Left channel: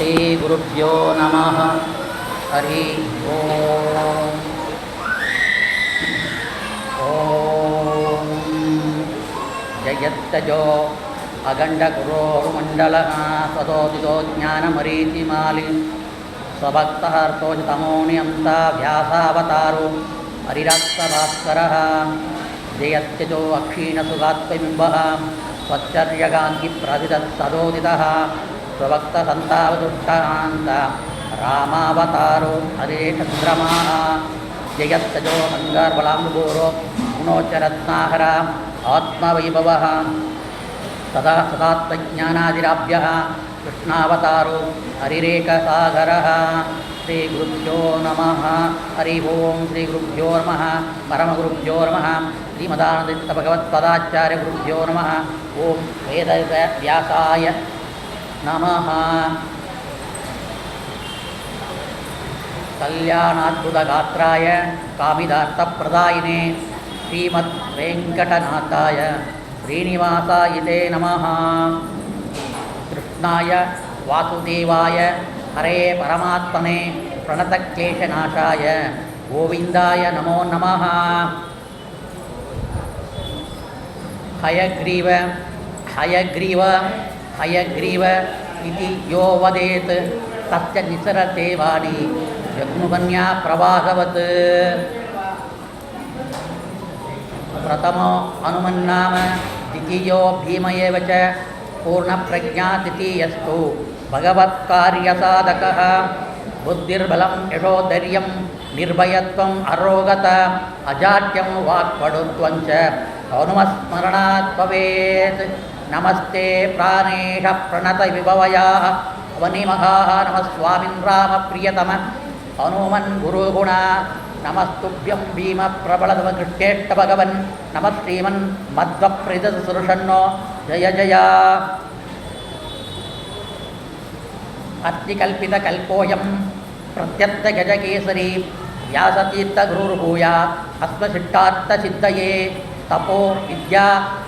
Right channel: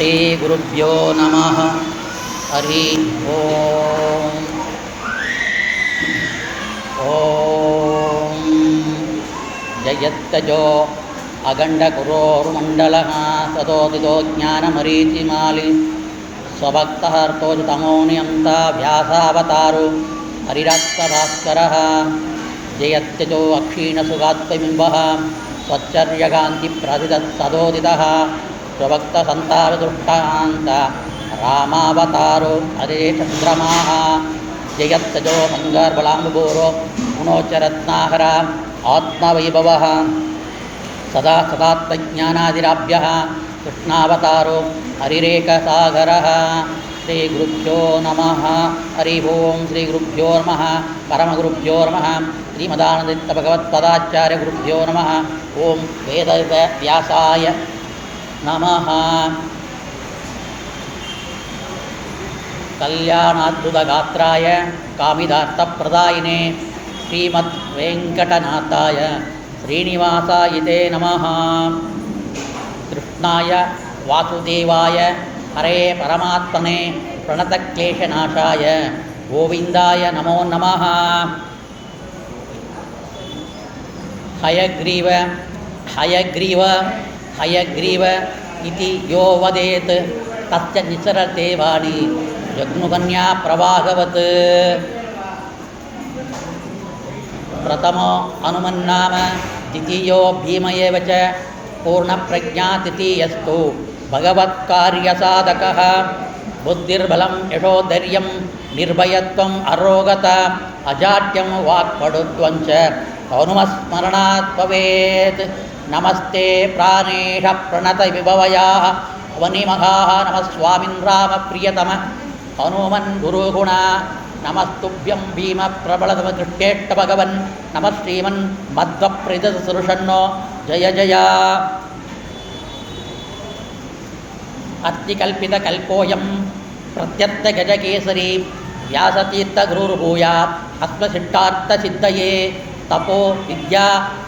श्रीगुरुभ्यो नमः। हरि ओम। ओम जयत्तजो अगण्डकुरोर्मण्डलः सदोदितो ज्ञानमरीचिमालि स्वभक्तहर्तोजतमोनियन्ता व्यासावतारो हरिरात्मभास्करः जयत्यजो अक्षीणसुगात्मबिम्बः स्वच्चर्यगान्तिप्रतिदत्सदोदितः स्वभक्तसन्तापदुष्टान्त रामावतारो हरिचन्द्रमाः जयत्यजो मङ्गलबलाम्बुभूरो गुणोच्चरत्नाकर आत्मवैभवः सदा सदात्मज्ञानादिराभ्यः कृष्णावतारो हरिरेकसागरः। श्रीगुरुभ्यो नमः। हरि ओं। श्रीगुरुभ्यो नमः। परमगुरुभ्यो नमः। श्रीमदानन्दभगवत्पदाचार्यगुरुभ्यो नमः। ओं वेदव्यासाय नमः। कल्याणाद्भुतगात्राय कामिदार्थप्रदायिने श्रीमद्वेङ्कटनाथाय श्रीनिवासाय नमः। कृष्णाय वासुदेवाय हरे परमात्मने प्रणतक्लेशनाशाय गोविन्दाय नमो नमः। हयग्रीव हयग्रीव हयग्रीव इति यो वदेत् तस्य निसरते वाणी जग्नुकन्या प्रवाहवत्। प्रथमो हनुमन्नाम द्वितीयो भीम एव च पूर्णप्रज्ञा तृतीयस्तु भगवत्कार्यसाधकः। बुद्धिर्बलं यशोधैर्यं निर्भयत्वम् अरोगता अजाड्यं वाक्पटुत्वं च हनुमस्मरणात् भवेत्। नमस्ते प्राणेश प्रणतविभवयाः वनिमहाः नमः स्वामिन् रामप्रियतम हनुमन् गुरुगुण नमस्तुभ्यं भीमप्रबलतमकृष्टेष्ट भगवन् नमः श्रीमन् मध्वप्रीतसुरुषन्नो जय जय। अत्रिकल्पितकल्पोऽयं प्रत्यर्थगजकेसरी व्यासतीर्थगुरुर्भूयात् अस्मशिष्टार्थसिद्धये। तपो विद्या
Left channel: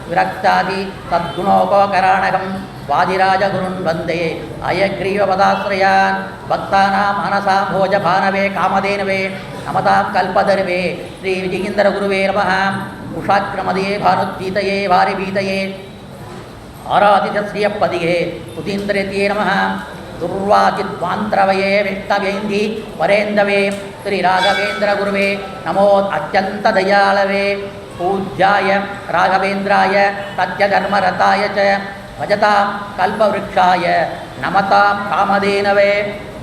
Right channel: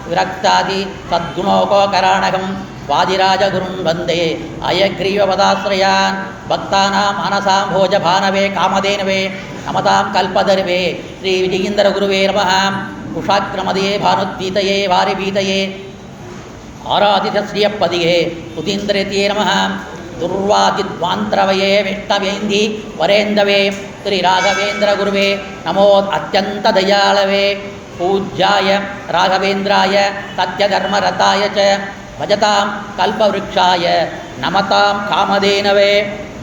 विरक्तादि सद्गुणोपकराणकं वादिराजगुरुन् वन्दे अयग्रीवपदाश्रयान् भक्तानां मनसां भोजभानवे कामधेनवे नमतां कल्पतरुवे श्रीविजयीन्द्रगुरुवे नमः। कुशाग्रमदये भानुद्वीतये वारिभीतये आराधितश्रियपदिये सुधीन्द्रयते नमः। दुर्वादिध्वान्तरवये विष्णवेन्दी वरेन्दवे श्रीराघवेन्द्रगुरुवे नमो अत्यन्तदयालवे। पूज्याय राघवेन्द्राय सत्यधर्मरताय च भजतां कल्पवृक्षाय नमतां कामधेनवे।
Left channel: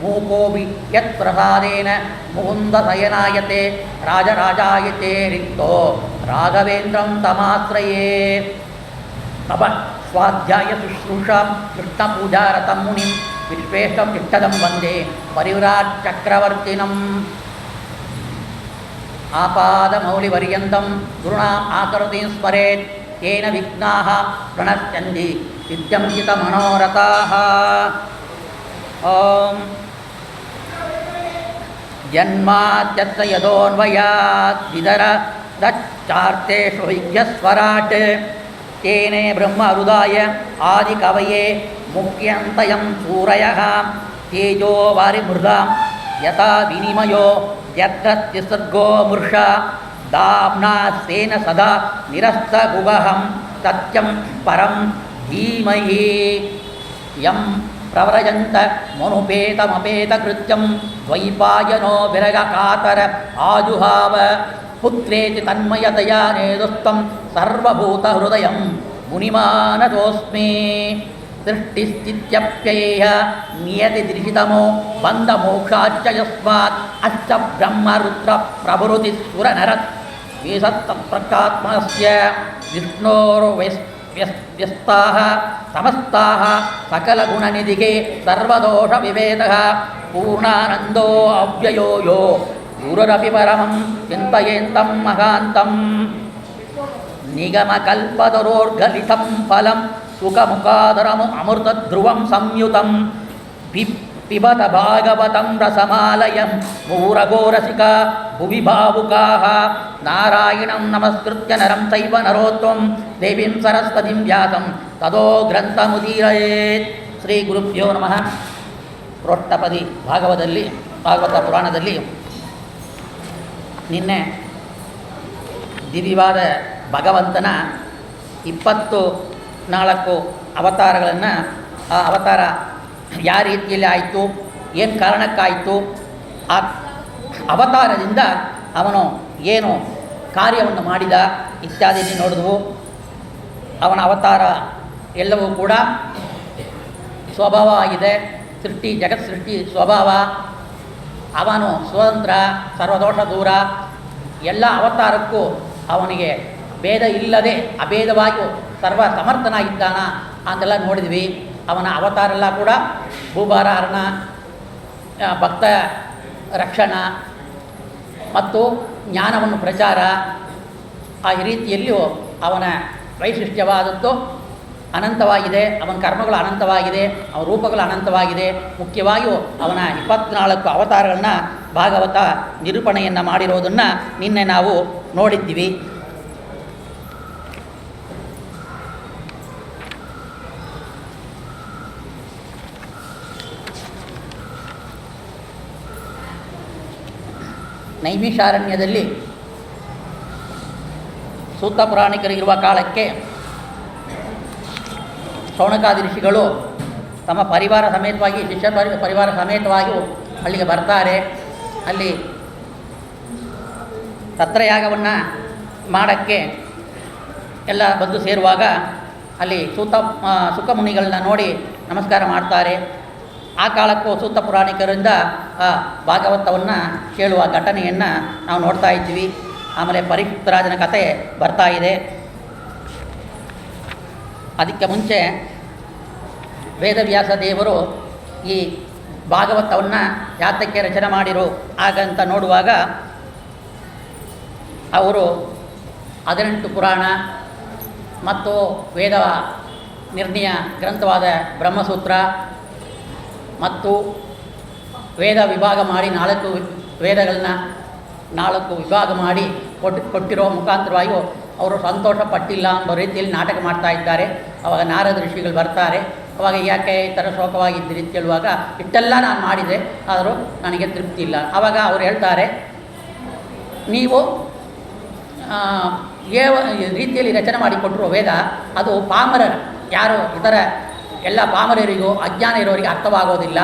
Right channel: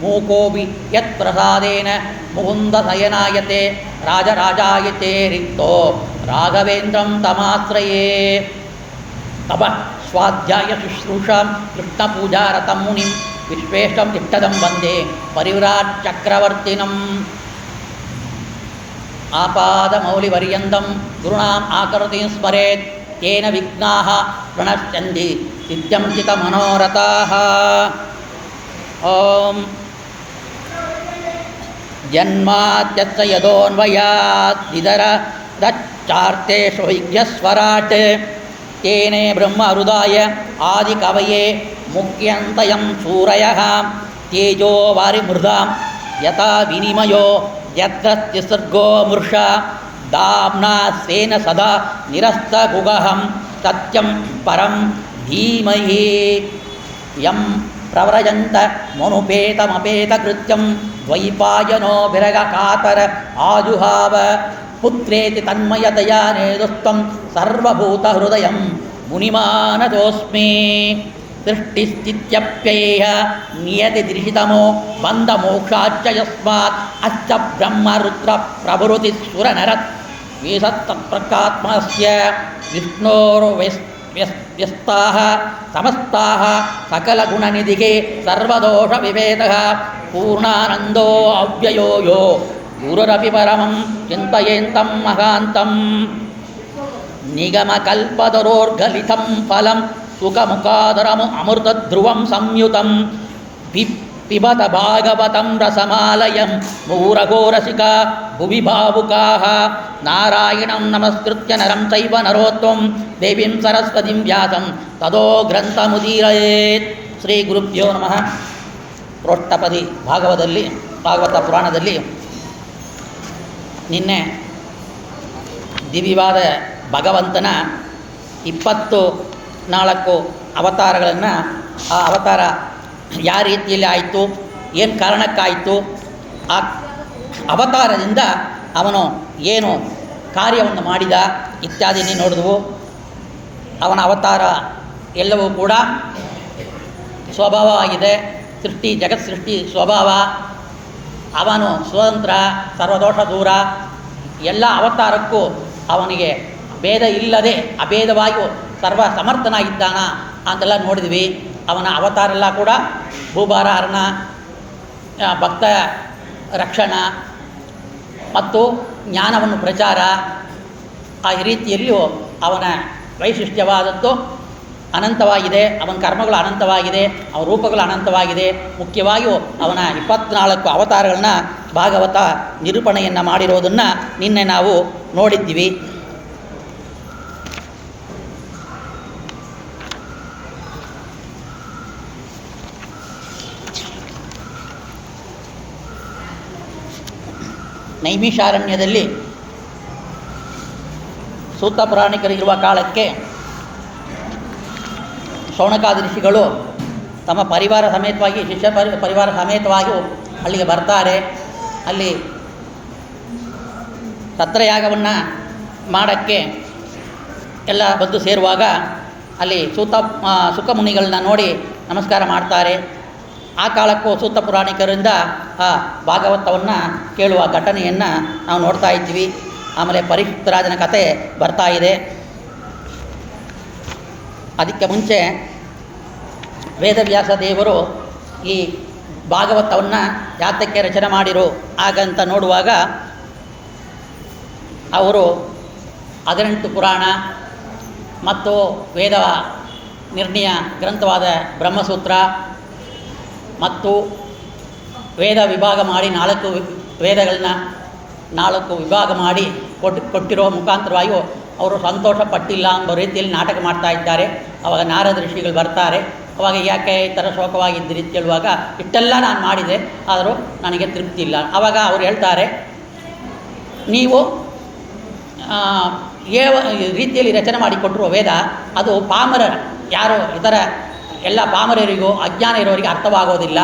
मूकोऽपि यत्प्रसादेन मुकुन्दशयनायते राजराजायते रिक्तो राघवेन्द्रं तमाश्रये। तप स्वाध्याय शुश्रूषां कृष्णपूजारतं मुनिं विश्वेशं तिष्ठदं वन्दे परिव्राट् चक्रवर्तिनम्। आपादमौलिपर्यन्तं गुरूणाम् आकृतिं स्मरेत् तेन विघ्नाः प्रणश्यन्ति सिद्ध्यं चितमनोरथाः। ॐ जन्माद्यस्य यतोऽन्वयाद्विदरदच्चार्तेषु विघ्नस्वराट् तेने ब्रह्महृदाय आदिकवये मुह्यन्तयं सूरयः। तेजो वारिमृदां यथा विनिमयो यत्र त्रिसर्गो मृषा दाम्ना स्वेन सदा निरस्तगुहं सत्यं परं धीमहि। यं प्रव्रजन्त मनुपेतमपेतकृत्यं द्वैपायनो विरगकातर आजुहाव पुत्रेति तन्मयतया नेदुस्तं सर्वभूतहृदयं मुनिमानतोऽस्मि। सृष्टिस्थित्यप्ययेह नियतिदृशितमो बन्धमोक्षाच्च यस्मात् अश्च ब्रह्मरुद्रप्रभृतिसुरनरत् वेषत्तत्प्रकात्मस्य विष्णोर्व्यस्ताः समस्ताः सकलगुणनिधिः सर्वदोषविभेदः पूर्णानन्दो अव्ययो यो गुरुरपि परमं चिन्तयेन्तं महान्तं। निगमकल्पतरोर्गलितं फलं सुखमुखादरम् अमृतध्रुवं संयुतं पिबत भागवतं रसमालयं मुहुरघोरसिका भुवि भावुकाः। नारायणं नमस्कृत्य नरं चैव नरोत्तमं देवीं सरस्वतीं व्यासं ततो ग्रन्थमुदीरयेत्। श्रीगुरुभ्यो नमः। ಪ್ರೋಷ್ಠಪದಿ ಭಾಗವತ ಪುರಾಣದಲ್ಲಿ ನಿನ್ನೆ ದಿವ್ಯವಾದ ಭಗವಂತನ 24 ಅವತಾರಗಳನ್ನು, ಆ ಅವತಾರ ಯಾವ ರೀತಿಯಲ್ಲಿ ಆಯಿತು, ಏನು ಕಾರಣಕ್ಕಾಯಿತು, ಆ ಅವತಾರದಿಂದ ಅವನು ಏನು ಕಾರ್ಯವನ್ನು ಮಾಡಿದ ಇತ್ಯಾದಿ ನೋಡಿದವು. ಅವನ ಅವತಾರ ಎಲ್ಲವೂ ಕೂಡ ಸ್ವಭಾವವಾಗಿದೆ. ಜಗತ್ ಸೃಷ್ಟಿ ಸ್ವಭಾವ. ಅವನು ಸ್ವತಂತ್ರ, ಸರ್ವದೋಷ ದೂರ. ಎಲ್ಲ ಅವತಾರಕ್ಕೂ ಅವನಿಗೆ ಭೇದ ಇಲ್ಲದೆ ಅಭೇದವಾಗಿ ಸರ್ವ ಸಮರ್ಥನಾಗಿದ್ದಾನ ಅಂತೆಲ್ಲ ನೋಡಿದ್ವಿ. ಅವನ ಅವತಾರ ಎಲ್ಲ ಕೂಡ ಭೂಭಾರ ಹರಣ, ಭಕ್ತ ರಕ್ಷಣ ಮತ್ತು ಜ್ಞಾನವನ್ನು ಪ್ರಚಾರ, ಆ ರೀತಿಯಲ್ಲಿಯೂ ಅವನ ವೈಶಿಷ್ಟ್ಯವಾದದ್ದು ಅನಂತವಾಗಿದೆ. ಅವನ ಕರ್ಮಗಳು ಅನಂತವಾಗಿದೆ, ಅವನ ರೂಪಗಳು ಅನಂತವಾಗಿದೆ. ಮುಖ್ಯವಾಗಿಯೂ ಅವನ 24 ಅವತಾರಗಳನ್ನ ಭಾಗವತ ನಿರೂಪಣೆಯನ್ನು ಮಾಡಿರೋದನ್ನು ನಿನ್ನೆ ನಾವು ನೋಡಿದ್ದೀವಿ. ನೈಮಿಷಾರಣ್ಯದಲ್ಲಿ ಸೂತ ಪುರಾಣಿಕರಿರುವ ಕಾಲಕ್ಕೆ ಶೌನಕಾದಿ ಋಷಿಗಳು ತಮ್ಮ ಪರಿವಾರ ಸಮೇತವಾಗಿ, ಶಿಷ್ಯ ಪರಿವಾರ ಸಮೇತವಾಗಿ ಅಲ್ಲಿಗೆ ಬರ್ತಾರೆ. ಅಲ್ಲಿ ತತ್ರಯಾಗವನ್ನು ಮಾಡೋಕ್ಕೆ ಎಲ್ಲ ಬಂದು ಸೇರುವಾಗ ಅಲ್ಲಿ ಸುಖಮುನಿಗಳನ್ನ ನೋಡಿ ನಮಸ್ಕಾರ ಮಾಡ್ತಾರೆ. ಆ ಕಾಲಕ್ಕೂ ಸೂತ ಪುರಾಣಿಕರಿಂದ ಆ ಭಾಗವತವನ್ನು ಕೇಳುವ ಘಟನೆಯನ್ನು ನಾವು ನೋಡ್ತಾ ಇದ್ದೀವಿ. ಆಮೇಲೆ ಪರೀಕ್ಷಿತರಾಜನ ಕತೆ ಬರ್ತಾ ಇದೆ. ಅದಕ್ಕೆ ಮುಂಚೆ ವೇದವ್ಯಾಸ ದೇವರು ಈ ಭಾಗವತವನ್ನು ಯಾತಕ್ಕೆ ರಚನೆ ಮಾಡಿರು ಹಾಗಂತ ನೋಡುವಾಗ ಅವರು 18 ಪುರಾಣ ಮತ್ತು ವೇದ ನಿರ್ಣಯ ಗ್ರಂಥವಾದ ಬ್ರಹ್ಮಸೂತ್ರ ಮತ್ತು ವೇದ ವಿಭಾಗ ಮಾಡಿ 4 ವೇದಗಳನ್ನ 4 ವಿಭಾಗ ಮಾಡಿ ಕೊಟ್ಟಿರೋ ಮುಖಾಂತರವಾಗಿ ಅವರು ಸಂತೋಷ ಪಟ್ಟಿಲ್ಲ ಅನ್ನೋ ರೀತಿಯಲ್ಲಿ ನಾಟಕ ಮಾಡ್ತಾ ಇದ್ದಾರೆ. ಅವಾಗ ನಾರದ ಋಷಿಗಳು ಬರ್ತಾರೆ. ಅವಾಗ ಯಾಕೆ ಈ ಥರ ಶೋಕವಾಗಿದ್ದೀರಿ ಅಂತ ಹೇಳುವಾಗ, ಇಷ್ಟೆಲ್ಲ ನಾನು ಮಾಡಿದೆ ಆದರೂ ನನಗೆ ತೃಪ್ತಿ ಇಲ್ಲ. ಆವಾಗ ಅವ್ರು ಹೇಳ್ತಾರೆ, ನೀವು ರೀತಿಯಲ್ಲಿ ರಚನೆ ಮಾಡಿಕೊಟ್ಟಿರೋ ವೇದ ಅದು ಪಾಮರರ, ಯಾರೋ ಇತರ ಎಲ್ಲ ಪಾಮರರಿಗೂ ಅಜ್ಞಾನ ಇರೋರಿಗೆ ಅರ್ಥವಾಗೋದಿಲ್ಲ.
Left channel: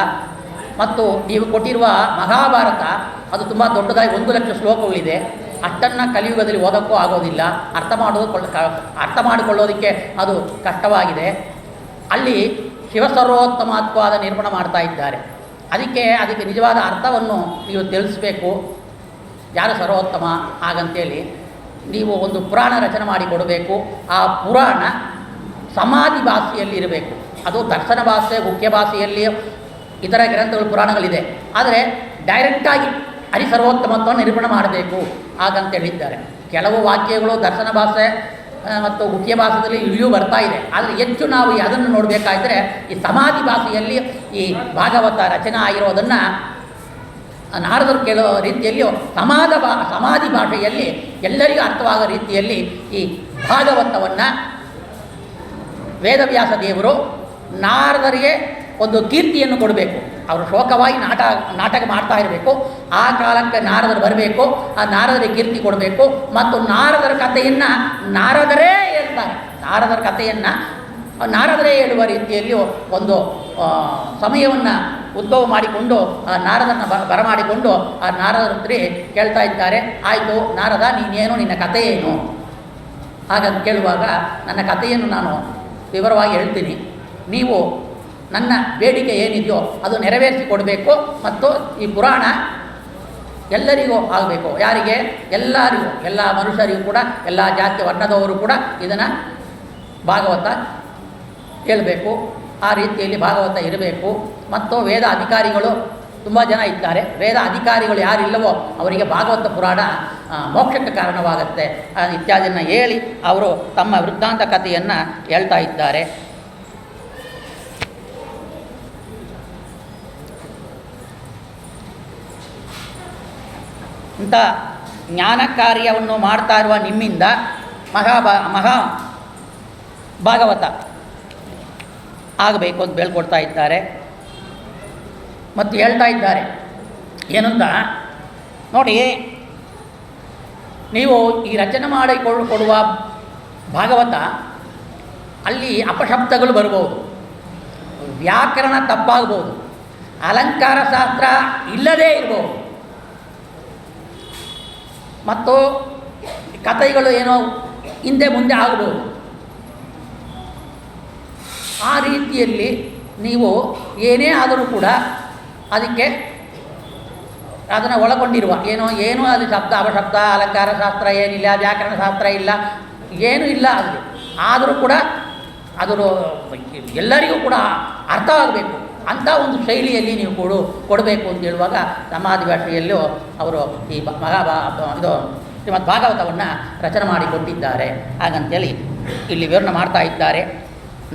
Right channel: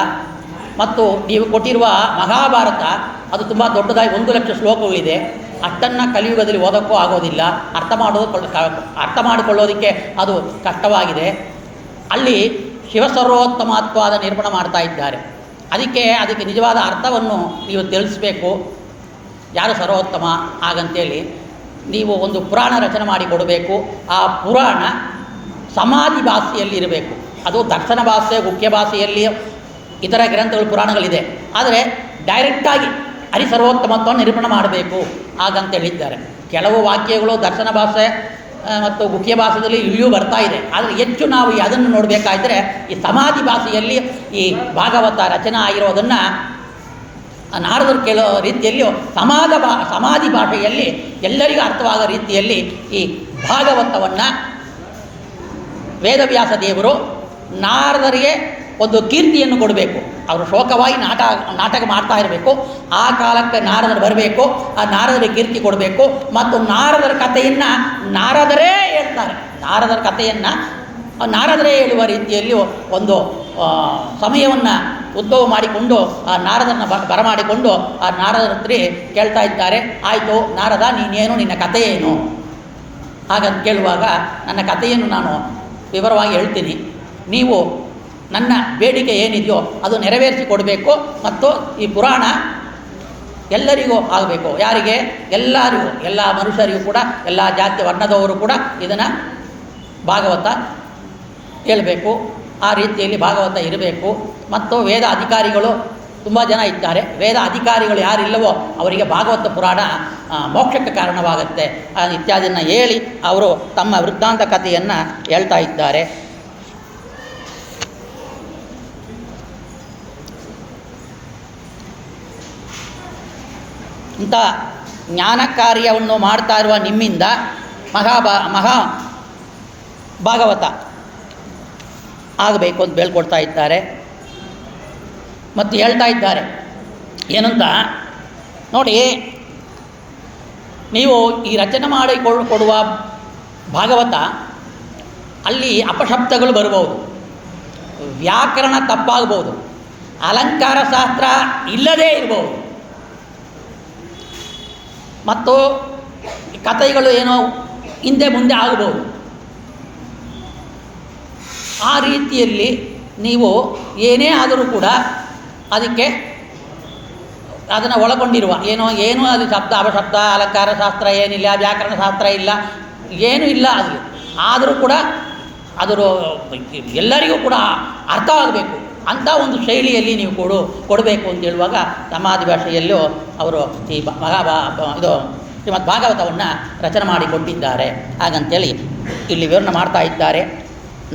ಮತ್ತು ನೀವು ಕೊಟ್ಟಿರುವ ಮಹಾಭಾರತ ಅದು ತುಂಬ ದೊಡ್ಡದಾಗಿ 1 ಲಕ್ಷ ಶ್ಲೋಕಗಳಿದೆ. ಅಷ್ಟನ್ನು ಕಲಿಯುಗದಲ್ಲಿ ಓದೋಕ್ಕೂ ಆಗೋದಿಲ್ಲ. ಅರ್ಥ ಮಾಡಿಕೊಳ್ಳೋದಕ್ಕೆ ಅದು ಕಷ್ಟವಾಗಿದೆ. ಅಲ್ಲಿ ಶಿವಸರ್ವೋತ್ತಮತ್ವದ ನಿರೂಪಣೆ ಮಾಡ್ತಾ ಇದ್ದಾರೆ. ಅದಕ್ಕೆ ನಿಜವಾದ ಅರ್ಥವನ್ನು ನೀವು ತಿಳಿಸ್ಬೇಕು, ಯಾರು ಸರ್ವೋತ್ತಮ ಹಾಗಂತೇಳಿ ನೀವು ಒಂದು ಪುರಾಣ ರಚನೆ ಮಾಡಿ ಕೊಡಬೇಕು. ಆ ಪುರಾಣ ಸಮಾಧಿ ಭಾಷೆಯಲ್ಲಿ ಇರಬೇಕು. ಅದು ದರ್ಶನ ಭಾಷೆ, ಮುಖ್ಯ ಭಾಷೆಯಲ್ಲಿ ಇತರ ಗ್ರಂಥಗಳು ಪುರಾಣಗಳಿದೆ. ಆದರೆ ಡೈರೆಕ್ಟಾಗಿ ಹರಿಸರ್ವೋತ್ತಮತ್ವವನ್ನು ನಿರೂಪಣೆ ಮಾಡಬೇಕು ಹಾಗಂತೇಳಿದ್ದಾರೆ. ಕೆಲವು ವಾಕ್ಯಗಳು ದರ್ಶನ ಭಾಷೆ ಮತ್ತು ಮುಖ್ಯ ಭಾಷೆಯಲ್ಲಿ ಇಳಿಯೂ ಬರ್ತಾ ಇದೆ. ಆದರೆ ಹೆಚ್ಚು ನಾವು ಅದನ್ನು ನೋಡಬೇಕಾದ್ರೆ ಈ ಸಮಾಧಿ ಭಾಷೆಯಲ್ಲಿ ಈ ಭಾಗವತ ರಚನೆ ಆಗಿರೋದನ್ನು ನಾರದರು ಕೇಳೋ ರೀತಿಯಲ್ಲಿಯೂ ಸಮಾಧಿ ಭಾಷೆಯಲ್ಲಿ ಎಲ್ಲರಿಗೂ ಅರ್ಥವಾಗೋ ರೀತಿಯಲ್ಲಿ ಈ ಭಾಗವತವನ್ನು ವೇದವ್ಯಾಸ ದೇವರು ನಾರದರಿಗೆ ಒಂದು ಕೀರ್ತಿಯನ್ನು ಕೊಡಬೇಕು. ಅವರು ಶೋಕವಾಗಿ ನಾಟಕ ಮಾಡ್ತಾ ಇರಬೇಕು. ಆ ಕಾಲಕ್ಕೆ ನಾರದರು ಬರಬೇಕು, ಆ ನಾರದರಿಗೆ ಕೀರ್ತಿ ಕೊಡಬೇಕು. ಮತ್ತು ನಾರದರ ಕಥೆಯನ್ನು ನಾರದರೇ ಹೇಳ್ತಾರೆ. ನಾರದರ ಕಥೆಯನ್ನು ನಾರದರೇ ಹೇಳುವ ರೀತಿಯಲ್ಲಿ ಒಂದು ಸಮಯವನ್ನು ಉದ್ಭವ ಮಾಡಿಕೊಂಡು ಆ ನಾರದರನ್ನು ಬರಮಾಡಿಕೊಂಡು ಆ ನಾರದರ ಹತ್ರ ಕೇಳ್ತಾ ಇದ್ದಾರೆ, ಆಯಿತು ನಾರದ, ನೀನೇನು, ನಿನ್ನ ಕಥೆ ಏನು ಹಾಗಂತ ಕೇಳುವಾಗ, ನನ್ನ ಕಥೆಯನ್ನು ನಾನು ವಿವರವಾಗಿ ಹೇಳ್ತೀನಿ, ನೀವು ನನ್ನ ಬೇಡಿಕೆ ಏನಿದೆಯೋ ಅದು ನೆರವೇರಿಸಿ ಕೊಡಬೇಕು. ಮತ್ತು ಈ ಪುರಾಣ ಎಲ್ಲರಿಗೂ ಆಗಬೇಕು. ಯಾರಿಗೆ? ಎಲ್ಲರಿಗೂ, ಎಲ್ಲ ಮನುಷ್ಯರಿಗೂ ಕೂಡ, ಎಲ್ಲ ಜಾತಿ ವರ್ಣದವರು ಕೂಡ ಇದನ್ನು ಭಾಗವತ ಹೇಳಬೇಕು. ಆ ರೀತಿಯಲ್ಲಿ ಭಾಗವತ ಇರಬೇಕು. ಮತ್ತು ವೇದ ಅಧಿಕಾರಿಗಳು ತುಂಬ ಜನ ಇದ್ದಾರೆ. ವೇದ ಅಧಿಕಾರಿಗಳು ಯಾರಿಲ್ಲವೋ ಅವರಿಗೆ ಭಾಗವತ ಪುರಾಣ ಮೋಕ್ಷಕ್ಕೆ ಕಾರಣವಾಗುತ್ತೆ ಇತ್ಯಾದಿಯನ್ನು ಹೇಳಿ ಅವರು ತಮ್ಮ ವೃತ್ತಾಂತ ಕಥೆಯನ್ನು ಹೇಳ್ತಾ ಇದ್ದಾರೆ. ಇಂಥ ಜ್ಞಾನ ಕಾರ್ಯವನ್ನು ಮಾಡ್ತಾ ಇರುವ ನಿಮ್ಮಿಂದ ಮಹಾ ಭಾಗವತ ಆಗಬೇಕು ಅಂತ ಹೇಳ್ಕೊಡ್ತಾ ಇದ್ದಾರೆ. ಮತ್ತು ಹೇಳ್ತಾ ಇದ್ದಾರೆ ಏನಂತ ನೋಡಿ, ನೀವು ಈ ರಚನೆ ಮಾಡಿ ಕೊಡುವ ಭಾಗವತ ಅಲ್ಲಿ ಅಪಶಬ್ದಗಳು ಬರ್ಬೋದು, ವ್ಯಾಕರಣ ತಪ್ಪಾಗ್ಬೋದು, ಅಲಂಕಾರ ಶಾಸ್ತ್ರ ಇಲ್ಲದೇ ಇರ್ಬೋದು, ಮತ್ತು ಕಥೆಗಳು ಏನೋ ಹಿಂದೆ ಮುಂದೆ ಆಗ್ಬೋದು. ಆ ರೀತಿಯಲ್ಲಿ ನೀವು ಏನೇ ಆದರೂ ಕೂಡ ಅದಕ್ಕೆ ಅದನ್ನು ಒಳಗೊಂಡಿರುವ ಏನೂ ಅಲ್ಲಿ ಶಬ್ದ ಅಪಶಬ್ದ ಅಲಂಕಾರ ಶಾಸ್ತ್ರ ಏನಿಲ್ಲ, ವ್ಯಾಕರಣ ಶಾಸ್ತ್ರ ಇಲ್ಲ, ಏನೂ ಇಲ್ಲ ಅಲ್ಲಿ. ಆದರೂ ಕೂಡ ಅದರ ಎಲ್ಲರಿಗೂ ಕೂಡ ಅರ್ಥವಾಗಬೇಕು ಅಂಥ ಒಂದು ಶೈಲಿಯಲ್ಲಿ ನೀವು ಕೊಡಬೇಕು ಅಂತ ಹೇಳುವಾಗ ಸಮಾಧಿ ಭಾಷೆಯಲ್ಲೂ ಅವರು ಈ ಇದು ಶ್ರೀಮದ್ ಭಾಗವತವನ್ನು ರಚನೆ ಮಾಡಿಕೊಟ್ಟಿದ್ದಾರೆ. ಹಾಗಂತೇಳಿ ಇಲ್ಲಿ ವಿವರಣೆ ಮಾಡ್ತಾ ಇದ್ದಾರೆ.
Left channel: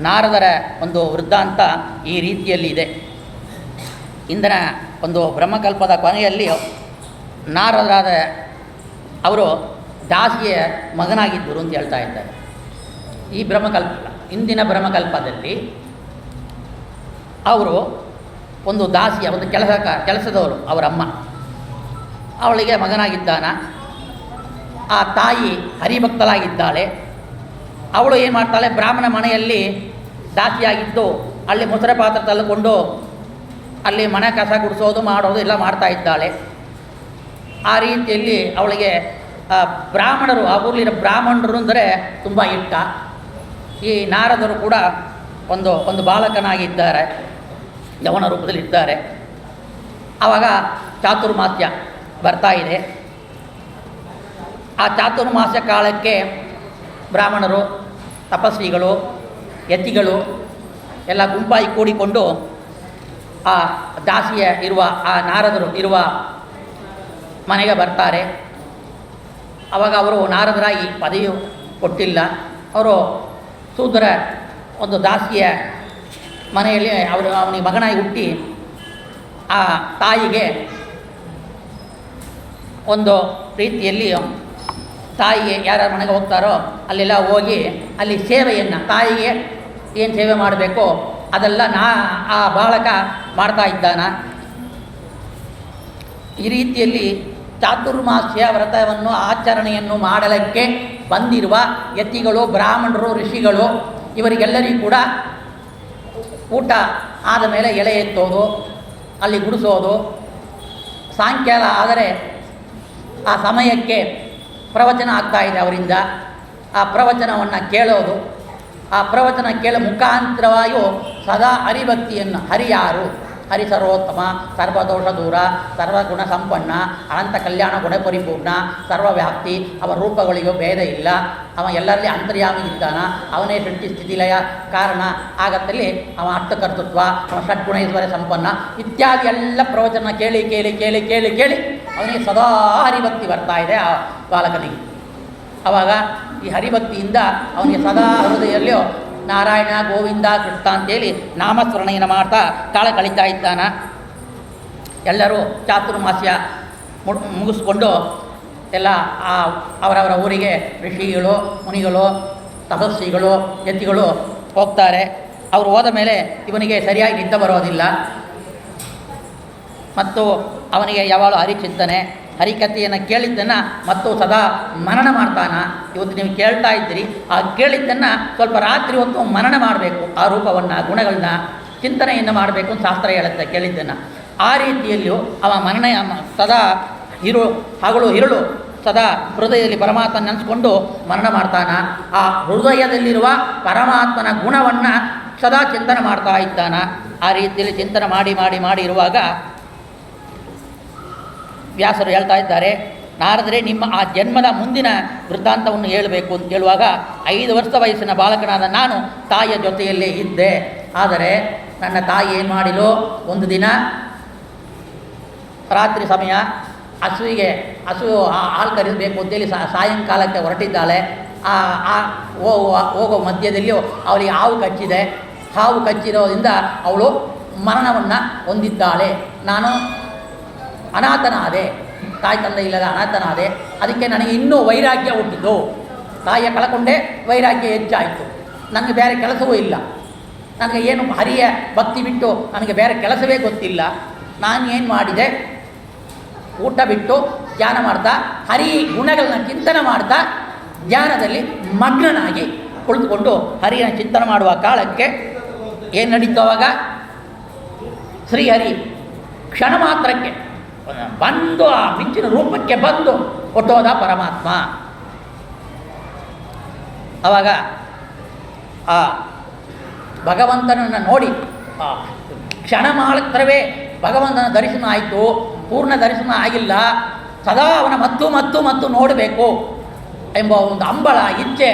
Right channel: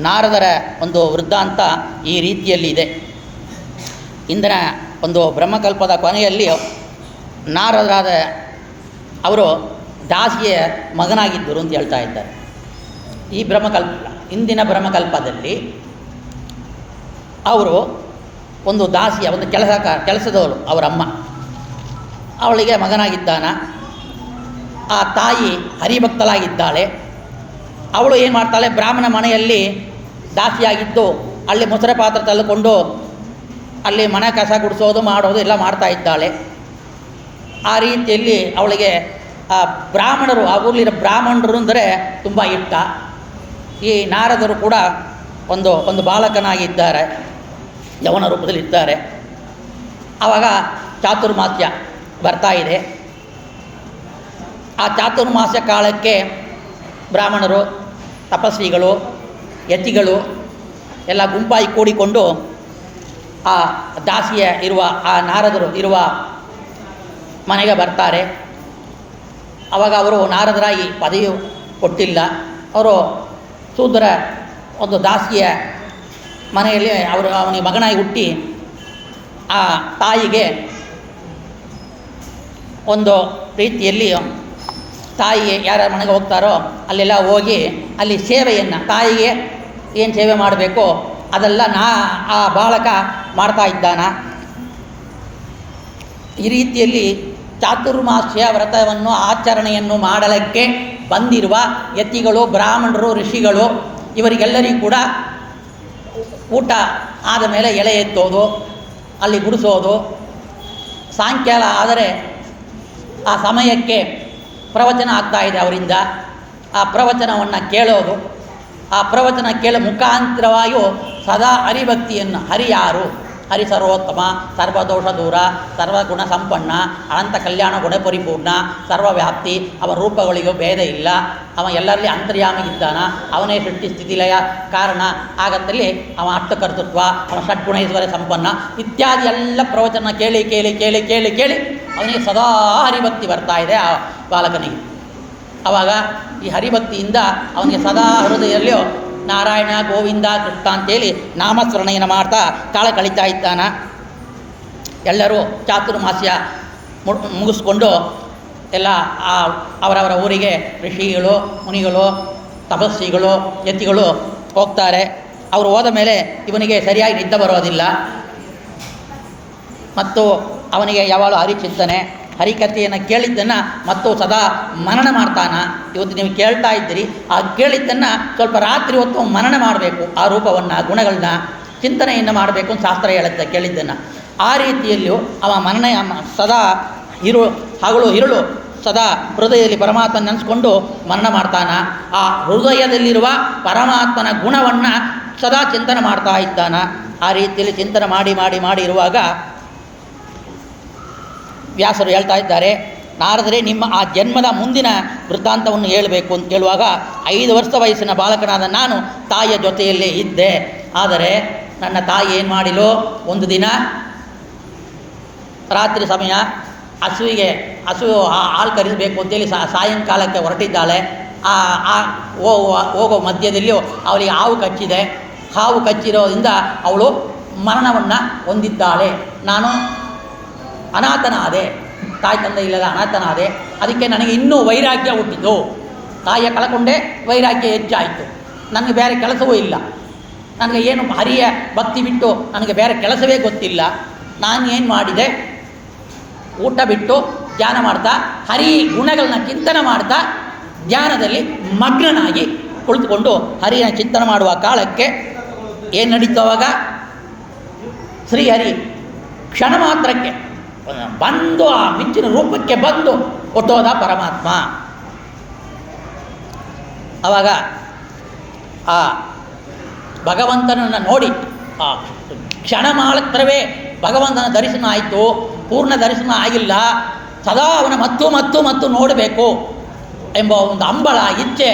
ನಾರದರ ಒಂದು ವೃತ್ತಾಂತ ಈ ರೀತಿಯಲ್ಲಿದೆ. ಇಂದಿನ ಒಂದು ಬ್ರಹ್ಮಕಲ್ಪದ ಕೊನೆಯಲ್ಲಿ ನಾರದರಾದ ಅವರು ದಾಸಿಯ ಮಗನಾಗಿದ್ದರು ಅಂತ ಹೇಳ್ತಾ ಇದ್ದಾರೆ. ಈ ಇಂದಿನ ಬ್ರಹ್ಮಕಲ್ಪದಲ್ಲಿ ಅವರು ಒಂದು ದಾಸಿಯ ಒಂದು ಕೆಲಸದವರು ಅವರಮ್ಮ, ಅವಳಿಗೆ ಮಗನಾಗಿದ್ದಾನ. ಆ ತಾಯಿ ಹರಿಭಕ್ತಲಾಗಿದ್ದಾಳೆ. ಅವಳು ಏನು ಮಾಡ್ತಾಳೆ, ಬ್ರಾಹ್ಮಣ ಮನೆಯಲ್ಲಿ ದಾಸಿಯಾಗಿದ್ದು ಅಲ್ಲಿ ಮೊಸರೆ ಪಾತ್ರ ತಳ್ಳಿಕೊಂಡು ಅಲ್ಲಿ ಮನೆ ಕಸ ಗುಡಿಸೋದು ಮಾಡೋದು ಎಲ್ಲ ಮಾಡ್ತಾ ಇದ್ದಾಳೆ. ಆ ರೀತಿಯಲ್ಲಿ ಅವಳಿಗೆ ಆ ಬ್ರಾಹ್ಮಣರು, ಆ ಊರಲ್ಲಿರೋ ಬ್ರಾಹ್ಮಣರು ಅಂದರೆ ತುಂಬ ಇಷ್ಟ. ಈ ನಾರದರು ಕೂಡ ಒಂದು ಬಾಲಕನಾಗಿದ್ದಾರೆ, ಯವನ ರೂಪದಲ್ಲಿದ್ದಾರೆ. ಆವಾಗ ಚಾತುರ್ಮಾಸ್ಯ ಬರ್ತಾ ಇದೆ. ಆ ಚಾತುರ್ಮಾಸ್ಯ ಕಾಲಕ್ಕೆ ಬ್ರಾಹ್ಮಣರು, ತಪಸ್ವಿಗಳು, ಯತಿಗಳು ಎಲ್ಲ ಗುಂಪಾಗಿ ಕೂಡಿಕೊಂಡು ಆ ದಾಸಿಯ ಇರುವ ಆ ನಾರದರು ಇರುವ ಮನೆಗೆ ಬರ್ತಾರೆ. ಆವಾಗ ಅವರು ನಾರದರಾಗಿ ಪದವಿ ಕೊಟ್ಟಿಲ್ಲ. ಅವರು ಶೂದ್ರ ಒಂದು ದಾಸಿಯ ಮನೆಯಲ್ಲಿ ಅವನಿಗೆ ಮಗನಾಗಿ ಹುಟ್ಟಿ ಆ ತಾಯಿಗೆ ಒಂದು ರೀತಿಯಲ್ಲಿ ತಾಯಿಗೆ ಯಾರ್ಯಾರ ಮನೆಗೆ ಹೋಗ್ತಾರೋ ಅಲ್ಲೆಲ್ಲ ಹೋಗಿ ಅಲ್ಲಿ ಸೇವೆಯನ್ನು, ತಾಯಿಗೆ ಏನು ಸೇವೆ ಮಾಡಬೇಕೋ ಅದೆಲ್ಲ ಆ ಬಾಲಕ ಮಾಡ್ತಾ ಇದ್ದಾನ. ಈ ರೀತಿಯಲ್ಲಿ ಚಾತುರ್ಮಾಸ್ಯ ವ್ರತವನ್ನು ಆಚರಣೆಯನ್ನು ಮಾಡಲಿಕ್ಕೆ ಬಂದಿರುವ ಯತಿಗಳು, ಬ್ರಾಹ್ಮಣರು, ಋಷಿಗಳು ಇವರಿಗೆಲ್ಲರಿಗೂ ಕೂಡ ಊಟ ಆದ ಮೇಲೆ ಎಲೆ ಎತ್ತೋದು, ಅಲ್ಲಿ ಗುಡಿಸೋದು, ಸಾಯಂಕಾಲ ಆದರೆ ಆ ಸಮಯಕ್ಕೆ ಪ್ರವಚನ ಆಗ್ತಾಯಿದೆ ಅವರಿಂದ. ಆ ಪ್ರವಚನವನ್ನು ಕೇಳೋದು, ಆ ಪ್ರವಚನ ಮುಖಾಂತರವಾಗಿಯೂ ಸದಾ ಹರಿಭಕ್ತಿಯನ್ನು, ಹರಿ ಯಾರು, ಹರಿ ಸರ್ವೋತ್ತಮ, ಸರ್ವದೋಷ ದೂರ, ಸರ್ವಗುಣ ಸಂಪನ್ನ, ಅನಂತ ಕಲ್ಯಾಣ ಗುಣಪರಿಪೂರ್ಣ, ಸರ್ವವ್ಯಾಪ್ತಿ, ಅವನ ರೂಪಗಳಿಗೂ ಭೇದ ಇಲ್ಲ, ಅವ ಎಲ್ಲರಲ್ಲಿ ಅಂತರ್ಯಾಮಿ ಇದ್ದಾನ, ಅವನೇ ಸೃಷ್ಟಿ ಸ್ಥಿತಿಲಯ ಕಾರಣ, ಆಗತ್ತಲ್ಲಿ ಅವ ಅರ್ಥಕರ್ತೃತ್ವ, ಅವನ ಷಡ್ಗುಣೇಶ್ವರ ಸಂಪನ್ನ ಇತ್ಯಾದಿ ಎಲ್ಲ ಪ್ರವಚನ ಕೇಳಿ ಕೇಳಿ ಕೇಳಿ ಕೇಳಿ ಕೇಳಿ ಅವನಿಗೆ ಸದಾ ಹರಿಭಕ್ತಿ ಬರ್ತಾ ಇದೆ ಆ ಬಾಲಕನಿಗೆ. ಆವಾಗ ಈ ಹರಿಭಕ್ತಿಯಿಂದ ಅವನಿಗೆ ಸದಾ ಹೃದಯದಲ್ಲಿಯೂ ನಾರಾಯಣ, ಗೋವಿಂದ, ಕೃಷ್ಣ ಅಂತೇಳಿ ನಾಮಸ್ಮರಣೆಯನ್ನು ಮಾಡ್ತಾ ಕಾಲ ಕಳೀತಾ ಇದ್ದಾನ. ಎಲ್ಲರೂ ಚಾತುರ್ಮಾಸ್ಯ ಮುಗಿಸ್ಕೊಂಡು ಎಲ್ಲ ಅವರವರ ಊರಿಗೆ ಋಷಿಗಳು, ಮುನಿಗಳು, ತಪಸ್ವಿಗಳು, ಯತಿಗಳು ಹೋಗ್ತಾರೆ. ಅವರು ಹೋದ ಮೇಲೆ ಇವನಿಗೆ ಸರಿಯಾಗಿ ನಿದ್ದೆ ಬರೋದಿಲ್ಲ ಮತ್ತು ಅವನಿಗೆ ಯಾವಾಗಲೂ ಹರಿಚಿಂತನೆ, ಹರಿಕಥೆಯನ್ನು ಕೇಳಿದ್ದನ್ನು ಮತ್ತು ಸದಾ ಮನನ ಮಾಡ್ತಾನ. ಇವತ್ತು ನೀವು ಕೇಳ್ತಾ ಇದ್ದೀರಿ, ಆ ಕೇಳಿದ್ದನ್ನು ಸ್ವಲ್ಪ ರಾತ್ರಿ ಹೊತ್ತು ಮನನ ಮಾಡಬೇಕು, ಆ ರೂಪವನ್ನು, ಗುಣಗಳನ್ನ ಚಿಂತನೆಯನ್ನು ಮಾಡಬೇಕು ಅಂತ ಶಾಸ್ತ್ರ ಹೇಳುತ್ತೆ ಕೇಳಿದ್ದನ್ನು. ಆ ರೀತಿಯಲ್ಲಿಯೂ ಅವ ಮನನ ಸದಾ ಹಗಲು ಇರುಳು ಸದಾ ಹೃದಯದಲ್ಲಿ ಪರಮಾತ್ಮನ ನೆನೆಸ್ಕೊಂಡು ಮನನ ಮಾಡ್ತಾನ. ಆ ಹೃದಯದಲ್ಲಿರುವ ಪರಮಾತ್ಮನ ಗುಣವನ್ನು ಸದಾ ಚಿಂತನೆ ಮಾಡ್ತಾ ಇದ್ದಾನ. ಆ ರೀತಿಯಲ್ಲಿ ಚಿಂತನೆ ಮಾಡಿ ಮಾಡಿ ಮಾಡಿ ಇರುವಾಗ ವ್ಯಾಸರು ಹೇಳ್ತಾ ಇದ್ದಾರೆ, ನಾರದರೆ ನಿಮ್ಮ ಆ ಜನ್ಮದ ಮುಂದಿನ ವೃತ್ತಾಂತವನ್ನು ಹೇಳಬೇಕು ಅಂತ ಹೇಳುವಾಗ 5 ವರ್ಷ ವಯಸ್ಸಿನ ಬಾಲಕನಾದ ನಾನು ತಾಯಿಯ ಜೊತೆಯಲ್ಲೇ ಇದ್ದೆ. ಆದರೆ ನನ್ನ ತಾಯಿ ಏನು ಮಾಡಿಲು, ಒಂದು ದಿನ ರಾತ್ರಿ ಸಮಯ ಹಸು ಹಾಲು ಕರಿಬೇಕು ಅಂತೇಳಿ ಸಾಯಂಕಾಲಕ್ಕೆ ಹೊರಟಿದ್ದಾಳೆ. ಹೋಗೋ ಮಧ್ಯದಲ್ಲಿಯೂ ಅವಳಿಗೆ ಹಾವು ಕಚ್ಚಿದೆ. ಹಾವು ಕಚ್ಚಿರೋದ್ರಿಂದ ಅವಳು ಮರಣವನ್ನು ಹೊಂದಿದ್ದಾಳೆ. ನಾನು ಅನಾಥನಾದೆ, ತಾಯಿ ತಂದೆ ಇಲ್ಲದ ಅನಾಥನಾದೆ. ಅದಕ್ಕೆ ನನಗೆ ಇನ್ನೂ ವೈರಾಗ್ಯ ಹುಟ್ಟಿತು. ತಾಯಿಯ ಕಳ್ಕೊಂಡೆ, ವೈರಾಗ್ಯ ಹೆಚ್ಚಾಯಿತು. ನನಗೆ ಬೇರೆ ಕೆಲಸವೂ ಇಲ್ಲ, ನನಗೆ ಏನು ಹರಿಯ ಭಕ್ತಿ ಬಿಟ್ಟು ನನಗೆ ಬೇರೆ ಕೆಲಸವೇ ಗೊತ್ತಿಲ್ಲ. ನಾನು ಏನು ಮಾಡಿದೆ, ಊಟ ಬಿಟ್ಟು ಧ್ಯಾನ ಮಾಡ್ತಾ ಹರಿ ಗುಣಗಳನ್ನ ಚಿಂತನೆ ಮಾಡ್ತಾ ಧ್ಯಾನದಲ್ಲಿ ಮಗ್ನನಾಗಿ ಕುಳಿತುಕೊಂಡು ಹರಿಯ ಚಿಂತನೆ ಮಾಡುವ ಕಾಲಕ್ಕೆ ಏನು ನಡೀತು ಅವಾಗ? ಶ್ರೀಹರಿ ಕ್ಷಣ ಮಾತ್ರಕ್ಕೆ ಬಂದು ಆ ಮಿಂಚಿನ ರೂಪಕ್ಕೆ ಬಂದು ಹೊಟ್ಟೋದ ಪರಮಾತ್ಮ. ಆವಾಗ ಆ ಭಗವಂತನನ್ನು ನೋಡಿ ಆ ಕ್ಷಣ ಮಾತ್ರವೇ ಭಗವಂತನ ದರ್ಶನ ಆಯಿತು, ಪೂರ್ಣ ದರ್ಶನ ಆಗಿಲ್ಲ, ಸದಾ ಅವನ ಮತ್ತು ನೋಡಬೇಕು ಎಂಬ ಒಂದು ಹಂಬಲ, ಇಚ್ಛೆ,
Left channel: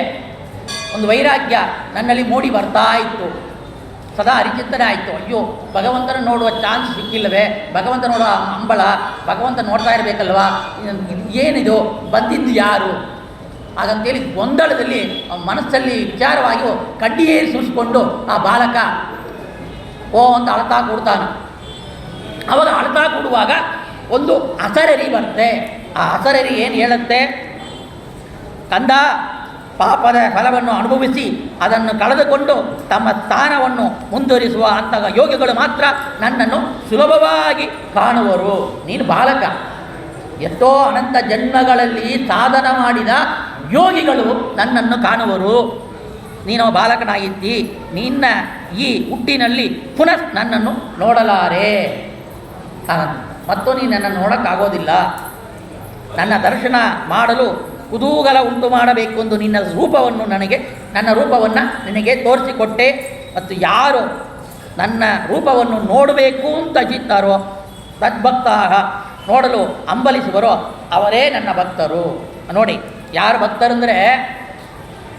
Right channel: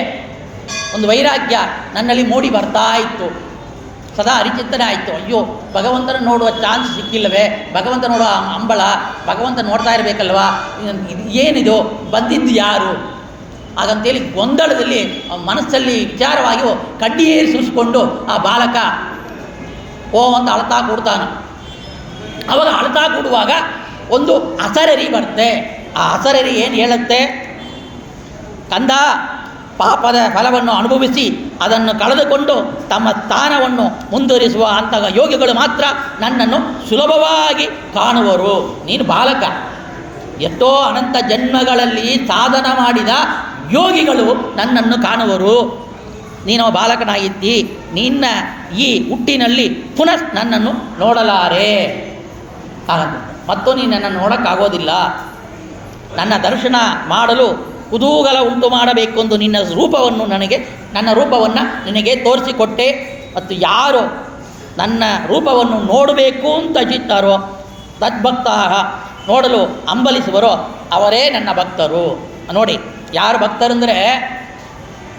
ಒಂದು ವೈರಾಗ್ಯ ನನ್ನಲ್ಲಿ ಮೂಡಿ ಬರ್ತಾ ಇತ್ತು. ಸದಾ ಹರಿಚಿಂತನೆ ಆಯಿತು. ಅಯ್ಯೋ, ಭಗವಂತನ ನೋಡುವ ಚಾನ್ಸ್ ಸಿಕ್ಕಿಲ್ಲವೇ, ಭಗವಂತ ನೋಡುವ ಹಂಬಲ, ಭಗವಂತ ನೋಡ್ತಾ ಇರಬೇಕಲ್ವಾ, ಏನಿದು, ಬಂದಿದ್ದು ಯಾರು ಹಾಗಂತೇಳಿ ಗೊಂದಲದಲ್ಲಿ ಮನಸ್ಸಲ್ಲಿ ವಿಚಾರವಾಗಿ ಕಡ್ಡಿಯೇರಿ ಸೂಸಿಕೊಂಡು ಆ ಬಾಲಕ ಓ ಅಂತ ಅಳ್ತಾ ಕೂಡ್ತಾನೆ. ಅವಾಗ ಅಳ್ತಾ ಕೂಡುವಾಗ ಒಂದು ಅಸರರಿ ಬರುತ್ತೆ. ಆ ಅಸರರಿ ಏನು ಹೇಳುತ್ತೆ? ಕಂದ, ಪಾಪದ ಫಲವನ್ನು ಅನುಭವಿಸಿ ಅದನ್ನು ಕಳೆದುಕೊಂಡು ತಮ್ಮ ಸ್ಥಾನವನ್ನು ಮುಂದುವರಿಸುವ ಅಂತಹ ಯೋಗಿಗಳು ಮಾತ್ರ ನನ್ನನ್ನು ಸುಲಭವಾಗಿ ಕಾಣುವರು. ನೀನು ಬಾಲಕ, ಎಷ್ಟೋ ಅನಂತ ಜನ್ಮಗಳಲ್ಲಿ ಸಾಧನ ಮಾಡಿದ ಯೋಗಿಗಳು ನನ್ನನ್ನು ಕಾಣುವರು. ನೀನು ಬಾಲಕನಾಗಿದ್ದಿ, ನಿನ್ನ ಈ ಹುಟ್ಟಿನಲ್ಲಿ ಪುನಃ ನನ್ನನ್ನು ನೋಡಲಾರೆ, ಮತ್ತು ನೀನು ನನ್ನನ್ನು ನೋಡೋಕ್ಕಾಗೋದಿಲ್ಲ. ನನ್ನ ದರ್ಶನ ಮಾಡಲು ಕುತೂಹಲ ಉಂಟು ಮಾಡಬೇಕು ಎಂದು ನನ್ನ ರೂಪವನ್ನು ನಿನಗೆ ತೋರಿಸಿಕೊಟ್ಟೆ. ಮತ್ತು ಯಾರು ನನ್ನ ರೂಪವನ್ನು ನೋಡಬೇಕು ಅಂತ ಇಚ್ಛಿತ್ತಾರೋ ತದ್ಭಕ್ತ ನೋಡಲು ಹಂಬಲಿಸುವರೋ ಅವರೇ ನನ್ನ ಭಕ್ತರು. ನೋಡಿ, ಯಾರು ಭಕ್ತರಂದರೆ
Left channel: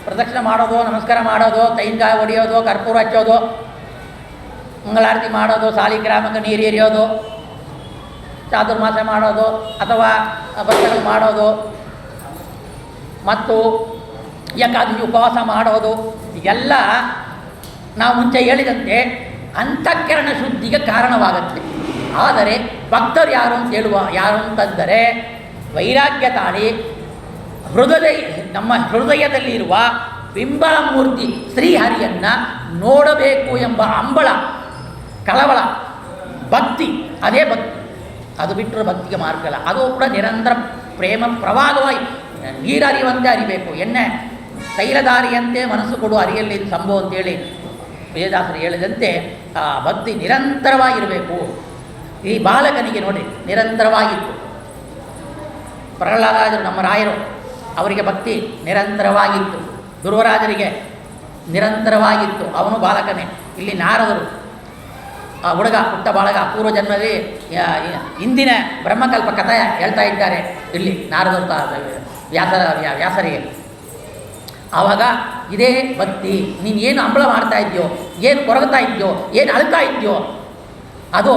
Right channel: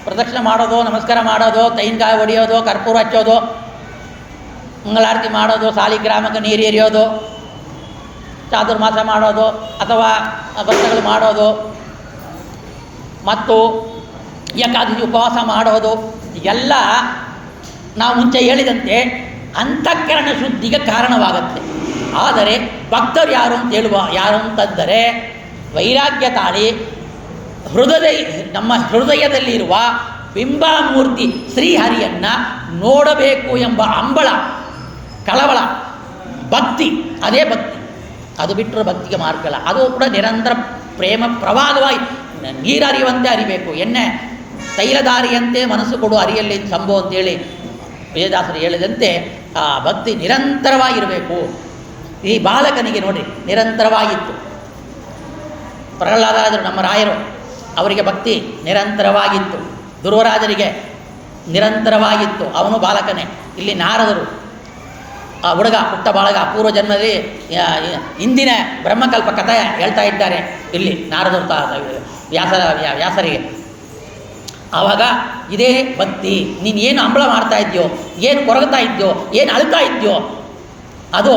ಪ್ರದಕ್ಷಿಣೆ ಮಾಡೋದು, ನಮಸ್ಕಾರ ಮಾಡೋದು, ತೆಂಗಿನಕಾಯಿ ಹೊಡೆಯೋದು, ಕರ್ಪೂರ ಹಚ್ಚೋದು, ಮಂಗಳಾರತಿ ಮಾಡೋದು, ಸಾಲಿಗ್ರಾಮಕ್ಕೆ ನೀರು ಎರಿಯೋದು, ಚಾತುರ್ಮಾಸ ಮಾಡೋದು, ಅಥವಾ ವ್ರತಗಳು ಮಾಡೋದು, ಮತ್ತು ಏಕಾದಶಿ ಉಪವಾಸ ಮಾಡೋದು, ಎಲ್ಲ ನಾವು ಮುಂಚೆ ಹೇಳಿದಂತೆ ಅಂತಃಕರಣ ಶುದ್ಧಿಗೆ ಕಾರಣವಾಗುತ್ತೆ. ಆದರೆ ಭಕ್ತರು ಯಾರು ಅಂತಂದರೆ ವೈರಾಗ್ಯ ತಾಳಿ ನಮ್ಮ ಹೃದಯದಲ್ಲಿರುವ ಬಿಂಬಮೂರ್ತಿ ಶ್ರೀಹರಿಯನ್ನು ನೋಡಬೇಕು ಎಂಬ ಹಂಬಲ, ಕಳವಳ, ಭಕ್ತಿ, ಅದೇ ಭಕ್ತಿ. ಅದು ಬಿಟ್ಟರೆ ಭಕ್ತಿಗೆ ಮಾರ್ಗಲ್ಲ. ಅದು ಕೂಡ ನಿರಂತರ ಪ್ರೇಮ ಪ್ರವಾಹವಾಗಿ ನೀರರಿಯುವಂತೆ ಅರಿಬೇಕು. ಎಣ್ಣೆ ತೈಲದಾರಿಯಂತೆ ಮನಸ್ಸು ಕೊಡು ಅರಿಯಲ್ಲಿ ಸಂಭವ ಅಂತೇಳಿ ವೇದದಾಸರು ಹೇಳಿದಂತೆ ಆ ಭಕ್ತಿ ನಿರಂತರವಾಗಿರಬೇಕು. ಈ ಬಾಲಕನಿಗೆ ನೋಡಿ ನಿರಂತರವಾಗಿತ್ತು. ಪ್ರಹ್ಲಾದರಾಜರು ನಮ್ಮ ರಾಯರು, ಅವರಿಗೆ ಭಕ್ತಿ ನಿರಂತರವಾಗಿತ್ತು. ಧ್ರುವರಾಜರಿಗೆ ನಿರಂತರವಾಗಿತ್ತು, ಅವನು ಬಾಲಕನೇ. ಇಲ್ಲಿ ನಾರದರು ಹುಡುಗ, ಪುಟ್ಟ ಬಾಳಗ, ಪೂರ್ವ ಜನ್ಮದಲ್ಲಿ ಇಂದಿನ ಬ್ರಹ್ಮಕಲ್ಪ ಕಥೆ ಹೇಳ್ತಾ ಇದ್ದಾರೆ ಇಲ್ಲಿ ನಾರದರು ವ್ಯಾಸರಿಗೆ. ಆವಾಗ ಇದೇ ಭಕ್ತಿ. ನೀನು ಏನು ಹಂಬಲ ಮಾಡ್ತಾ ಇದೆಯೋ, ಏನು ಕೊರಗ್ತಾ ಇದೆಯೋ, ಏನು ಅಳ್ತಾ ಇದೆಯೋ, ಅದು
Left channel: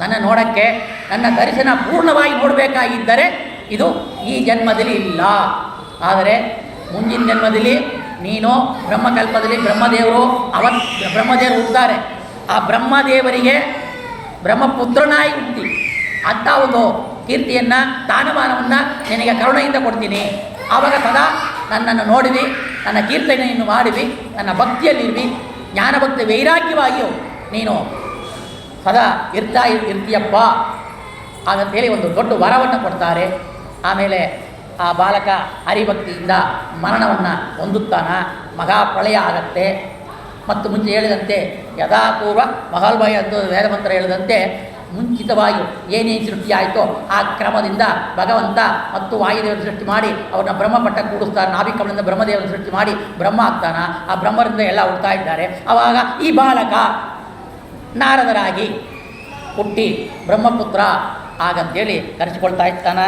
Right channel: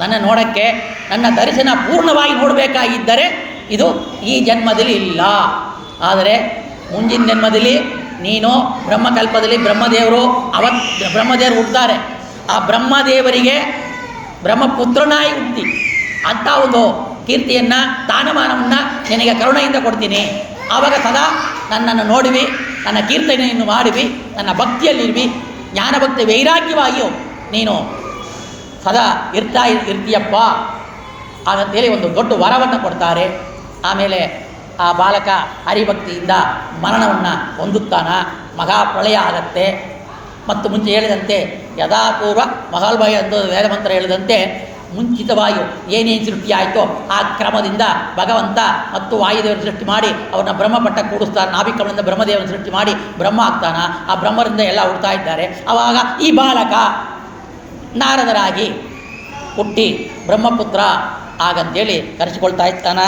ನನ್ನ ನೋಡೋಕ್ಕೆ, ನನ್ನ ದರ್ಶನ ಪೂರ್ಣವಾಗಿ ನೋಡಬೇಕಾಗಿದ್ದರೆ ಇದು ಈ ಜನ್ಮದಲ್ಲಿ ಇಲ್ಲ. ಆದರೆ ಮುಂದಿನ ಜನ್ಮದಲ್ಲಿ ನೀನು ಬ್ರಹ್ಮಕಲ್ಪದಲ್ಲಿ ಬ್ರಹ್ಮದೇವರು ಹುಟ್ಟುತ್ತಾರೆ. ಆ ಬ್ರಹ್ಮದೇವರಿಗೆ ಬ್ರಹ್ಮಪುತ್ರನಾಗಿ ಹುಟ್ಟಿ ಅಂಥ ಒಂದು ಕೀರ್ತಿಯನ್ನು, ಸ್ಥಾನಮಾನವನ್ನು ನಿನಗೆ ಕರುಣೆಯಿಂದ ಕೊಡ್ತೀನಿ. ಆವಾಗ ಸದಾ ನನ್ನನ್ನು ನೋಡುವಿ, ನನ್ನ ಕೀರ್ತನೆಯನ್ನು ಮಾಡುವಿ, ನನ್ನ ಭಕ್ತಿಯಲ್ಲಿರುವಿ, ಜ್ಞಾನಭಕ್ತಿ ವೈರಾಗ್ಯವಾಗಿಯೂ ನೀನು ಸದಾ ಇರ್ತೀಯಪ್ಪ ಹಾಗಂತೇಳಿ ಒಂದು ದೊಡ್ಡ ವರವನ್ನು ಕೊಡ್ತಾರೆ. ಆಮೇಲೆ ಆ ಬಾಲಕ ಹರಿಭಕ್ತಿಯಿಂದ ಮರಣವನ್ನು ಹೊಂದುತ್ತಾನ. ಮಹಾಪ್ರಳಯ ಆಗತ್ತೆ. ಮತ್ತು ಮುಂಚೆ ಹೇಳಿದಂತೆ ಯಥಾಪೂರ್ವ ಮಹಾಲ್ಭಯ ಎಂದು ವೇದಮಂತ್ರ ಹೇಳಿದಂತೆ ಮುಂಚಿತವಾಗಿ ಏನೇನು ಸೃಷ್ಟಿ ಆಯಿತೋ ಆ ಕ್ರಮದಿಂದ ಭಗವಂತ ಮತ್ತು ವಾಯುದೇವರು ಸೃಷ್ಟಿ ಮಾಡಿ ಅವ್ರನ್ನ ಬ್ರಹ್ಮಪಟ್ಟ ಕೂಡಿಸ್ತಾರೆ. ನಾಭಿಕಮಲಿಂದ ಬ್ರಹ್ಮದೇವರನ್ನು ಸೃಷ್ಟಿ ಮಾಡಿ ಬ್ರಹ್ಮ ಆಗ್ತಾನ. ಆ ಬ್ರಹ್ಮರಿಂದ ಎಲ್ಲ ಹುಡ್ತಾ ಇದ್ದಾರೆ. ಆವಾಗ ಈ ಬಾಲಕ ನಾರದರಾಗಿ ಹುಟ್ಟಿ ಬ್ರಹ್ಮಪುತ್ರ ಹಾಗಂತೇಳಿ ಕರೆಸಿಕೊಳ್ತಾ ಇರ್ತಾನ.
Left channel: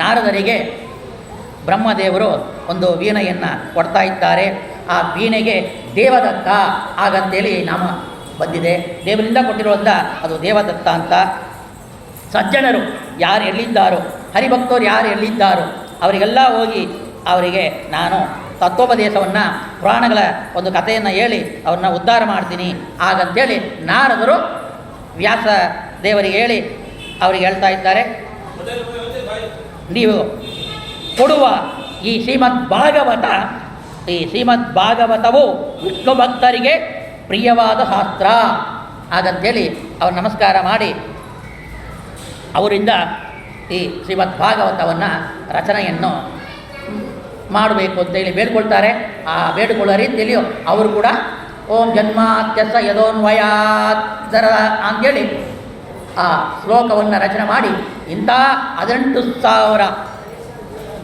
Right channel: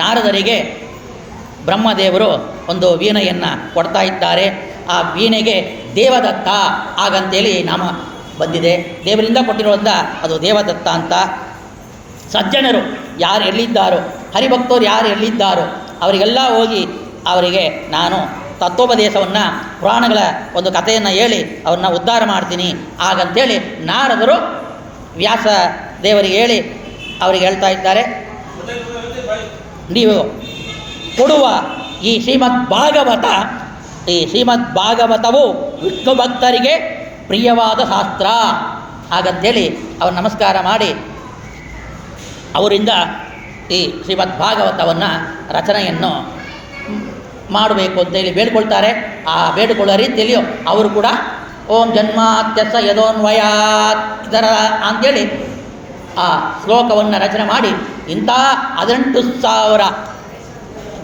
ನಾರದರಿಗೆ ಬ್ರಹ್ಮದೇವರು ಒಂದು ವೀಣೆಯನ್ನು ಕೊಡ್ತಾ ಇದ್ದಾರೆ. ಆ ವೀಣೆಗೆ ದೇವದತ್ತ ಹಾಗಂತೇಳಿ ನಾಮ ಬಂದಿದೆ. ದೇವರಿಂದ ಕೊಟ್ಟಿರೋದ್ರಿಂದ ಅದು ದೇವದತ್ತ ಅಂತ. ಸಜ್ಜನರು ಯಾರು ಎಲ್ಲಿದ್ದಾರೋ, ಹರಿಭಕ್ತರು ಯಾರು ಎಲ್ಲಿದ್ದಾರೋ ಅವರಿಗೆಲ್ಲ ಹೋಗಿ ಅವರಿಗೆ ನಾನು ತತ್ವೋಪದೇಶವನ್ನು, ಪುರಾಣಗಳ ಒಂದು ಕಥೆಯನ್ನು ಹೇಳಿ ಅವ್ರನ್ನ ಉದ್ಧಾರ ಮಾಡ್ತೀನಿ ಹಾಗಂತೇಳಿ ನಾರದರು ವ್ಯಾಸ ದೇವರಿಗೆ ಹೇಳಿ ಅವರಿಗೆ ಹೇಳ್ತಾ ಇದ್ದಾರೆ, ನೀವು ಕೊಡುವ ಈ ಶ್ರೀಮದ್ ಭಾಗವತವು ವಿಷ್ಣು ಭಕ್ತರಿಗೆ ಪ್ರಿಯವಾದ ಶಾಸ್ತ್ರ ಹಾಗಂತೇಳಿ ಅವರು ನಮಸ್ಕಾರ ಮಾಡಿ ಅವರಿಂದ ಈ ಶ್ರೀಮದ್ ಭಾಗವತವನ್ನು ರಚನೆಯನ್ನು ಮಾಡಬೇಕು ಅಂತೇಳಿ ಬೇಡ್ಕೊಳ್ತಾರೆ. ಆ ಬೇಡಿಕೊಳ್ಳೋ ರೀತಿಯಲ್ಲಿ ಅವರು ಕೂಡ ಓಂ ಜನ್ಮಾತ್ಯಸ ಯದೋನ್ವಯಾತ್ ಇದರ ಅಂಥೇಳಿ ಆ ಶ್ಲೋಕವನ್ನು ರಚನೆ ಮಾಡಿ ಇಂಥ 18,000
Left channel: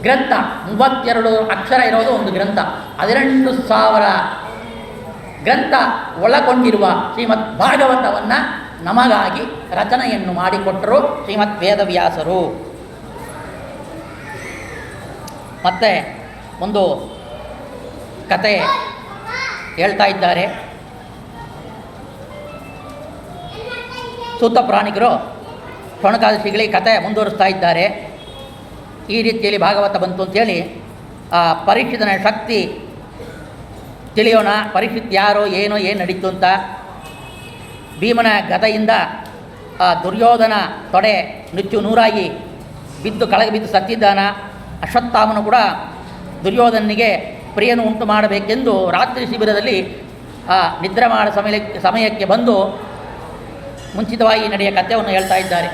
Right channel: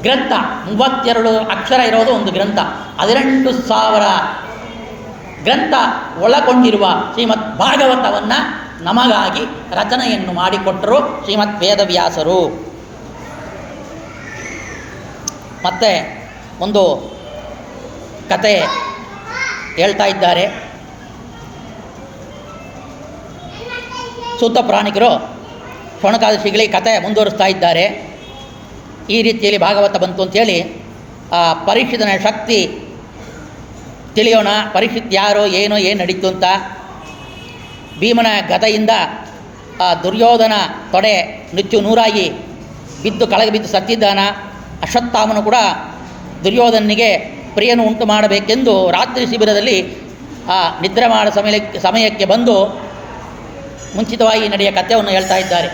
ಗ್ರಂಥ, 32 ಅಕ್ಷರ ಇರೋದು ಒಂದು ಗ್ರಂಥ, 18,000 ಗ್ರಂಥ ಒಳಗೊಂಡಿರುವ ಶ್ರೀಮದ್ ಭಾಗವತವನ್ನು ನಮಗಾಗಿ ರಚನೆಯನ್ನು ಮಾಡಿಕೊಟ್ಟರು ಶ್ರೀಮದ್ ವೇದವ್ಯಾಸರು. ಮತ್ತು ಒಂದು ಕತೆ ಹೇಳ್ತಾ ಇದ್ದಾರೆ. ಸೂತ ಪ್ರಾಣಿಕರು ಶೌನಕಾದಶಿಗಳಿಗೆ ಕತೆ ಮುಂದುವರಿಸ್ತಾ ಇದ್ದಾರೆ. ಈ ರೀತಿಯಲ್ಲಿ ಭಾಗವತ ಬಂತು ಅಂಥೇಳಿ ಆ ಪರೀಕ್ಷಿತನ ಶಕ್ತಿ ತಿಳಿಯೋಣ. ಪರೀಕ್ಷಿತ್ ಯಾರು, ಏನು ನಡೀತು ಅಂತ. ಭೀಮನ ಗದೆಯಿಂದ ಆ ದುರ್ಯೋಧನ ತೊಡೆ ನುಚ್ಚು ನೂರಾಗಿ ಬಿದ್ದು ಕೆಳಗೆ ಬಿದ್ದು ಸತ್ತಿದ್ದಾನ. ಅಶ್ವತ್ಥಾಮನು ಕೂಡ ದುರ್ಯೋಧನಿಗೆ ಪ್ರಿಯನು ಉಂಟು ಮಾಡಬೇಕೆಂದು ರಾತ್ರಿ ಶಿಬಿರದಲ್ಲಿ ಆ ನಿದ್ರೆ ಮಾಡೋ ಸಮಯಕ್ಕೆ ಬಂದು ಮುಂಚಿತವಾಗಿ ನಡೆಯ ಕಥೆಯನ್ನು ಹೇಳ್ತಾ ಇದ್ದಾರೆ.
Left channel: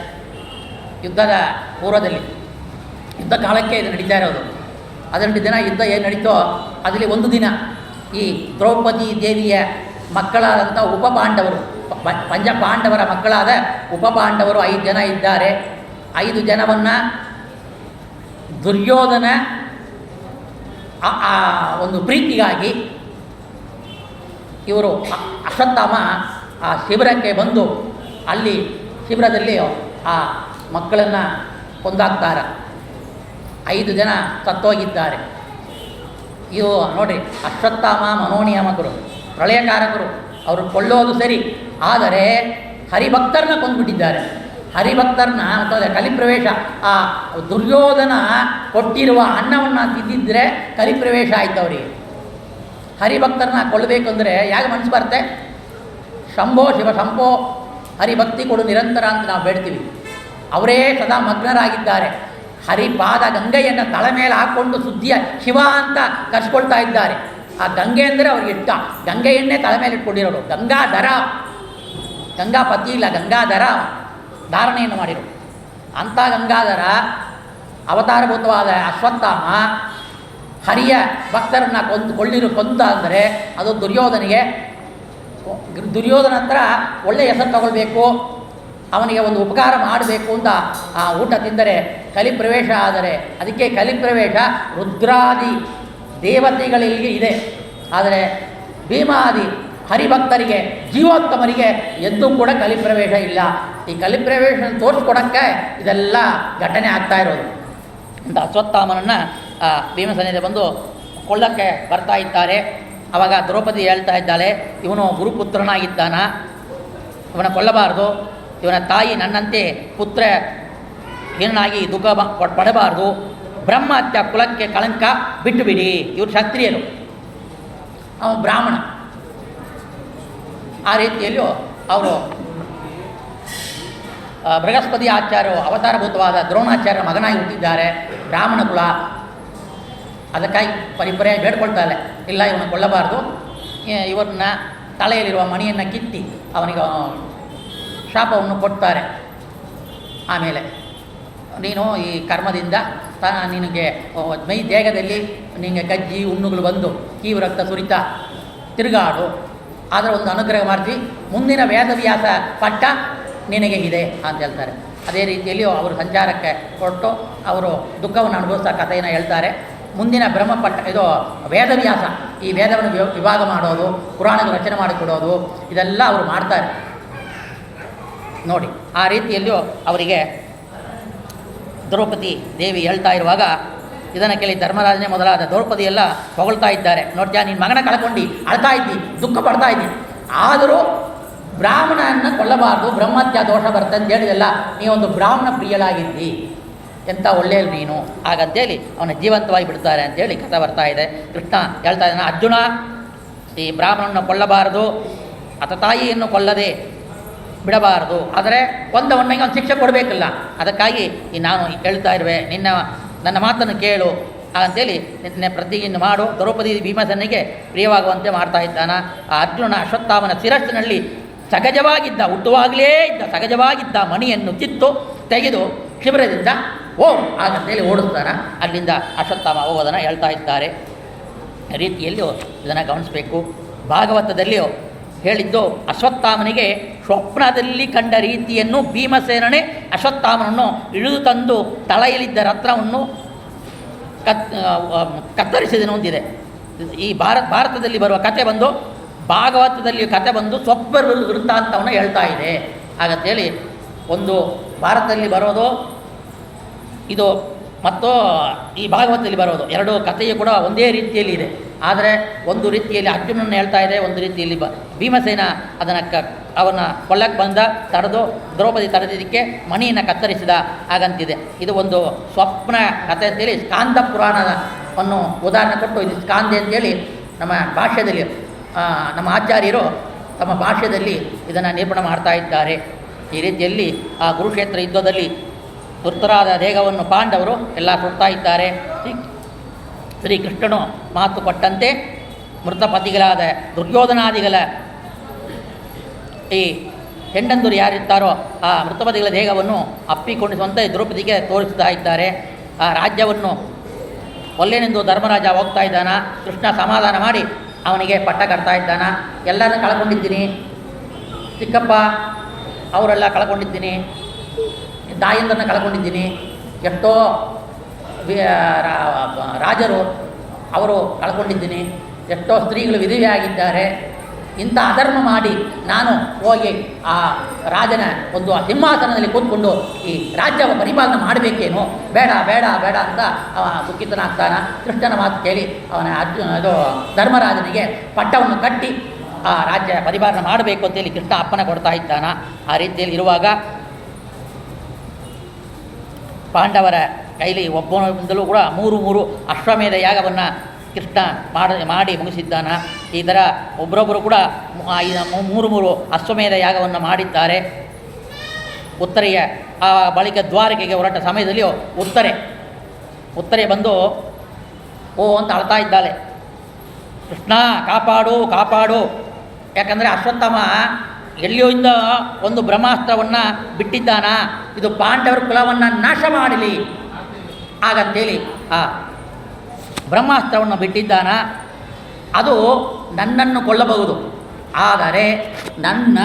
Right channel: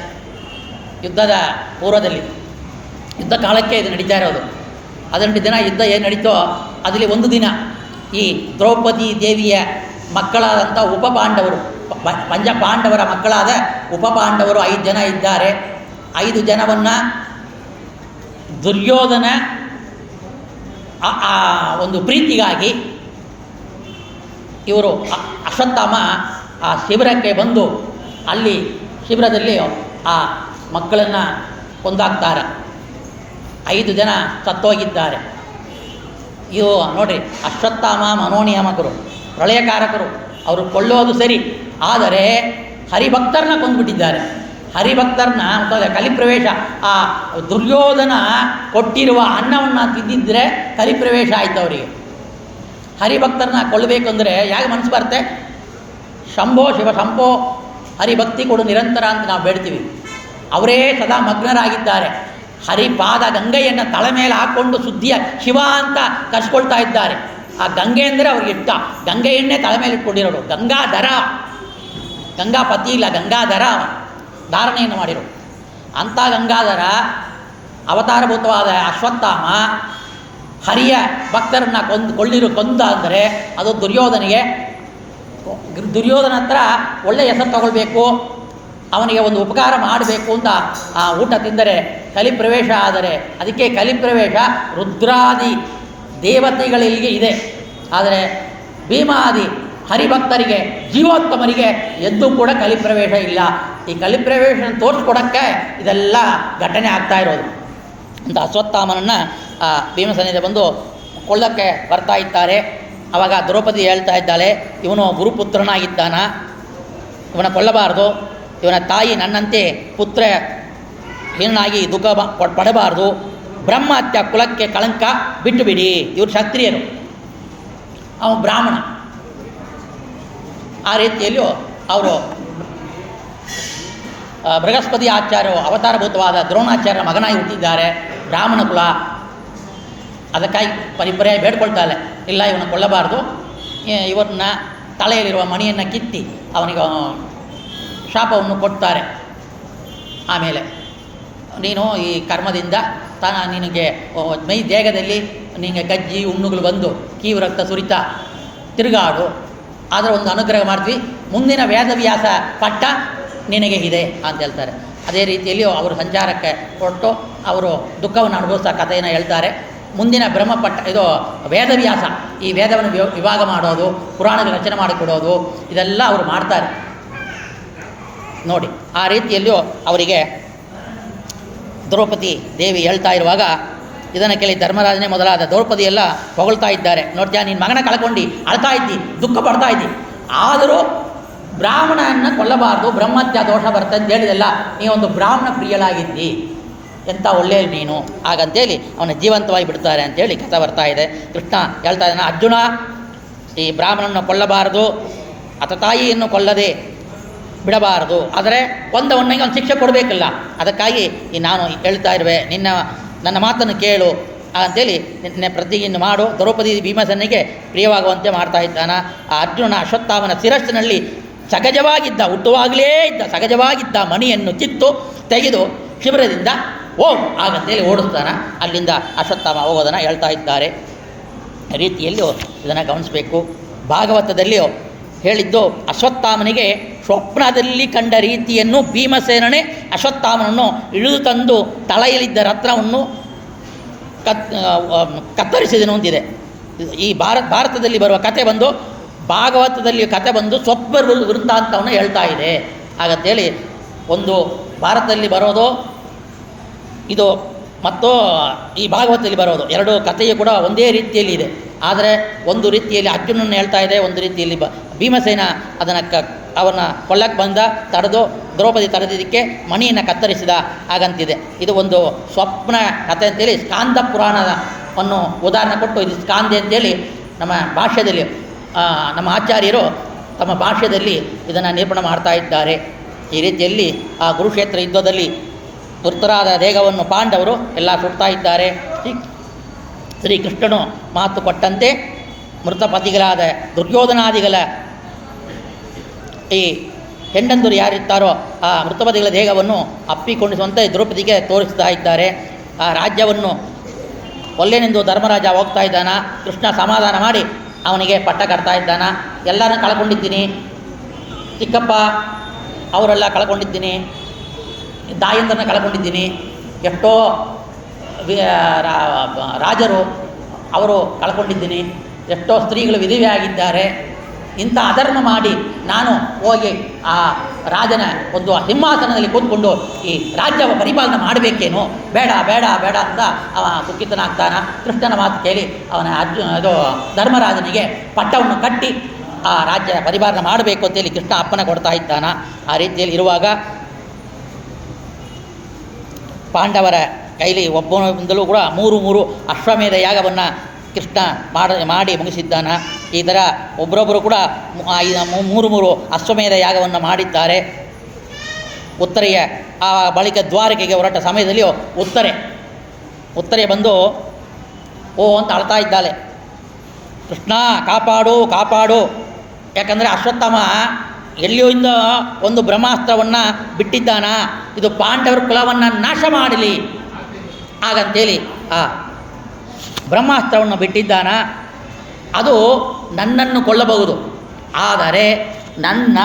ಯುದ್ಧದ ಪೂರ್ವದಲ್ಲಿ, ಯುದ್ಧ ಕಾಲಕ್ಕೆ ಇದು ನಡೀತಾ ಇರೋದು. 18 ದಿನ ಯುದ್ಧ ಏನು ನಡೀತೋ ಅದರಲ್ಲಿ ಒಂದು ದಿನ ಈ ದ್ರೌಪದಿ ದೇವಿಯ ಮಕ್ಕಳಾದಂಥ ಉಪಪಾಂಡವರು, ಪಂಚಪಾಂಡವರ ಮಕ್ಕಳಾದ ಉಪಪಾಂಡವರು 5 ಜನ ಇದ್ದಾರೆ. 5 ಜನವನ್ನು ದುರ್ಯೋಧನ ಆ ಒಂದು ಪ್ರೀತಿಗಾಗಿ ಇವರು ಅಶ್ವತ್ಥಾಮ ಆ ಶಿಬಿರಕ್ಕೆ ಬಂದು ಅಲ್ಲಿ ಶಿಬಿರದಲ್ಲಿ ಆ ಮಕ್ಕಳನ್ನು ಕೊಂದಾಕ್ತಾರೆ. 5 ಜನ ಸತ್ತೋಗಿದ್ದಾರೆ. ಇವು ನೋಡಿರಿ, ಅಶ್ವತ್ಥಾಮ ಮನೋನಿಯಾಮಕರು, ಪ್ರಳಯಕಾರಕರು. ಅವರು ಕೊಳ್ಳೋದು ಸರಿ, ಆದರೆ ಹರಿಭಕ್ತರನ್ನ ಕೊಂದುಬಿಟ್ಟಿದ್ದಾರೆ. ಹರಿಭಕ್ತರನ್ನ ಮತ್ತು ಕಲಿಪ್ರವೇಶ, ಆ ದುರ್ಯೋಧನ ಕೊಟ್ಟಿರುವ ಅನ್ನವನ್ನು ತಿಂದಿದ್ದರೆ ಕಲಿಪ್ರವೇಶ ಆಯ್ತು ಅವರಿಗೆ. ಹರಿಭಕ್ತರನ್ನ ಕೊಲ್ಲಬೇಕಂದ್ರೆ ಯಾಕೆ ಮನಸ್ಸು ಬರುತ್ತೆ? ಶಂಭೋ ಶಿವ ಶಂಭೋ, ಹರಿಭಕ್ತಿ ಕೊಡು ನಿರಂತರ ಅಂತ ನಾವು ಬೇಡ್ತೀವಿ. ಅವರೇ ಸದಾ ಮಗ್ನರಾಗಿದ್ದಾರೆ. ಹರಿಪಾದ ಗಂಗೆಯನ್ನು ತಲೆ ಮೇಲೆ ಹಾಕ್ಕೊಂಡು ಶುದ್ಧಿಯ ಶಿವ ಅಂತ ಕರ್ಸ್ಕೊಳ್ತಾ ಇದ್ದಾರೆ. ಆ ಗಂಗೆ ಅಂದರೆ ಅವ್ರಿಗೆ ಇಷ್ಟ. ಗಂಗೆ ಎಣ್ಣೆ ತಲೆ ಮೇಲೆ ಇಟ್ಕೊಂಡಿರೋರು. ಗಂಗಾಧರ, ಗಂಗಾಪತಿ ಇಲ್ಲ, ಗಂಗಾಧರ ಧಾರಣೆಯನ್ನು ಮಾಡಿರು. ಅಂಥ ಗಂಗಾಧರ ಅವತಾರಭೂತವಾದ ಅಶ್ವತ್ಥಾಮ ಹರಿಯ ಭಕ್ತರನ್ನು ಕೊಂದ ಅಂದರೆ ಅದು ದುರ್ಯೋಧನಿಗೆ. ದುರ್ಯೋಧನ ಹತ್ರ ಒಳ್ಳೆಯ ಹೆಸರು ತಗೊಳ್ಬೇಕು, ಅವನಿಗೆ ಒಂದು ಉಪಕಾರ ಮಾಡಬೇಕು ಅಂತ ಆ ಊಟ ತಿಂದರೆ ಕಲಿಪ್ರವೇಶ ಆದರೆ, ಅದಕ್ಕೆ ಕಲಿಪ್ರವೇಶ ರುದ್ರಾದಿ ದೇವತೆಗಳಿಗೆ ಇದೆ. ಆದರೆ ಭೀಮಾದಿ ಹರಿಭಕ್ತರಿಗೆ, ಜೀವೋತ್ತಮರಿಗೆ ಎದ್ದು ಕೂಡ ಕಲಿಪ್ರವೇಶ ಇಲ್ಲ. ಈ ಕಲಿಪ್ರವೇಶ ತೋರಿಸ್ಕೊಡೋಕ್ಕೆ ಇದೆಲ್ಲ ಘಟನೆ ಆಗ್ತಾ ಇರೋದು. ಅಂತ ಅಶ್ವತ್ಥಾಮನನ್ನು ಭೀಮಸೇನಿಂದ ಬಂದು ಕೊಳ್ಳಕ್ಕೆ ಬರ್ತಾ ಇದ್ದಾರೆ. ಆವಾಗ ದ್ರೌಪದಿ ಹೇಳ್ತಾ ಇದ್ದಾಳೆ, ಇವನು ಗುರುಪುತ್ರನಾಗಿದ್ದಾನ, ಇವನ ಕೊಲ್ಲಬಾರ್ದು, ಇವನ ತಾಯಿ ನನ್ನಂತೆ ಪುತ್ರ ಹೀನಾಗಿ ದುಃಖ ಪಡಬಾರ್ದು, ಬ್ರಹ್ಮಹತ್ಯ ಕುಲಕ್ಕೆ ಕಳಂಕ ಬಿಟ್ಟು ಬಿಡಿ. ಇವರು ಕ್ಷತ್ರಿಯರು, ಅವನು ಬ್ರಾಹ್ಮಣ. ಆ ರೀತಿಯಲ್ಲಿಯೂ ಅವರು ಬೃಹಸ್ಪತಿ ಆಚಾರ್ಯರು ಅವತಾರಭೂತವಾದ ದ್ರೋಣಾಚಾರ್ಯರ ಮಗನಾಗಿ ಹುಟ್ಟಿದ್ದಾರೆ. ಬ್ರಾಹ್ಮಣ ಕುಲ, ಅದಕ್ಕಾಗಿ ಪರಿಪರೇ ಬೇಡ್ಕೊಳ್ತಾಳೆ, ಇಲ್ಲ ಇವನು ಕೊಲ್ಲಬಾರ್ದು, ಇವರನ್ನ ತಲೆಯಲ್ಲಿರುವ ಮಣಿಯನ್ನು ಕಿತ್ತಿ ಅವನಿಗೆ ಶಾಪವನ್ನು ಕೊಡ್ತಾರೆ. ಆಮೇಲೆ ನೀನು ಈ ಕರ್ಮದಿಂದ ನಿನಗೆ ಮೈ ದೇಹದಲ್ಲಿ ನಿನಗೆ ಗಜ್ಜಿ ಹುಣ್ಣುಗಳು ಬಂದು ಕೀವು ರಕ್ತ ಸುರಿತಾ ತಿರುಗಾಡು, ಆದರೆ ಒಂದು ಅನುಗ್ರಹ ಮಾಡ್ತೀವಿ, ಮುಂದಿನ ವೇದವ್ಯಾಸ ಪಟ್ಟ ನಿನಗೆ ಇದೆ ಅಂತ ಹೇಳ್ತಾರೆ. ಅದೇ ರೀತಿಯಲ್ಲಿ ಅವರು ಸಂಚಾರಕ್ಕೆ ಹೊರಟು ಅವರು ದುಃಖವನ್ನು ಅನುಭವಿಸ್ತಾ ಕಥೆಯನ್ನು ಹೇಳ್ತಾರೆ. ಮುಂದಿನ ಬ್ರಹ್ಮಪಟ್ಟ ಇದು ವೇದವ್ಯಾಸ, ಈ ವೇದವನ್ನು ವಿಭಾಗ ಮಾಡೋದು, ಪುರಾಣದ ರಚನೆ ಮಾಡಿಕೊಡೋದು, ಇದೆಲ್ಲ ಅವರು ಮಾಡ್ತಾರೆ ನೋಡಿ. ಆ ರೀತಿಯಲ್ಲಿಯೂ ಅವರಿಗೆ ದ್ರೌಪದಿ ದೇವಿ ಹೇಳ್ತಾ ಇರುವಾಗ ಇದನ್ನು ಕೇಳಿ ಧರ್ಮರಾಜನೇ ಮೊದಲಾದ ದ್ರೌಪದಿ ಎಲ್ಲ ಹೊಗಳ್ತಾ ಇದ್ದಾರೆ. ನೋಡ್ತೀಯ, ನಿನ್ನ ಮಗನ ಕಳ್ಕೊಂಡು ಅಳ್ತಾ ಇದ್ದಿ, ದುಃಖ ಪಡ್ತಾ ಇದ್ದಿ, ಆದರೂ ಬ್ರಾಹ್ಮಣನ ಕೊಲ್ಲಬಾರ್ದು, ಬ್ರಹ್ಮತ್ಯ ದೋಷ ಬರ್ತಂತ ಹೇಳಿದೆಲ್ಲ, ನೀವೊಂದು ಬ್ರಾಹ್ಮಣ ಪ್ರಿಯಳಾಗಿದ್ದಿ, ಎಂಥ ಒಳ್ಳೆಯ ನೀನು ಹಾಗಂತೇಳಿ ಅವನ ಜೀವಂತವಾಗಿ ಬಿಡ್ತಾರೆ ಅಂತೇಳಿ ಕಥೆ ಬರ್ತಾ ಇದೆ. ಕೃಷ್ಣ ಹೇಳ್ತಾ ಇದ್ದಾನೆ, ಅರ್ಜುನ ಈ ಬ್ರಾಹ್ಮಣನ ಕೊಲ್ಲಬಾರದು, ಅತ ತಾಯಿಯನ್ನು ಕೊಲ್ಲದೆ ಬಿಡಬಾರದು, ಆದರೆ ಕೊಂದವನಿಗೆ ಒಂದು ಶಿಕ್ಷೆ ಕೊಡಬೇಕಿಲ್ಲ. ಅದಕ್ಕಾಗಿ ನಾನು ಹೇಳ್ತಾ ಇರುವೆ, ನನ್ನ ಮಾತನ್ನು ಕೇಳು ಅಂತೇಳಿ ನಿನ್ನೆ ಪ್ರತಿಜ್ಞೆ ಮಾಡು. ದ್ರೌಪದಿ ಭೀಮಸೇನಿಗೆ ಪ್ರಿಯವಾಗುವಂತೆ ಮಾಡ್ತಾ ಇದ್ದಾನ. ಆ ಅರ್ಜುನ ಅಶ್ವತ್ಥಾಮನ ಶಿರಸ್ಸಿನಲ್ಲಿ ಸಹಜವಾಗಿದ್ದ ಹುಟ್ಟುವಾಗಲೇ ಇದ್ದ ಸಹಜವಾಗಿದ್ದ ಮಣಿಯನ್ನು ಕಿತ್ತು ತೆಗೆದು ಶಿಬಿರದಿಂದ ಓಂ ಆಗಂತೇಳಿ ಓಡಿಸ್ತಾನ. ಅಲ್ಲಿಂದ ಅಶ್ವತ್ಥಾಮ ಹೋಗೋದನ್ನು ಹೇಳ್ತಾ ಇದ್ದಾರೆ. ರೀತಿಯಲ್ಲಿಯೂ ಇದನ್ನು ಗಮನಿಸಬೇಕು. ಭಾಗವತದಲ್ಲಿಯೂ ಹೇಳಿದ್ದು ಅಶ್ವತ್ಥಾಮನಿಗೆ ಸ್ವಪ್ನದಲ್ಲಿ ಕಂಡ ರೀತಿಯನ್ನು ಭೀಮಸೇನನೇ ಅಶ್ವತ್ಥಾಮನನ್ನು ಇಳಿದು ತಂದು ತಲೆಯಲ್ಲಿದ್ದ ರತ್ನವನ್ನು ಕತ್ತರಿಸಿದನು ಅಂತಿದೆ. ಈ ಭಾರತದಲ್ಲಿ ಬರುವ ಕತೆ ಬಂದು ಭಾಗವತದಲ್ಲಿ ಕತೆ ಬಂದು ಸ್ವಪ್ನ ವೃತ್ತಾಂತವನ್ನು ಹೇಳ್ತಾ ಇದೆ. ಹಾಗಂತೇಳಿ ಒಂದು ಭಾರತದಲ್ಲಿ ಬರೋದು ಇದು ಮತ್ತು ಈ ಭಾಗವತದಲ್ಲಿ ಬರೋದು ಎರಡು ಕಥೆಯು ಕೂಡ ಒಂದೇ ರೀತಿಯಲ್ಲಿ ಇದೆ. ಆದರೆ ಒಂದು ರೀತಿಯಲ್ಲಿ ಅರ್ಜುನನ್ನು ಹೇಳ್ತಾ ಇದೆ, ಒಂದು ರೀತಿಯಲ್ಲಿ ಭೀಮಸೇನ ಅದನ್ನು ಅವನ್ನ ಕೊಲ್ಲಕ್ಕೆ ಬಂದ ತಡೆದು ದ್ರೌಪದಿ ತಡೆದಿದ್ದಕ್ಕೆ ಮಣಿಯನ್ನು ಕತ್ತರಿಸಿದ ಹಾಗಂತಿದೆ. ಇದು ಒಂದು ಸ್ವಪ್ನ ಕಥೆ ಅಂತೇಳಿ ಸ್ಕಾಂದ ಪುರಾಣವನ್ನು ಉದಾಹರಣೆ ಕೊಟ್ಟು ಇದು ಸ್ಕಾಂದೆ ಅಂತೇಳಿ ನಮ್ಮ ಭಾಷೆಯಲ್ಲಿ ನಮ್ಮ ಆಚಾರ್ಯರು ತಮ್ಮ ಭಾಷೆಯಲ್ಲಿ ಇದನ್ನು ನಿರೂಪಣೆ ಮಾಡ್ತಾ ಇದ್ದಾರೆ. ಈ ರೀತಿಯಲ್ಲಿ ಆ ಕುರುಕ್ಷೇತ್ರ ಯುದ್ಧದಲ್ಲಿ ಮೃತರಾದ ದೇಹವನ್ನು ಪಾಂಡವರು ಎಲ್ಲ ಸುಡ್ತಾ ಇದ್ದಾರೆ. ಶ್ರೀಕೃಷ್ಣನು ಮಾತು ಕೊಟ್ಟಂತೆ ಮೃತಪತಿಗಳಾದ ದುರ್ಯೋಧನಾದಿಗಳ ಈ ಹೆಂಡಂದರು ಯಾರಿರ್ತಾರೋ ಆ ಮೃತಪತಿಗಳ ದೇಹವನ್ನು ಅಪ್ಪಿಕೊಂಡಿಸುವಂತೆ ದ್ರೌಪದಿಗೆ ತೋರಿಸ್ತಾ ಇದ್ದಾರೆ. ಆ ರಾಜ್ಯವನ್ನು ಒಲ್ಲೆನೆಂದು ಧರ್ಮರಾಜ ಹೋಗ್ತಾ ಇದ್ದಾನ. ಕೃಷ್ಣ ಸಮಾಧಾನ ಮಾಡಿ ಅವನಿಗೆ ಪಟ್ಟ ಕಟ್ತಾ ಇದ್ದಾನ. ಎಲ್ಲರನ್ನೂ ಕಳ್ಕೊಂಡಿದ್ದೀನಿ, ಚಿಕ್ಕಪ್ಪ ಅವರೆಲ್ಲ ಕಳ್ಕೊಂಡಿದ್ದೀನಿ, ತಾಯಂದರನ್ನ ಕಳ್ಕೊಂಡಿದ್ದೀನಿ, ಎಷ್ಟೋ ರಾಜರು ಅವರು ಕಳ್ಕೊಂಡಿದ್ದೀನಿ, ಎಷ್ಟೋ ಸ್ತ್ರೀಗಳು ವಿಧವೆ ಆಗಿದ್ದಾರೆ. ಇಂಥ ಅಧರ್ಮ ಮಾಡಿ ನಾನು ಹೋಗಿ ಆ ರಾಜನ ಒಂದು ಸಿಂಹಾಸನದಲ್ಲಿ ಕೂತ್ಕೊಂಡು ಈ ರಾಜ್ಯ ಪರಿಪಾಲನೆ ಮಾಡಬೇಕೇನೋ, ಬೇಡ ಬೇಡ ಬೇಡ ಅಂತ ಅವ ದುಃಖಿತನಾಗ್ತಾನ. ಕೃಷ್ಣನ ಮಾತು ಕೇಳಿ ಅವನ ಇದು ಧರ್ಮರಾಜನಿಗೆ ಪಟ್ಟವನ್ನು ಕಟ್ಟಿ ಆ ರಾಜ್ಯ ಪರಿಪಾಲನೆ ಮಾಡಬೇಕು ಅಂತೇಳಿ ಕೃಷ್ಣ ಅಪ್ಪನ ಕೊಡ್ತಾ ಇದ್ದಾನ. ಆ ರೀತಿಯಲ್ಲಿ ಇರುವಾಗ ಪಾಂಡವರ ಕೈಲಿ ಒಬ್ಬನಿಂದಲೂ ಕೂಡ ಮೂರು ಅಶ್ವಮೇಧ ಯಾಗವನ್ನು ಕೃಷ್ಣ ಮಾಡಿ ಮುಗಿಸಿದ್ದಾನ. ಈ ಥರ ಒಬ್ಬರೊಬ್ಬರು ಕೂಡ ಮೂರು ಅಶ್ವಮೇಧ ಯಾಗವನ್ನು ಮಾಡಿದ್ದಾರೆ. ಉತ್ತರೆಯ ಆ ಬಳಿಕ ದ್ವಾರಕೆಗೆ ಹೊರಟ ಸಮಯದಲ್ಲಿ ಉತ್ತರೆ ಬಂದು ಓ ಅಂತ ಅಳ್ತಾ ಇದ್ದಾಳೆ, ಕೃಷ್ಣ ಕಾಪಾಡು ಕಾಪಾಡು. ಯಾಕಂದರೆ ಅಶ್ವತ್ಥಾಮ ಎಲ್ಲಿಯಿಂದ ಒಂದು ಬ್ರಹ್ಮಾಸ್ತ್ರವನ್ನು ಬಿಟ್ಟಿದ್ದಾನ, ಇದು ಪಾಂಡವರ ಕುಲವನ್ನು ನಾಶ ಮಾಡಲಿ ಹಾಗಂತೇಳಿ ಆ ಬ್ರಹ್ಮಾಸ್ತ್ರವನ್ನು ಬಿಟ್ಟಿದ್ದಾನ. ಅದು ನನ್ನನ್ನು ಕೊಲ್ಲಬಹುದು, ಆದರೆ ನನ್ನ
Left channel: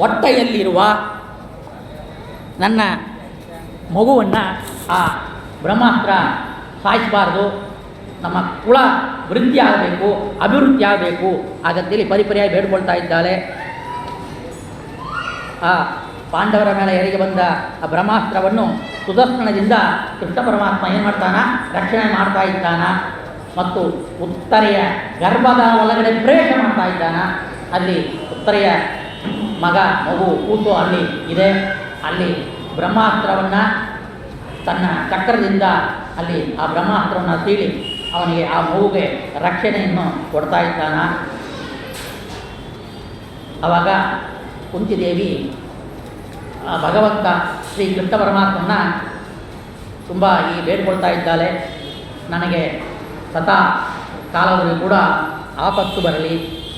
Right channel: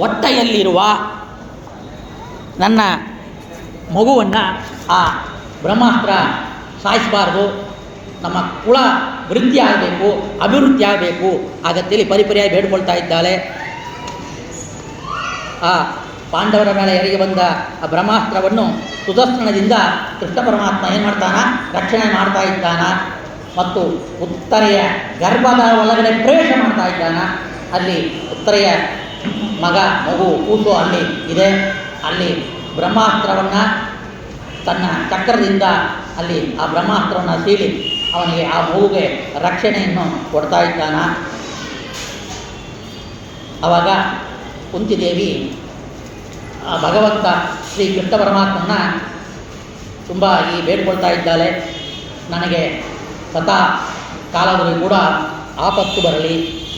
ಹೊಟ್ಟೆಯಲ್ಲಿರುವ ನನ್ನ ಮಗುವನ್ನು ಆ ಬ್ರಹ್ಮಾಸ್ತ್ರ ಸಾಯಿಸಬಾರ್ದು. ನಮ್ಮ ಕುಲ ವೃದ್ಧಿ ಆಗಬೇಕು, ಅಭಿವೃದ್ಧಿ ಆಗಬೇಕು ಹಾಗಂತೇಳಿ ಪರಿಪರಿಯಾಗಿ ಬೇಡ್ಕೊಳ್ತಾ ಇದ್ದಾಳೆ. ಆ ಪಾಂಡವರ ಮೇಲೆ ಎರಗಿ ಬಂದ ಆ ಬ್ರಹ್ಮಾಸ್ತ್ರವನ್ನು ಸುದರ್ಶನದಿಂದ ಕೃಷ್ಣ ಪರಮಾತ್ಮ ಏನು ಮಾಡ್ತಾನ, ರಕ್ಷಣೆ ಮಾಡ್ತಾ ಇದ್ದಾನ. ಮತ್ತು ಉತ್ತರೆಯ ಗರ್ಭದ ಒಳಗಡೆ ಪ್ರವೇಶ ಮಾಡ್ತಾ ಇದ್ದಾನ. ಅಲ್ಲಿ ಉತ್ತರೆಯ ಮಗು ಕೂಸು ಅಲ್ಲಿ ಇದೆ. ಅಲ್ಲಿ ಬ್ರಹ್ಮಾಸ್ತ್ರವನ್ನು ತನ್ನ ಚಕ್ರದಿಂದ ಅಲ್ಲಿ ಆ ಬ್ರಹ್ಮಾಸ್ತ್ರವನ್ನು ಸೀಳಿ ಅವನಿಗೆ ಆ ಮಗುಗೆ ರಕ್ಷಣೆಯನ್ನು ಕೊಡ್ತಾ ಇದ್ದಾನ. ಆವಾಗ ಕುಂತಿದೇವಿ ಭಗವಂತ ಶ್ರೀ ಕೃಷ್ಣ ಪರಮಾತ್ಮನ ತುಂಬ ಬೇಡ್ಕೊಳ್ತಾ ಇದ್ದಾಳೆ, ನನಗೆ ಸದಾ ಕಾಲದಲ್ಲಿ ಕೂಡ ಆಪತ್ತು ಬರಲಿ,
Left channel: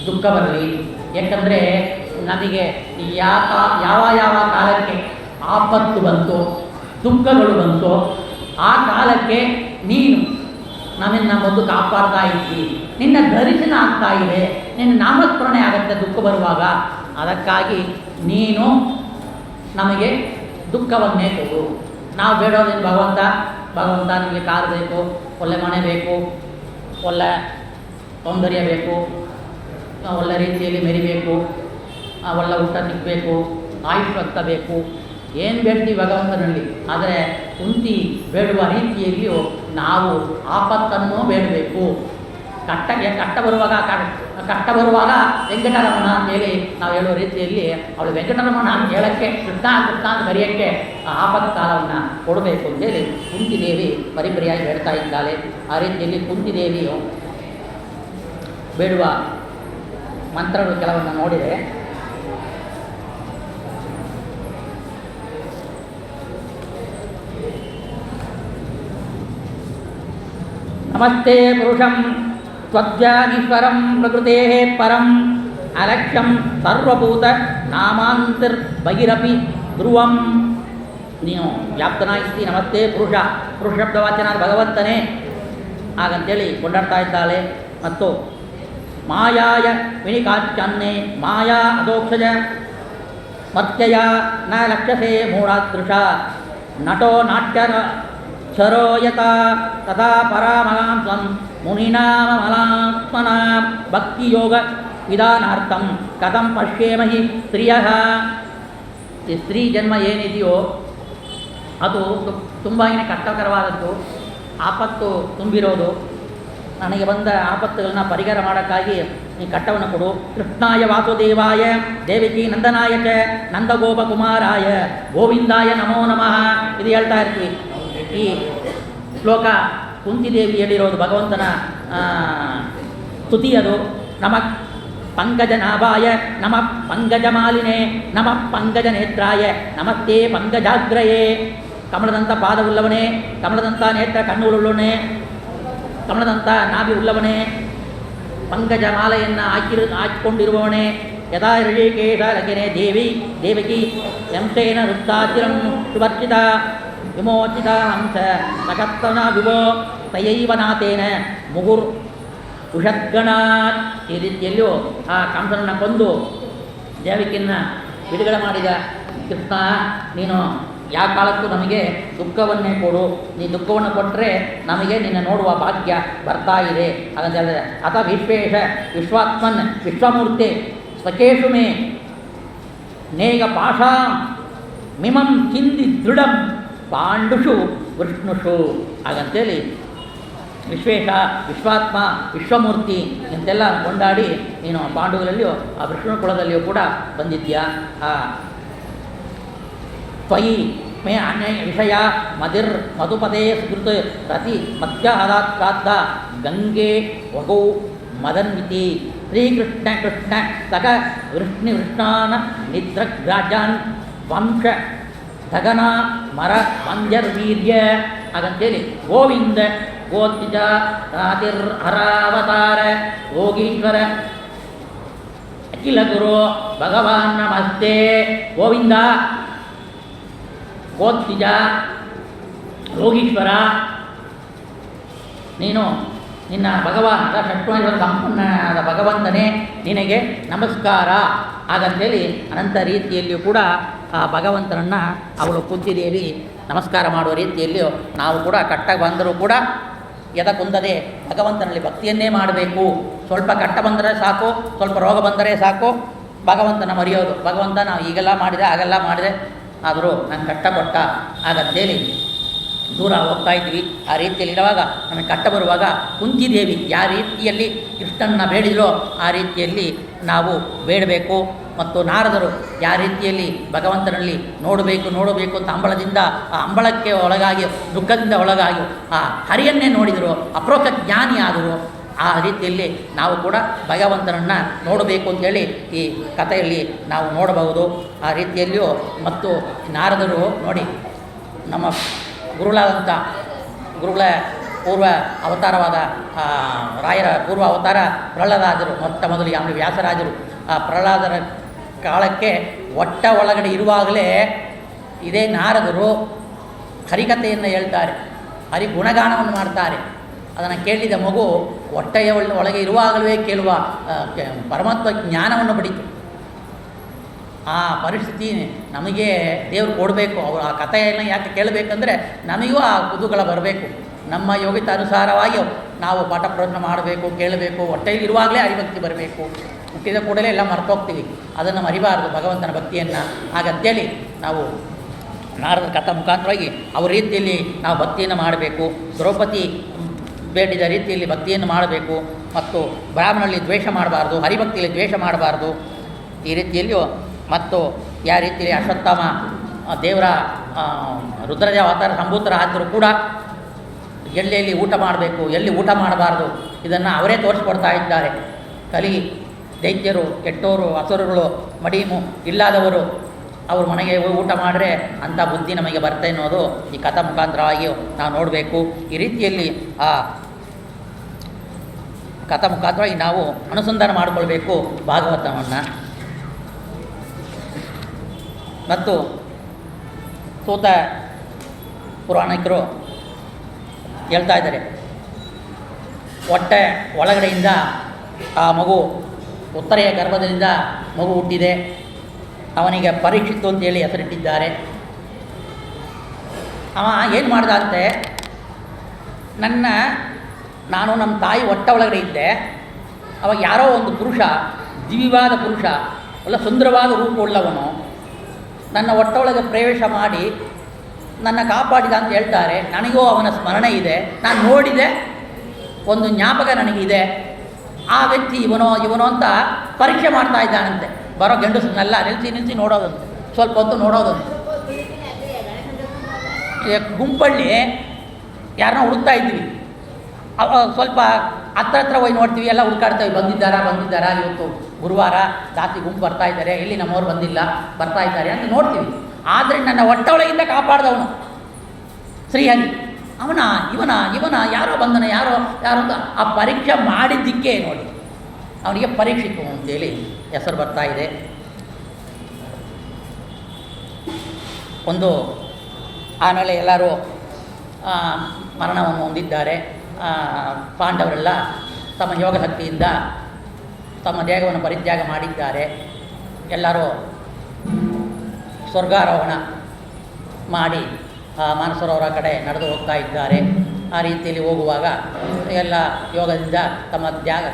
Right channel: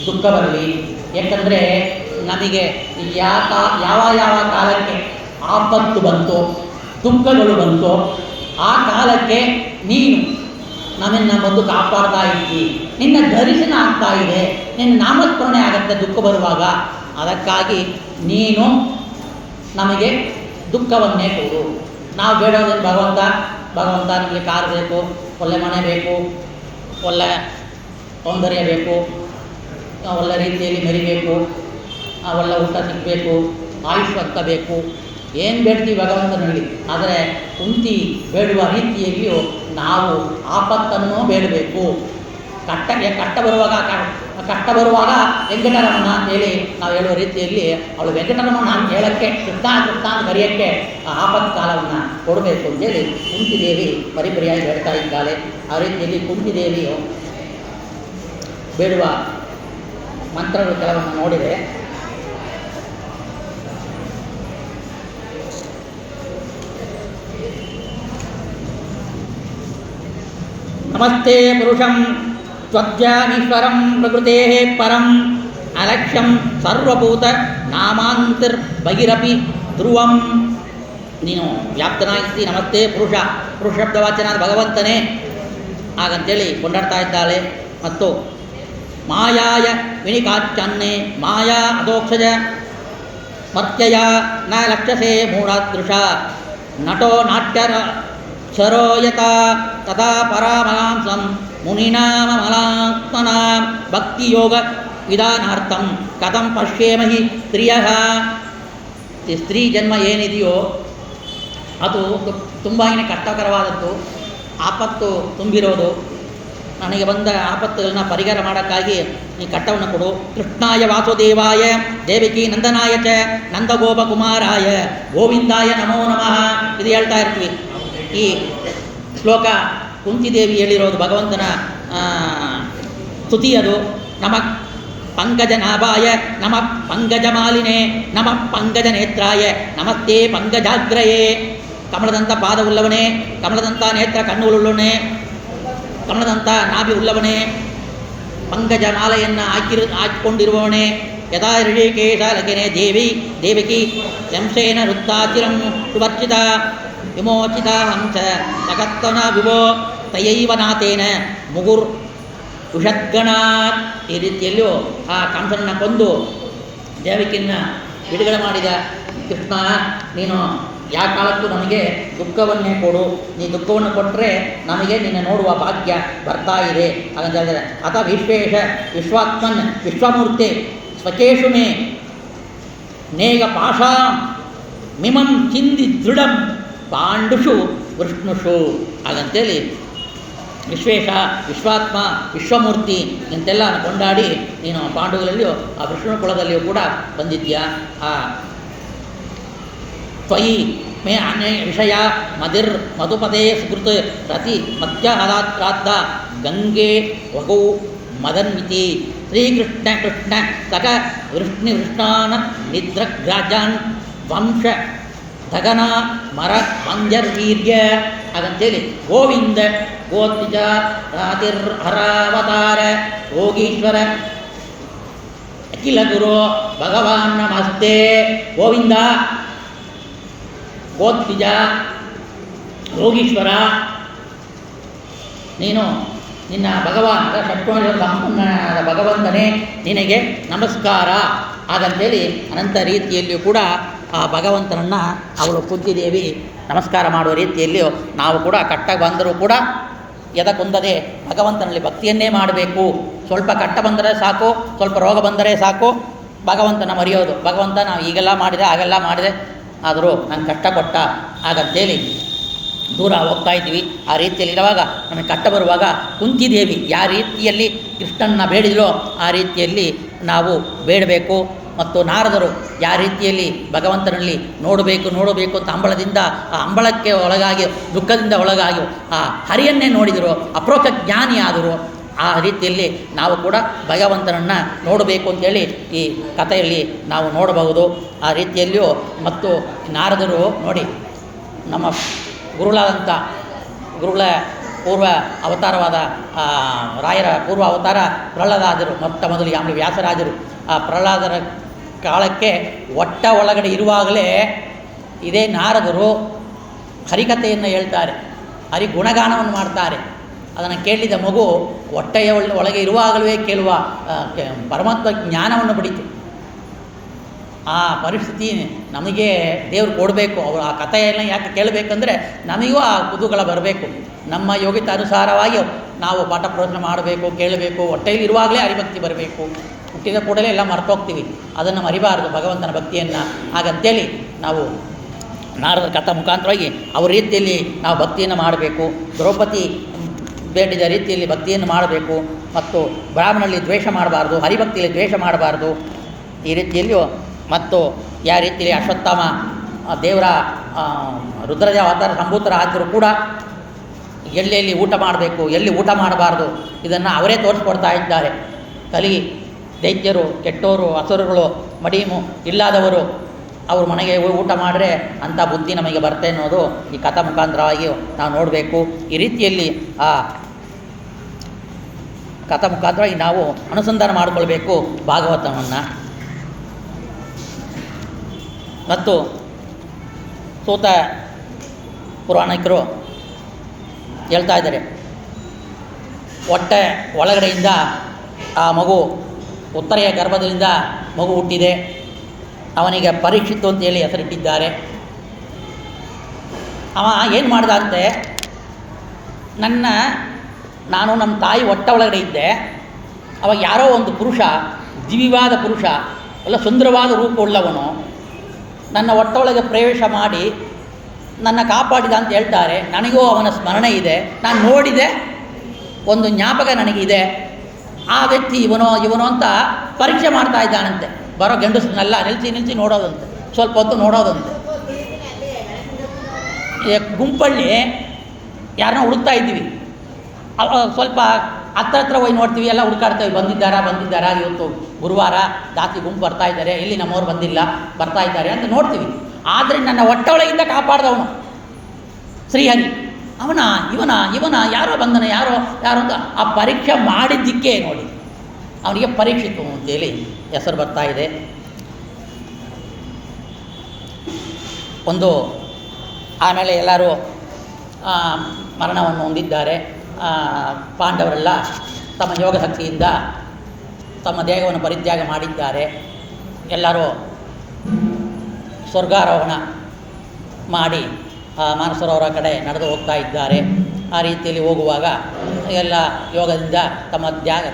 ದುಃಖ ಬರಲಿ. ಏಕೆಂದರೆ ನಮಗೆ ಯಾವ ಕಾಲಕ್ಕೆ ಆಪತ್ತು ಬಂತು, ದುಃಖಗಳು ಬಂತು, ಆ ಕಾಲಕ್ಕೆ ನೀನು ನಮ್ಮನ್ನು ಬಂದು ಕಾಪಾಡ್ತಾ ಇದ್ದಿ. ನಿನ್ನ ದರ್ಶನ ಆಗ್ತಾ ಇದೆ, ನಿನ್ನ ನಾಮಸ್ಮರಣೆ ಆಗುತ್ತೆ ದುಃಖ ಬರುವಾಗ. ಅದಕ್ಕಾಗಿ ನೀನು ನಮಗೆ ದುಃಖವನ್ನೇ ಕೊಡು. ನಾವು ಬೇಡೋದೇನು ಭಗವಂತ ನಮಗೆ ಕಾರು ಬೇಕು, ಒಳ್ಳೆ ಮನೆ ಬೇಕು, ಒಳ್ಳೆ ಸೌಂದರ್ಯ ಬೇಕು, ಒಳ್ಳೆ ರೀತಿಯಲ್ಲಿ ಮೆರಿಬೇಕು, ಒಳ್ಳೆ ಊಟ ಸಿಗಬೇಕು, ಆಯುಷ್ ಅಂತ ಬೇಕು, ಏನು ಬೇಡ್ತೀವಿ ಭಗವಂತನಲ್ಲಿ. ಆದರೆ ಕುಂತಿ ಬೇಡುವ ರೀತಿಯಲ್ಲಿಯೂ ನಾವು ಆಪತ್ತನ್ನು ಬೇಡಬೇಕು. ಕಷ್ಟ ಬರುವಾಗ ವೆಂಕಟರಮಣ ಅಂತೇಳಿ ನಾವು ಹೇಳುವ ರೀತಿಯಲ್ಲಿ ಅವಳು ವೆಂಕಟರಮಣ ಅಂತ ಹೇಳೋಕ್ಕೆ ಕೃಷ್ಣ ಅಂತ ಕರೆಯೋಕ್ಕೆ ಆಪತ್ತು ಕಾಲವನ್ನು ಕೊಡಬೇಕು ಅಂತೇಳಿ ಕುಂತಿದೇವಿ ಪರಿಪರಿಯಾಗಿ ಬೇಡ್ತಾ ಇದ್ದಾಳೆ. ಆ ರೀತಿಯಲ್ಲಿ ಕುಂತಿದೇವಿಯು ಬೇಡುವ ಮಂತ್ರಗಳು ಕೆಲವನ್ನು ನೋಡಿದರೆ, ನಮಸ್ತೆ ಪುರುಷಂ ತ್ವಜ್ಜಾನೀಶ್ವರಂ ಪ್ರಕೃತೆ ಪರಂ ಅಲಕ್ಷ್ಯಂ ಸರ್ವಭೂತ ನಾಮಾಂತರ್ ಬಹಿರಪಿ ಧ್ರುವಂ. ನೀನು ವ್ಯಾಪ್ತನಾಗಿರ್ತಿ, ನಮಸ್ತೆ ಪುರುಷ, ಪುರುಷ ಶಬ್ದವಾಚನಾದ ಭಗವಂತನೇ ಹಾಗಂತೇಳಿ ಕೊಂಡಾಡ್ತಾ ಇದ್ದಾಳೆ. ಮತ್ತು ಮಾಯಾಯ ವಿಣಿಕಾಚ್ಛನ್ನೇ ಮಾಯಾ ಅದೋಕ್ಷಜ ಮರ್ತ್ಯಯ ನ ಲಕ್ಷಸೆ ಮೂಢಾದೃಶ ನಟೋ ನಾಟ್ಯರ ಶರೋಯತ ತಥಾ ಪರಾಮಲಾಂಸಂ ಮುನಿನಾಮಲಾತ್ಮನಾ ಭಕ್ತಿಯೋಗ ವಿಧಾನಾರ್ಥಂ ಕಥಂ ಪಶ್ಯೇಮಹಿ ಸ್ತ್ರೀಯಃ. ಈ ಸ್ತ್ರೀ ಜನ್ಮ ಏನಿದೆಯೋ ಅದು ತುಂಬಾ ಕಷ್ಟಕರವಾದದ್ದು, ಆಪತ್ತು ತುಂಬಿರೋದು. ನನಗೆ ಬಂದ ಆಪತ್ತುಗಳನ್ನ ಪರಿಹಾರ ಮಾಡೋಕ್ಕಾಗಿ ಈ ಕಟ್ಟವನ್ನು ಕೊಡು. ಕೃಷ್ಣಾಯ ವಾಸುದೇವಾಯ ದೇವಕಿ ನಂದನಾಯ ಚ ನಂದಗೋಪಕುಮಾರಾಯ ಗೋವಿಂದಾಯ ನಮೋ ನಮಃ ಇದು ಹೇಳ್ತಾ ಇರ್ತೀವಿ. ಈ ಶ್ಲೋಕ ಕುಂತಿದೇವಿ ಹೇಳಿರೋದು ಭಗವಂತನ ಸ್ತುತಿ. ಅದು ನಮ ಪಂಕಜನಾಭಾಯ ನಮ ಪಂಕಜಮಾಲಿನೇ ನಮ ಪಂಕಜನೇತ್ರಾಯ ನಮಸ್ತೆ ಪಂಕಜಾಗ್ರಯೇ. ಕಮಲದಂಥ ಪಾದವುಳ್ಳವನೇ, ಕಮಲದಂಥ ನೇತ್ರ ಕಣ್ಣುಗಳುಳ್ಳವನೇ, ಕಮಲದಂಥ ನಾಭಿ ಉಳ್ಳವನೇ, ಪಂಕಜ ಮಾಲೆಯನ್ನು ಹಾಕಿಕೊಂಡಿರುವವನೇ. ಯಥಾ ಋಷಿಕೇಶ ಲಗಿನೇ ದೇವಿ ದೇವಕಿ ಯಂಶೇನ ವೃತ್ತಾಚಿರಂ ಸುವರ್ಚಿತ ವಿಮೋಚಿತ ಹಂಸ ಸಕತ್ತನ ವಿಭೋ ತಯೈವ ನಾಥೇನ ಮುಗುರ್ ವಿಷದ್ಗಣಾತ್. ಈ ರೀತಿಯಲ್ಲೂ ಆ ಕಂಸನನ್ನು ಕೊಂದು ದೇವಕಿಯನ್ನು ಬಿಡುಗಡೆ ಮಾಡಿದ ಕೃಷ್ಣ, ನೀನು ಯಾವ ಕಾಲಕ್ಕೂ ನಮಗೆ ದುಃಖವನ್ನೇ ಕೊಡು, ನೀ ದುಃಖವನ್ನು ಕೊಟ್ಟರೆ ನಮಗೆ ನಿನ್ನ ನೋಡುವ ಭಾಗ್ಯ ಬರ್ತಾ ಇದೆ ಹಾಗಂತ ಹೇಳಿದರೆ. ಅಥ ವಿಶ್ವೇಶ ವಿಶ್ವಾತ್ಮನ್ ವಿಶ್ವಮೂರ್ತಿ ಸ್ವಚೇಶು ಮೇ ನೇಗ ಪಾಶಾ ಮಿಮಂ ಚಿಂದಿ ದೃಢಂ ಪಾಂಡುಷು ವಿಷ್ಣುಷು ಹಾಗಂತೇಳಿ ವಿಶ್ವೇಶ ವಿಶ್ವಾತ್ಮ ವಿಶ್ವಮೂರ್ತಿ ಇಂತೆಲ್ಲ ಕೊಂಡಾಡಿ ನೀನು ಪಾಂಡುಗಳಲ್ಲಿಯೂ ಆ ವಿಷ್ಣು ಕುಲದಲ್ಲಿಯೂ ಕೂಡ ಬಂದಿದ್ಯಾ. ತ್ವಯಿ ಮೇ ಅನ್ಯ ವಿಷಯ ಮದಿರ್ ಮಧುಪದೇ ಸುಕೃತ್ ಪ್ರತಿ ಮಧ್ಯಾಹ್ರಾದ್ದ ಗಂಗೆ ವಗೌ ಮದನ್ವಿತಿ ಶ್ರೀಕೃಷ್ಣ ಕೃಷ್ಣ ಸಕ ವೃಷ್ಣಿವೃಷ್ಣಾನ ನಿದ್ರಗ್ರಾಜಾನ್ ವಂಶ ಧಗನ ಮರ ಮಂಜರ್ವೀರ್ಯ ಹಾಗಂತೇಳಿ ಗೋವಿಂದ ಗೋತ್ರಿಜ ರಾತಿರ್ ಹರಾವತಾರ ಯೋಗೀಶ್ವರ ಅಖಿಲ ಗುರು ಭಗವಾನ್ ನಮಸ್ತೆ. ಗೋವಿಂದ ಗೋತ್ರಿಜ ಯೋಗೀಶ್ವರ ನೀನು ನಿನ್ನ ಭಗವಾನ್ ಷಟ್ವೈಶ್ವರ ಸಂಪನ್ನನಾದ ಭಗವಂತನೇ ನಿನಗೆ ನಮಸ್ಕಾರ ಹಾಗಂತೇಳಿ ಅನಂತ ರೀತಿಯಲ್ಲಿಯೂ ಕೂಡ ಆ ಭಗವಂತನನ್ನು ಅವಳು ಕುಂತಿದೇವಿ ನಮಸ್ಕಾರ ಮಾಡುವ ರೀತಿಯಲ್ಲಿಯೂ ನಾವು ಕೂಡ ಕಟ್ಟ ಬಂದರೂ ಕೂಡ ಎದ ಕುಂದದೆ ಭಗವಂತನಲ್ಲಿ ಭಕ್ತಿಯನ್ನೇ ಮಾಡಬೇಕು. ಸ್ವಲ್ಪ ಕಟ್ಟ ಬಂದರೆ ಸಾಕು, ಸ್ವಲ್ಪ ರೋಗ ಬಂದರೆ ಸಾಕು, ಭಗವಂತನ ಮರೆಯೋದು. ಭಗವಂತ ನಾವು ಈಗೆಲ್ಲ ಮಾಡಿದೆ ಹಾಗೆಲ್ಲ ಮಾಡಿದೆ ಆದರೂ ನಾನು ಕಷ್ಟ ಕೊಟ್ಟ ಹಾಗಂತೇಳಿ ದೂರ ಹೋಗ್ತಾ ಇದ್ವಿ. ಆ ರೀತಿಯಲ್ಲಿ ಇರುವಾಗ ನಮಗೆ ಕಷ್ಟ ಬರುವಾಗ ಕುಂತಿದೇವಿ ಯಾವ ರೀತಿಯಲ್ಲಿ ಕೃಷ್ಣನ ಬೇಡಿದರೋ ಆ ರೀತಿಯಲ್ಲಿ ನಾವು ಬೇಡಬೇಕು. ಮತ್ತು ನಾರದರು ಯಾವ ರೀತಿಯಲ್ಲಿ ಭಗವಂತನಲ್ಲಿ ನೋಡಬೇಕು ಅಂತ ಅಂಬಳದಿಂದ ಆ ಅಂಬಳಕ್ಕೆ ಒಳಗಾಗಿ ದುಃಖದಿಂದ ಒಳಗಾಗಿ ಆ ಹರಿಯನ್ನೇ ನೋಡಿದರು, ಅಪ್ರೋಕ್ಷ ಜ್ಞಾನಿ ಆದರು. ಆ ರೀತಿಯಲ್ಲಿ ನಾವು ಕೂಡ ಭಗವಂತನನ್ನು ನೋಡಬೇಕು ಅಂತೇಳಿ ಈ ಕಥೆಯಲ್ಲಿ ನಾವು ನೋಡಬಹುದು. ಆ ರೀತಿಯಲ್ಲಿಯೂ ಮತ್ತು ನಾರದರು ನೋಡಿ ನಮ್ಮ ಗುರುಗಳ ಪೂರ್ವ ಅವತಾರವಾದ ರಾಯರ ಪೂರ್ವ ಅವತಾರ ಪ್ರಹ್ಲಾದರು. ಮೊದಲು ಆಮೇಲೆ ವ್ಯಾಸರಾಜರು. ಆ ಪ್ರಹ್ಲಾದರ ಕಾಲಕ್ಕೆ ಹೊಟ್ಟ ಒಳಗಡೆ ಇರುವಾಗಲೇ ಇದೇ ನಾರದರು ಹರಿಕಥೆಯನ್ನು ಹೇಳ್ತಾರೆ, ಹರಿ ಗುಣಗಾನವನ್ನು ಮಾಡ್ತಾರೆ. ಅದನ್ನು ಕೇಳಿದ ಮಗು ಹೊಟ್ಟೆಯ ಒಳಗೆ ಇರುವಾಗಲೇ ಕೇಳುವ ಪರಮಾತ್ಮ ಜ್ಞಾನವನ್ನು ಪಡೀತು. ಆ ಪರಿಸ್ಥಿತಿ ನಮಗೆ ದೇವರು ಕೊಡಬೇಕು. ಅವರು ಆ ಕಥೆಯನ್ನು ಯಾಕೆ ಕೇಳಬೇಕಂದ್ರೆ ನಮಗೂ ಆ ಕುತೂಹಲ ಬರಬೇಕು. ನಮ್ಮ ಯೋಗ್ಯತೆ ಅನುಸಾರವಾಗಿ ನಾವು ಪಾಠ ಪ್ರವಚನ ಮಾಡಬೇಕು, ಕೇಳಬೇಕು. ಹೊಟ್ಟೆಯಲ್ಲಿ ಇರುವಾಗಲೇ ಹರಿಭಕ್ತಿ ಬರಬೇಕು. ಹುಟ್ಟಿದ ಕೂಡಲೇ ಎಲ್ಲ ಮರ್ತೋಗ್ತೀವಿ, ಅದನ್ನು ಮರಿಬಾರದು ಭಗವಂತನ ಭಕ್ತಿಯನ್ನು. ಹಾಗಂತೇಳಿ ನಾವು ನಾರದ ಕಥಾ ಮುಖಾಂತರವಾಗಿ ಅವ್ರ ರೀತಿಯಲ್ಲಿ ನಾವು ಭಕ್ತಿಯನ್ನು ಮಾಡಬೇಕು. ದ್ರೌಪದಿ ಬೇಡಿದ ರೀತಿಯಲ್ಲಿ ಭಕ್ತಿಯನ್ನು ಮಾಡಬೇಕು. ಮತ್ತು ಬ್ರಾಹ್ಮಣರಲ್ಲಿ ದ್ವೇಷ ಮಾಡಬಾರ್ದು, ಹರಿಭಕ್ತಿಯಲ್ಲಿ ದ್ವೇಷ ಮಾಡಬಾರ್ದು. ಈ ರೀತಿಯಲ್ಲಿಯೂ ಮತ್ತು ಯಾವ ರೀತಿಯಲ್ಲಿ ಅಶ್ವತ್ಥಾಮ ದೇವರ ರುದ್ರದೇವ ಅವತಾರ ಸಂಭೂತರಾದರೂ ಕೂಡ ಎಲ್ಲೆಲ್ಲಿ ಊಟ ಮಾಡಬೇಕು, ಎಲ್ಲಿ ಊಟ ಮಾಡಬಾರ್ದು ಇದನ್ನು ಅವರೇ ತೋರಿಸ್ಕೊಡ್ತಾ ಇದ್ದಾರೆ. ಕಲಿ ದೈತ್ಯರು, ಕೆಟ್ಟವರು, ಅಸುರಗಳು, ಮಡಿಮು ಇಲ್ಲದವರು ಅವ್ರ ಮನೆಗೆ ಊಟ ಮಾಡಿದ್ರೆ ಅಂಥ ಬುದ್ಧಿ ನಮಗೆ ಬರುತ್ತೆ ಅನ್ನೋದು ಈ ಕಥಾ ಮುಖಾಂತರವಾಗಿ ನಾವು ನೋಡಬೇಕು. ಈ ರೀತಿಯಲ್ಲಿ ಆ ಕಥಾ ಮುಖಾಂತರವಾಗಿ ನಾವು ಅನುಸಂಧಾನ ಮಾಡಿಕೊಳ್ಬೇಕು ಭಾಗವತವನ್ನು. ಮತ್ತು ಸೂತ ಪುರಾಣಿಕರು ಹೇಳ್ತಾ ಇದ್ದಾರೆ, ಹೊಟ್ಟೆ ಒಳಗಡೆಯಿಂದ ಆ ಮಗು ಉತ್ತರೆಯ ಗರ್ಭದಿಂದ ಮಗು ಹುಟ್ಟಿದೆ, ಅವನಿಗೆ ಪರೀಕ್ಷಿತ್ತು ಅಂತೇಳಿ ಹೆಸರಿಟ್ಟಿದ್ದಾರೆ. ಅವ ಏನು ಮಾಡ್ದ ಅಂತೆ, ನಾನು ನಮ್ಮ ತಾಯಿ ಹೊಟ್ಟೆ ಒಳಗಡೆ ಇದ್ದೆ, ಅವಾಗ ಯಾರೋ ಒಂದು ಪುರುಷ, ದಿವ್ಯವಾದ ಪುರುಷ, ಎಲ್ಲ ಸುಂದರವಾದ ರೂಪವುಳ್ಳವನು ನನ್ನ ಹೊಟ್ಟೆಯೊಳಗೆ ಪ್ರವೇಶ ಮಾಡಿ ನನ್ನ ಕಾಪಾಡಿದ ಅಂತ ಹೇಳ್ತಾರೆ. ನನಗೂ ಅವನ ಸ್ಮರಣೆ ಇದೆ, ನಾನು ನೋಡಿದೆ, ಒಂದು ಜ್ಞಾಪಕ ನನಗಿದೆ. ಆ ವ್ಯಕ್ತಿ ಇವನೋ ಅಂತ ಪರೀಕ್ಷೆ ಮಾಡ್ತಾ ಇದ್ದಾನಂತೆ. ಬರೋ ಗಂಡಸನ್ನೆಲ್ಲ ನಿಲ್ಲಿಸಿ ನೋಡೋದಂತೆ, ಸ್ವಲ್ಪ ಹೊತ್ತು ನೋಡೋದಂತೆ. ಗುಂಪಲ್ಲಿ ಯಾರನ್ನ ಹುಡುಕ್ತಾ ಇದ್ವಿ, ಸ್ವಲ್ಪ ಹತ್ರ ಹೋಗಿ ನೋಡ್ತೀವಿ, ಎಲ್ಲ ಹುಡುಕಾಡ್ತೇವೆ, ಬಂದಿದ್ದಾರಾ ಇವತ್ತು ಗುರುವಾರ ಜಾಸ್ತಿ ಗುಂಪು ಬರ್ತಾ ಇದ್ದಾರೆ, ಇಲ್ಲಿ ನಮ್ಮವ್ರು ಬಂದಿಲ್ಲ, ಬರ್ತಾ ಇದ್ದಾರೆ ಅಂತ ನೋಡ್ತೀವಿ. ಆದರೆ ನನ್ನ ಹೊಟ್ಟೆಯೊಳಗಿಂದ ಕಾಪಾಡ್ದವನು ಶ್ರೀಹರಿ, ಇವನ ಯಾರೋ ಬಂದನು, ಯಾರೋ ಅಂತ ಆ ಪರೀಕ್ಷೆ ಮಾಡಿದ್ದಕ್ಕೆ ನೋಡಿ ಅವನಿಗೆ ಪರೀಕ್ಷಿತು ಅಂತೇಳಿ ಹೆಸರು ಬರ್ತಾ ಇದೆ. ಆಮೇಲೆ ಎಲ್ಲರೂ ಮರಣವನ್ನು ಹೊಂದಿದ್ದಾರೆ. ಪಾಂಡವರೆಲ್ಲ ತಮ್ಮ ಯೋಗ ಶಕ್ತಿಯಿಂದ ತಮ್ಮ ದೇಹವನ್ನು ಪರಿತ್ಯಾಗ ಮಾಡಿದ್ದಾರೆ. ಎಲ್ಲರೂ ಸ್ವರ್ಗಾರೋಹಣ ಮಾಡಿ ಮಾನಸರೋವರ ಕಡೆ ನಡೆದು ಹೋಗ್ತಾ ಇದ್ದಾರೆ. ಆ ರೀತಿಯಲ್ಲಿ ಹೋಗುವಾಗ ಎಲ್ಲ ಯೋಗದಿಂದ ತಮ್ಮ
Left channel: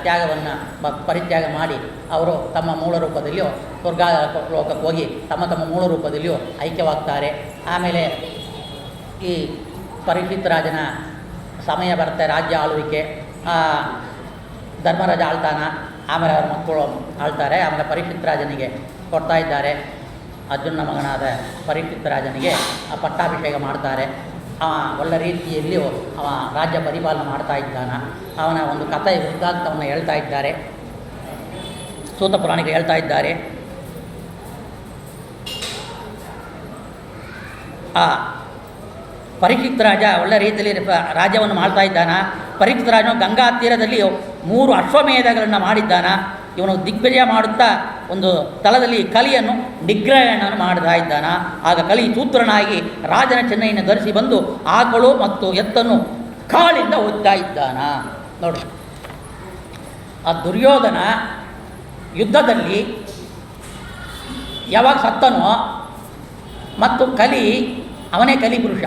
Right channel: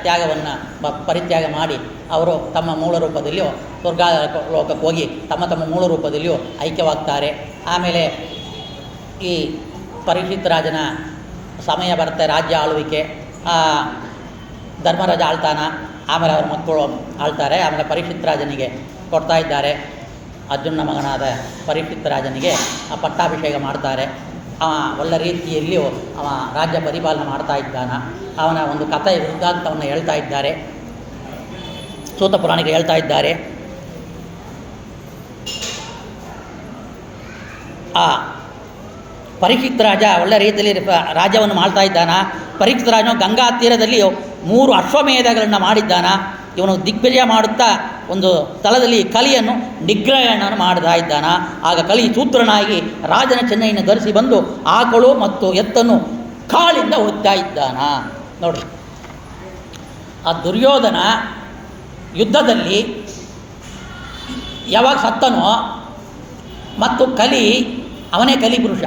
ತ್ಯಾಗವನ್ನು ಪರಿತ್ಯಾಗ ಮಾಡಿ ಅವರು ತಮ್ಮ ಮೂಲ ರೂಪದಲ್ಲಿಯೂ ಸ್ವರ್ಗಾಲೋಕಕ್ಕೆ ಹೋಗಿ ತಮ್ಮ ಮೂಲ ರೂಪದಲ್ಲಿಯೂ ಐಕ್ಯವಾಗ್ತಾರೆ. ಆಮೇಲೆ ಈ ಪರೀಕ್ಷಿತ್ ರಾಜನ ಸಮಯ ಬರುತ್ತೆ, ರಾಜ್ಯ ಆಳ್ವಿಕೆ. ಧರ್ಮರಾಜ ಆಳ್ತಾನ, ಆಮೇಲೆ ಅವ್ರ ಮಕ್ಕಳು ಆಳ್ತಾರೆ. ಆಮೇಲೆ ಪರೀಕ್ಷಿತ್ ರಾಜನಿಗೆ ಕೊಡ್ತಾ ಇದ್ದಾರೆ. ಅರ್ಜುನ ಮಗನಾದ ಪರೀಕ್ಷಿತ್ ರಾಜನಿಗೆ ಪಟ್ಟಾಭಿಷೇಕ ಮಾಡ್ತಾರೆ. ಅವ ಒಳ್ಳೆ ರೀತಿಯಲ್ಲಿಯೂ ಅವ ರಾಜ್ಯ ಪರಿಪಾಲನೆ ಮಾಡ್ತಾ ಇದ್ದಾನ. ಅವನ ಒಂದು ಕಥೆ ವೃತ್ತಾಂತವನ್ನು ಹೇಳ್ತಾ ಇದ್ದಾರೆ, ಸೂತ ಪುರಾಣಿಕರು ಹೇಳ್ತಾ ಇದ್ದಾರೆ. ಆ ಪರೀಕ್ಷಿತ್ ರಾಜ ಒಳ್ಳೆ ರೀತಿಯಲ್ಲಿ ರಾಜ್ಯವನ್ನು ಮಾಡ್ತಾ ಇದ್ದಾನ. ಪರೀಕ್ಷಿತ್ ರಾಜನು ಗಂಗಾ ತೀರದಲ್ಲಿ 3 ಅಶ್ವಮೇಧಗಳನ್ನು ಮಾಡಿದ್ದಾನ. ಇವನು ದಿಗ್ವಿಜಯ ಮಾಡುತ್ತಾ ಒಂದು ಸ್ಥಳದಲ್ಲಿ ಕಲಿಯನ್ನು ನಿಗ್ರಹಣ ಮಾಡ್ತಾ ಇದ್ದಾನ. ಆಗ ಕಲಿ ಸೂತ್ರನಾಗಿ ರಾಜನ ಚೆನ್ನೈಯನ್ನು ಧರಿಸಿ ಬಂದು ಆಕಳು ಮತ್ತು ಎತ್ತನ್ನು ಕಾಳಿಂದ ಒತ್ತಾ ಇದ್ದಾನ. ನೋಡಿ, ಆ ದುರ್ಯೋಧನ ಯುದ್ಧದಲ್ಲಿ ಯಾವಾಗ ಸತ್ತನೋ ಮತ್ತು ಕಲಿ, ಅವನೇ ಕಲಿ ಪುರುಷ.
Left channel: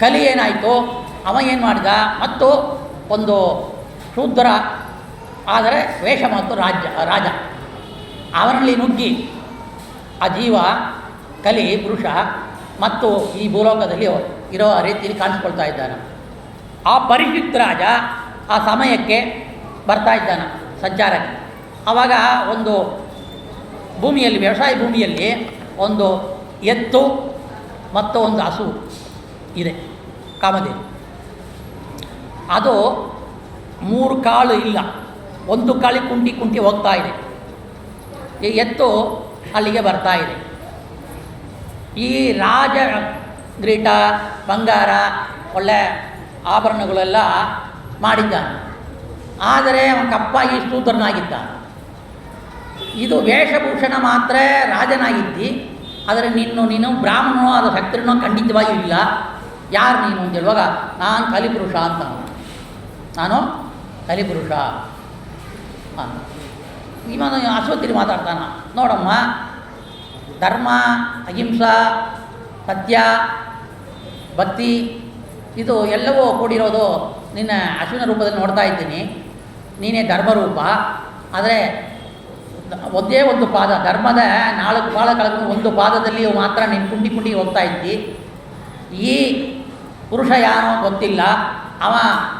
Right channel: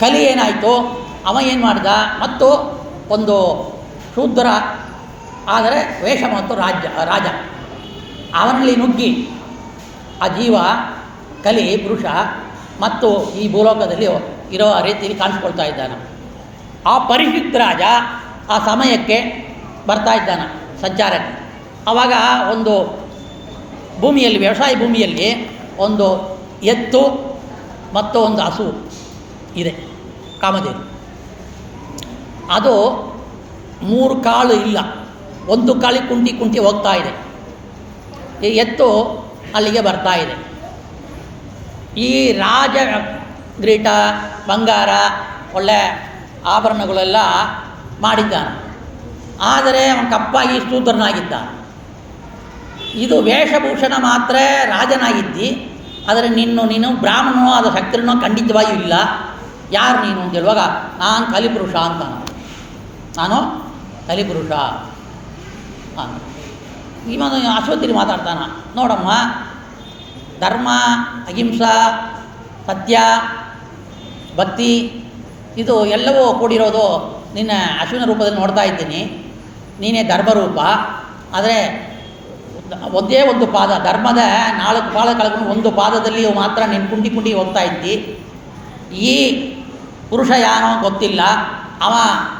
ಕಲಿ ಏನಾಯಿತು, ಅವ ಏನು ಮಾಡಿದ, ಮತ್ತು ಒಂದು ಶೂದ್ರ ಆದರೆ ವೇಷ ಮತ್ತು ರಾಜ ಅವನಲ್ಲಿ ನುಗ್ಗಿ ಆ ಜೀವ ಕಲಿ ಪುರುಷ ಮತ್ತು ಈ ಭೂಲೋಕದಲ್ಲಿ ಇರೋ ರೀತಿಯಲ್ಲಿ ಕಾಣಿಸ್ಕೊಳ್ತಾ ಇದ್ದಾನೆ. ಆ ಪರೀಕ್ಷಿತ್ ರಾಜ ಆ ಸಮಯಕ್ಕೆ ಬರ್ತಾ ಇದ್ದಾನೆ ಸಂಚಾರಕ್ಕೆ. ಆವಾಗ ಒಂದು ಭೂಮಿಯಲ್ಲಿ, ವ್ಯವಸಾಯ ಭೂಮಿಯಲ್ಲಿ ಒಂದು ಎತ್ತು ಮತ್ತು ಒಂದು ಹಸು ಇದೆ, ಕಾಮಧೇನು. ಅದು 3 ಕಾಳು ಇಲ್ಲ, ಒಂದು ಕಾಳಿ ಕುಂಟಿ ಹೋಗ್ತಾ ಇದೆ. ಈ ಎತ್ತು ಅಲ್ಲಿಗೆ ಬರ್ತಾ ಇದೆ. ಈ ರಾಜ ಗ್ರೀಟ, ಬಂಗಾರ, ಒಳ್ಳೆ ಆಭರಣಗಳೆಲ್ಲ ಮಾಡಿದ್ದಾನೆ. ಆದರೆ ಅವನು ಕಪ್ಪಾಗಿ ಶೂದ್ರನಾಗಿದ್ದಾನೆ. ಇದು ವೇಷಭೂಷಣ ಮಾತ್ರ ರಾಜನಾಗಿದ್ದಿ, ಆದರೆ ನೀನು ಬ್ರಾಹ್ಮಣನೋ ಅದು ಶಕ್ತನೋ ಖಂಡಿತವಾಗಿಯೂ ಇಲ್ಲ. ಯಾರು ನೀನು ಅಂತ ಹೇಳುವಾಗ, ನಾನು ಕಲಿಪುರುಷ ಅಂತ, ನಾನು ಕಲಿಪುರುಷ. ಇವನು ಅಶ್ವತ್ಥಿಲಿ ಮಾತಾಡ್ತಾನ, ನೋಡಮ್ಮ, ಧರ್ಮ, ಅಹಿಂಸಾ, ಸತ್ಯ, ಭಕ್ತಿ ಇದು ಎಲ್ಲವೂ ಕೂಡಿರೋದು ನಿನ್ನ ಅಶ್ವಿನ ರೂಪದಲ್ಲಿ ನೋಡ್ತಾ ಇದ್ದೀನಿ. ನೀನೇ ಧರ್ಮರೂಪ. ಆದರೆ ಒಂದೇ ಒಂದು ಪಾದ, ಧರ್ಮದ 4 ಪಾದ ಕಳ್ಕೊಂಡು ಒಂದು ಪಾದದಲ್ಲಿ ಮಾತ್ರ ನೀನು ಕುಂಟಿ ಹೋಗ್ತಾ ಇದ್ದಿ. ಈ ಪುರುಷ ಯಾನೋ ಗೊತ್ತಿಲ್ಲ, ಅವ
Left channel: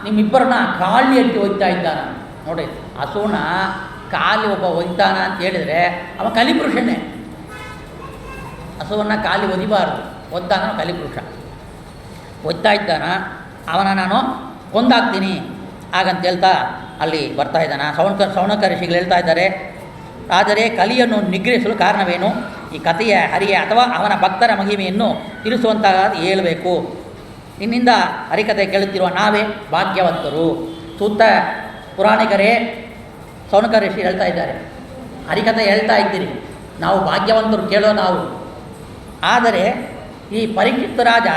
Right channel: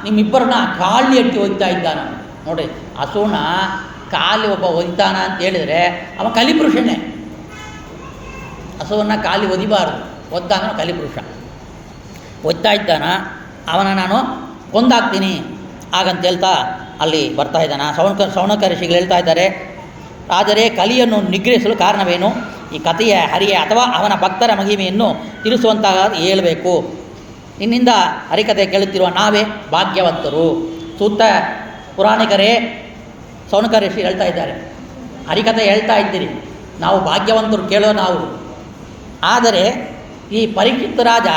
ನಿಮ್ಮಿಬ್ಬರನ್ನ ಕಾಳಿ ಅಟ್ಟಿ ಒಯ್ತಾ ಇದ್ದಾನ. ನೋಡಿ, ಹಸುನ ಕಾಲಿ ಒಬ್ಬ ಒಯ್ತಾನ ಅಂತ ಹೇಳಿದರೆ ಅವ ಕಲಿಪುರುಷನೇ. ಹಸುವನ್ನು ಕಾಲಿ ಒದಿಬಾರ್ದು, ಒದ್ದಾನ ಕಲಿಪುರುಷ. ಒಯ್ತಾ ಇದ್ದಾನ, ಅವನ ನಾನು ಕೊಂದಾಕ್ತೀನಿ ಹಾಗಂತ ಹೇಳ್ತಾ ಅಲ್ಲಿ ಬರ್ತಾ ಇದ್ದಾನೆ. ಸೌನಕ ಋಷಿಗಳು ಹೇಳ್ತಾ ಇದ್ದಾರೆ, ಆದರೆ ಕಲಿಯನ್ನು ನಿಗ್ರಹಿಸಲು ಕಾರಣವೇನು? ಈ ಕಥೆಯ ಹರಿಯ ಅಥವಾ ಅವನ ಭಕ್ತರ ಮಹಿಮೆಯನ್ನು ತಿಳಿಸುವಂತಹ ಹೇಳಬೇಕು. ನಿನ್ನಿಂದ ಹರಿಕತೆ ಕೇಳುತ್ತಿರುವ ನಾವೇ ಭಾಗ್ಯವಂತರು. ಸೂತ ಪುರಾಣಿಕರೇ, ಸೌನಕ ಋಷಿ ಹೇಳ್ತಾ ಇದ್ದಾರೆ, ಹರಿಕಥೆ ಹೇಳ್ತಾ ಇದ್ದೀರಿ, ನಾವು ಭಾಗ್ಯವಂತರು ಕೇಳೋ ನಾವು. ಆದರೆ ಈ ಪರೀಕ್ಷಿತ್ ರಾಜ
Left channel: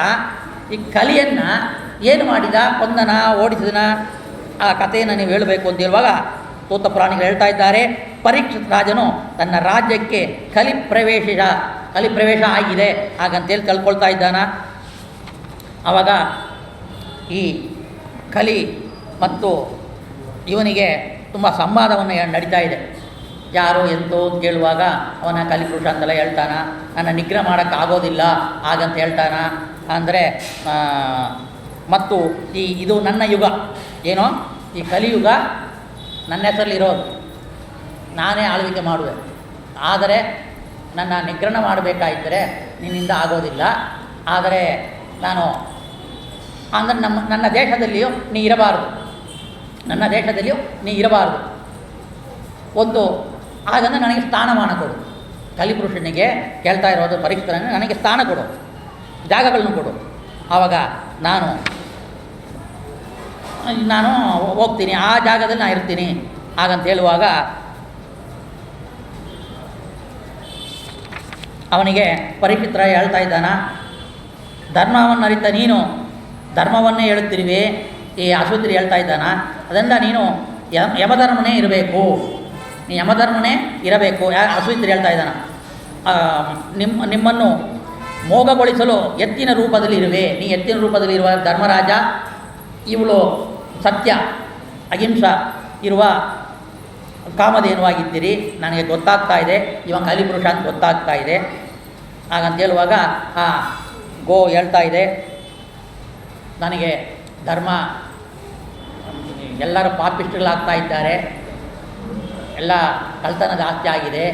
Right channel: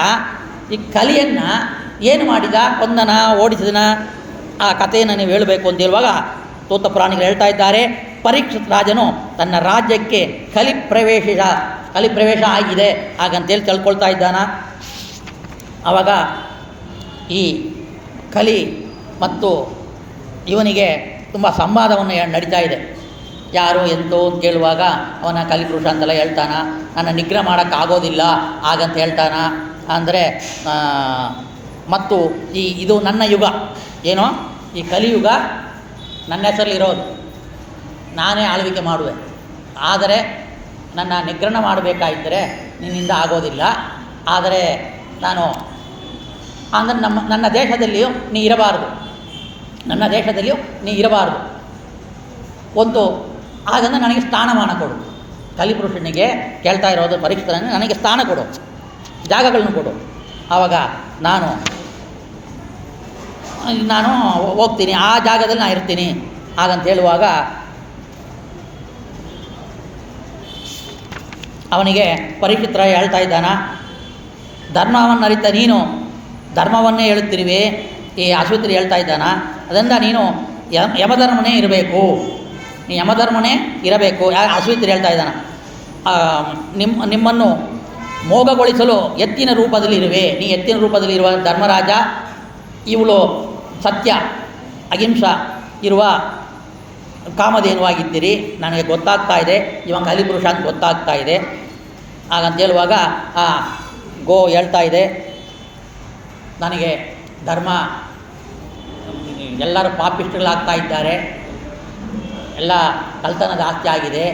ಈ ಕಲಿಯನ್ನು ಏನು ಮಾಡಿದ, ಕೊಂದನ, ಓಡಿಸಿದನ, ಆ ಕಥೆಯನ್ನು ನೀವು ಹೇಳಬೇಕು ಅಂತ ಹೇಳುವಾಗ ತೋತ ಪುರಾಣಿಗಳು ಹೇಳ್ತಾ ಇದ್ದಾರೆ, ಪರೀಕ್ಷಿತ್ ರಾಜನು ತನ್ನ ರಾಜ್ಯಕ್ಕೆ ಕಲಿಪ್ರವೇಶ ಆಗಿದೆ ಹಾಗಂತೇಳಿ ತಿಳ್ಕೊಳ್ತಾ ಇದ್ದಾನ. ಆವಾಗ ಈ ಕಲಿ ಮತ್ತು ಇವನಿಗೆ ತುಂಬ ಸಂವಾದವನ್ನು ನಡೀತಾ ಇದೆ. ಯಾರು ಎಂತೋ ಅಂತ ಕೇಳುವಾಗ ಅವನ ಕಲಿಪುರುಷ ಅಂತೆಲ್ಲ ಹೇಳ್ತಾನ, ನನ್ನ ನಿಗ್ರಹ ಮಾಡೋಕ್ಕಾಗೋದಿಲ್ಲ ಹಾಗಂತ ಹೇಳ್ತಾನ. ಅಂದರೆ ಮತ್ತು ಇದು ನನ್ನ ಯುಗ, ಏನೋ ಈ ಕಲಿಯುಗ ನನ್ನ ಹೆಸರಲ್ಲಿರೋದು, ನಾನೇ ಆಳ್ವಿಕೆ ಮಾಡುವೆ, ಆದರೆ ನನ್ನ ನಿಗ್ರಹ ಮಾಡಬೇಕಾಗಿದ್ದರೆ ನಿನ್ನಿಂದ ಆಗೋದಿಲ್ಲ. ಆದರೆ ನಾನು ಅಂದರೆ ನನ್ನ ದೇಶದಲ್ಲಿಯೂ ನೀ ಇರಬಾರ್ದು, ನನ್ನ ದೇಶದಲ್ಲಿಯೂ ನೀ ಇರಬಾರ್ದು. ಒಂದು ಹಾಗಂದ್ರೆ ನನಗೆ ಸ್ಥಾನಮಾನ ಕೊಡು. ಕಲಿಪುರುಷನಿಗೆ ಕೇಳ್ತಾ ಇರೋದು ಪರೀಕ್ಷಿತರನ್ನು, ನನಗೆ ಸ್ಥಾನ ಕೊಡು, ಜಾಗಗಳನ್ನು ಕೊಡು. ಆವಾಗ ನಾನು ಹೋಗ್ತೀನಿ, ಆ ಜಾಗದಲ್ಲಿ ನಾನು ಇರ್ತೀನಿ ಹಾಗಂತ ಹೇಳುವಾಗ ಅವನಿಗೆ ಪರೀಕ್ಷಿತರ ಹೇಳ್ತಾ ಇದ್ದಾನ, ಧರ್ಮವನ್ನು ಅರಿತ ನೀನು ಧರ್ಮವನ್ನೇ ಹೇಳುತ್ತಿರುವೆ. ಈ ಅಶ್ವತ್ಥರು ಹೇಳ್ತಾ ಇದ್ದಾನ, ಅದರಿಂದ ನೀನು ಯಮಧರ್ಮನೇ ಇರಬೇಕು, ನೀ ಯಮಧರ್ಮನೇ ಇರಬೇಕು. ಅಶ್ವತ್ಥರು ಹೇಳ್ತಾ ಇದ್ದಾನ, ನಿಮ್ಮನ್ನು ಮೋಗಗೊಳಿಸಲು ಎತ್ತಿನ ರೂಪದಲ್ಲಿ ಇರುವೆ, ನೀ ಎತ್ತಿನ ರೂಪದಲ್ಲಿ ಇರುವ ಧರ್ಮರಾಜ, ಇವಳು ಸತ್ಯ ಅಹಿಂಸ ಇರುವ ಕಾಮಧೇನುವಾಗಿದ್ದೀರಿ, ನನಗೆ ಗೊತ್ತಾಗ್ತಾ ಇದೆ, ಇವಾಗ ಕಲಿಪುರುಷ ಅಂತ ಗೊತ್ತಾಗ್ತಾ ಇದೆ ಹಾಗಂತ ಹೇಳುವಾಗ ಆ ಗೋ ಹೇಳ್ತಾ ಇದೆ, ನನಗೆ ಧರ್ಮ ಎಲ್ಲರೂ ಪಾಪಿಷ್ಟಗಳಾಗ್ತಾ ಇದ್ದಾರೆ, ಎಲ್ಲ ಕಳ್ತನ ಜಾಸ್ತಿ ಆಗಿದೆ,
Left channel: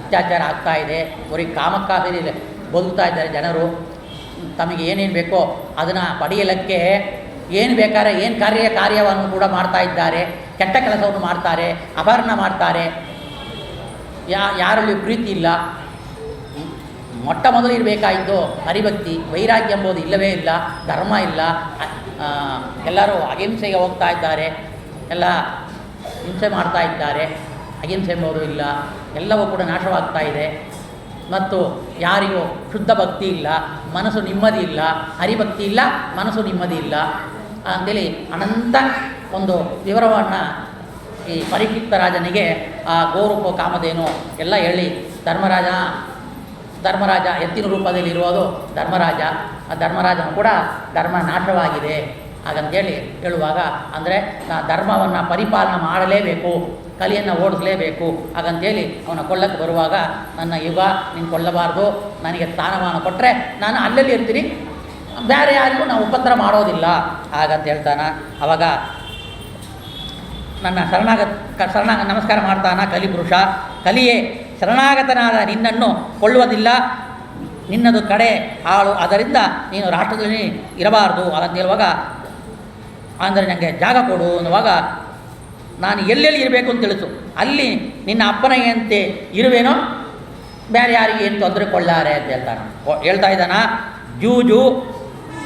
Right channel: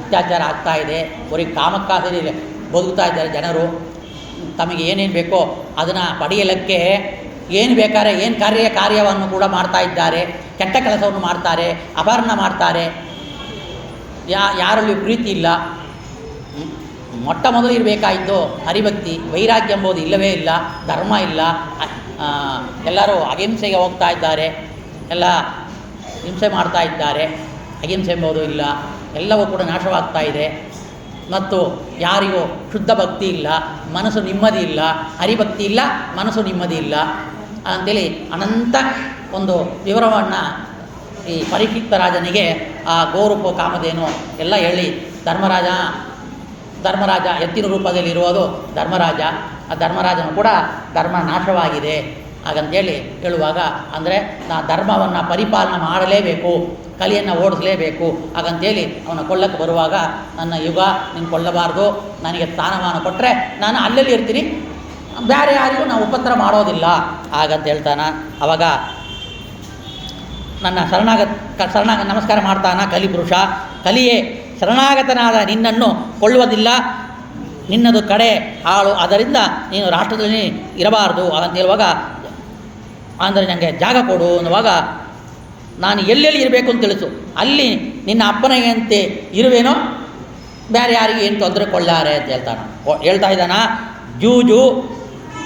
ಅತ್ಯಾಚಾರ ಆಗ್ತಾ ಇದೆ, ಬರೀ ಕಾಮಕ್ಕಾಸರಿ ಬದುಕ್ತಾ ಇದ್ದಾರೆ ಜನರು, ತಮಗೆ ಏನೇನು ಬೇಕೋ ಅದನ್ನು ಪಡೆಯಲಿಕ್ಕೆ ಏನು ಬೇಕಾದ್ರೆ ಏನು ಕಾರ್ಯವನ್ನು ಕೂಡ ಮಾಡ್ತಾ ಇದ್ದಾರೆ, ಕೆಟ್ಟ ಕೆಲಸವನ್ನು ಮಾಡ್ತಾರೆ, ಅಪಹರಣ ಮಾಡ್ತಾರೆ, ಯಾರಲ್ಲಿ ಪ್ರೀತಿ ಇಲ್ಲ. ಮೊಟ್ಟ ಮೊದಲು ಇರಬೇಕಾಯಿತು ಹರಿಭಕ್ತಿ, ವೈರಾಗ್ಯ ಎಂಬುದು ಇಲ್ಲವೇ ಇಲ್ಲ, ಧರ್ಮ ಇಲ್ಲ, ಎಲ್ಲರೂ ಅಹಿಂಸೆಗೆ ಹೋಗ್ತಾ ಇದ್ದಾರೆ, ಎಲ್ಲ ಹಿಂಸೆ ಮಾಡ್ತಾ ಇದ್ದಾರೆ, ಅಹಿಂಸೆ ಎಂಬುದು ಇಲ್ಲ, ಎಲ್ಲವೂ ಕೂಡ ನಾಶವಾಗ್ತಾ ಇದೆ. ಮತ್ತು ಯಾರಿಗೂ ಶುದ್ಧ ಭಕ್ತಿ ಇಲ್ಲ, ಮನಸ್ಸು ನೆಮ್ಮದಿ ಇಲ್ಲ, ಹರಿಭಕ್ತಿ ಇಲ್ಲ, ಮನಸ್ಸು ನೆಮ್ಮದಿ ಇಲ್ಲ ಅಂಥೇಳಿ ಅನಂತ ಒಂದು ವಿವರವನ್ನು ಈ ಪರೀಕ್ಷಿತ ರಾಜನಿಗೆ ಆ ಗೋರೂಪ ಕಾಮಧೇನು ಎಲ್ಲ ಹೇಳಿ, ಧರ್ಮರಾಜ ಎತ್ತಿನ ರೂಪದಲ್ಲಿ ಇರುವುದು ಧರ್ಮರಾಜ, ಆ ಧರ್ಮರಾಜನು ಕೂಡ ಧರ್ಮ ನಾಶವಾಗಿದೆ ಹಾಗಂತೇಳಿ ಹೇಳುವಾಗ, ಅಂದರೆ ನಾ ಧರ್ಮವನ್ನು ಪರಿಪಾಲನೆ ಮಾಡಲೇಬೇಕು, ಕಲಿಯನ್ನು ಓಡಿಸಲೇಬೇಕು ಹಾಗಂತೇಳಿ ಅವನ ಕೊಳ್ಳಕ್ಕೆ ಬರುವಾಗ, ನನ್ನ ಯುಗ ನೀನು ಕೊಳ್ಳಬಾರ್ದು, ನನಗೆ ಸ್ಥಾನಮಾನ ಕೊಟ್ಟರೆ ನಾನು ಅಲ್ಲಲ್ಲಿ ಇರ್ತೀನಿ, ಬೇರೆ ಯಾರಿಗೂ ನಾವು ಉಪದ್ರ ಮಾಡೋದಿಲ್ಲ ಹಾಗಂತ ಹೇಳ್ತಾನೆ. ಆವಾಗ ನನ್ನ ಶರಣಾಗತ ನಮಸ್ಕಾರ ಮಾಡ್ತಾನ ಕಲಿಪುರುಷ, ಕಲಿಯೇ ಶರಣಾಗತನಾದ ನಿನ್ನನ್ನು ಕೊಳ್ಳುವುದಿಲ್ಲ, ನಿನ್ನದು ಕಡೆ ಹಾಳು, ಅದರಿಂದ ನೀನು ರಾಷ್ಟ್ರದಲ್ಲಿ ಇರಬಾರ್ದು ಹಾಗಂತ ಹೇಳುವಾಗ, ಅಂದರೆ ನನಗೆ ಜಾಗ ಕೊಡು ಅನ್ನುವಾಗ, ನಾನು ಎಲ್ಲೆಲ್ಲಿ ಇರಬೇಕು ಅಂತ ತಿಳಿಸು, ಅಲ್ಲಿ ನಿನ್ನ ಅಪ್ಪನಿಗೆಂತೆ ಇರುವೇನೋ, ಬೇರೆ ಯಾರಿಗೆ ಏನು ತೊಂದರೆ ಕೊಳ್ಳಾರೆ ಅಂತ ಹೇಳ್ತಾ ಇದ್ದಾನ. ಜೂಜು,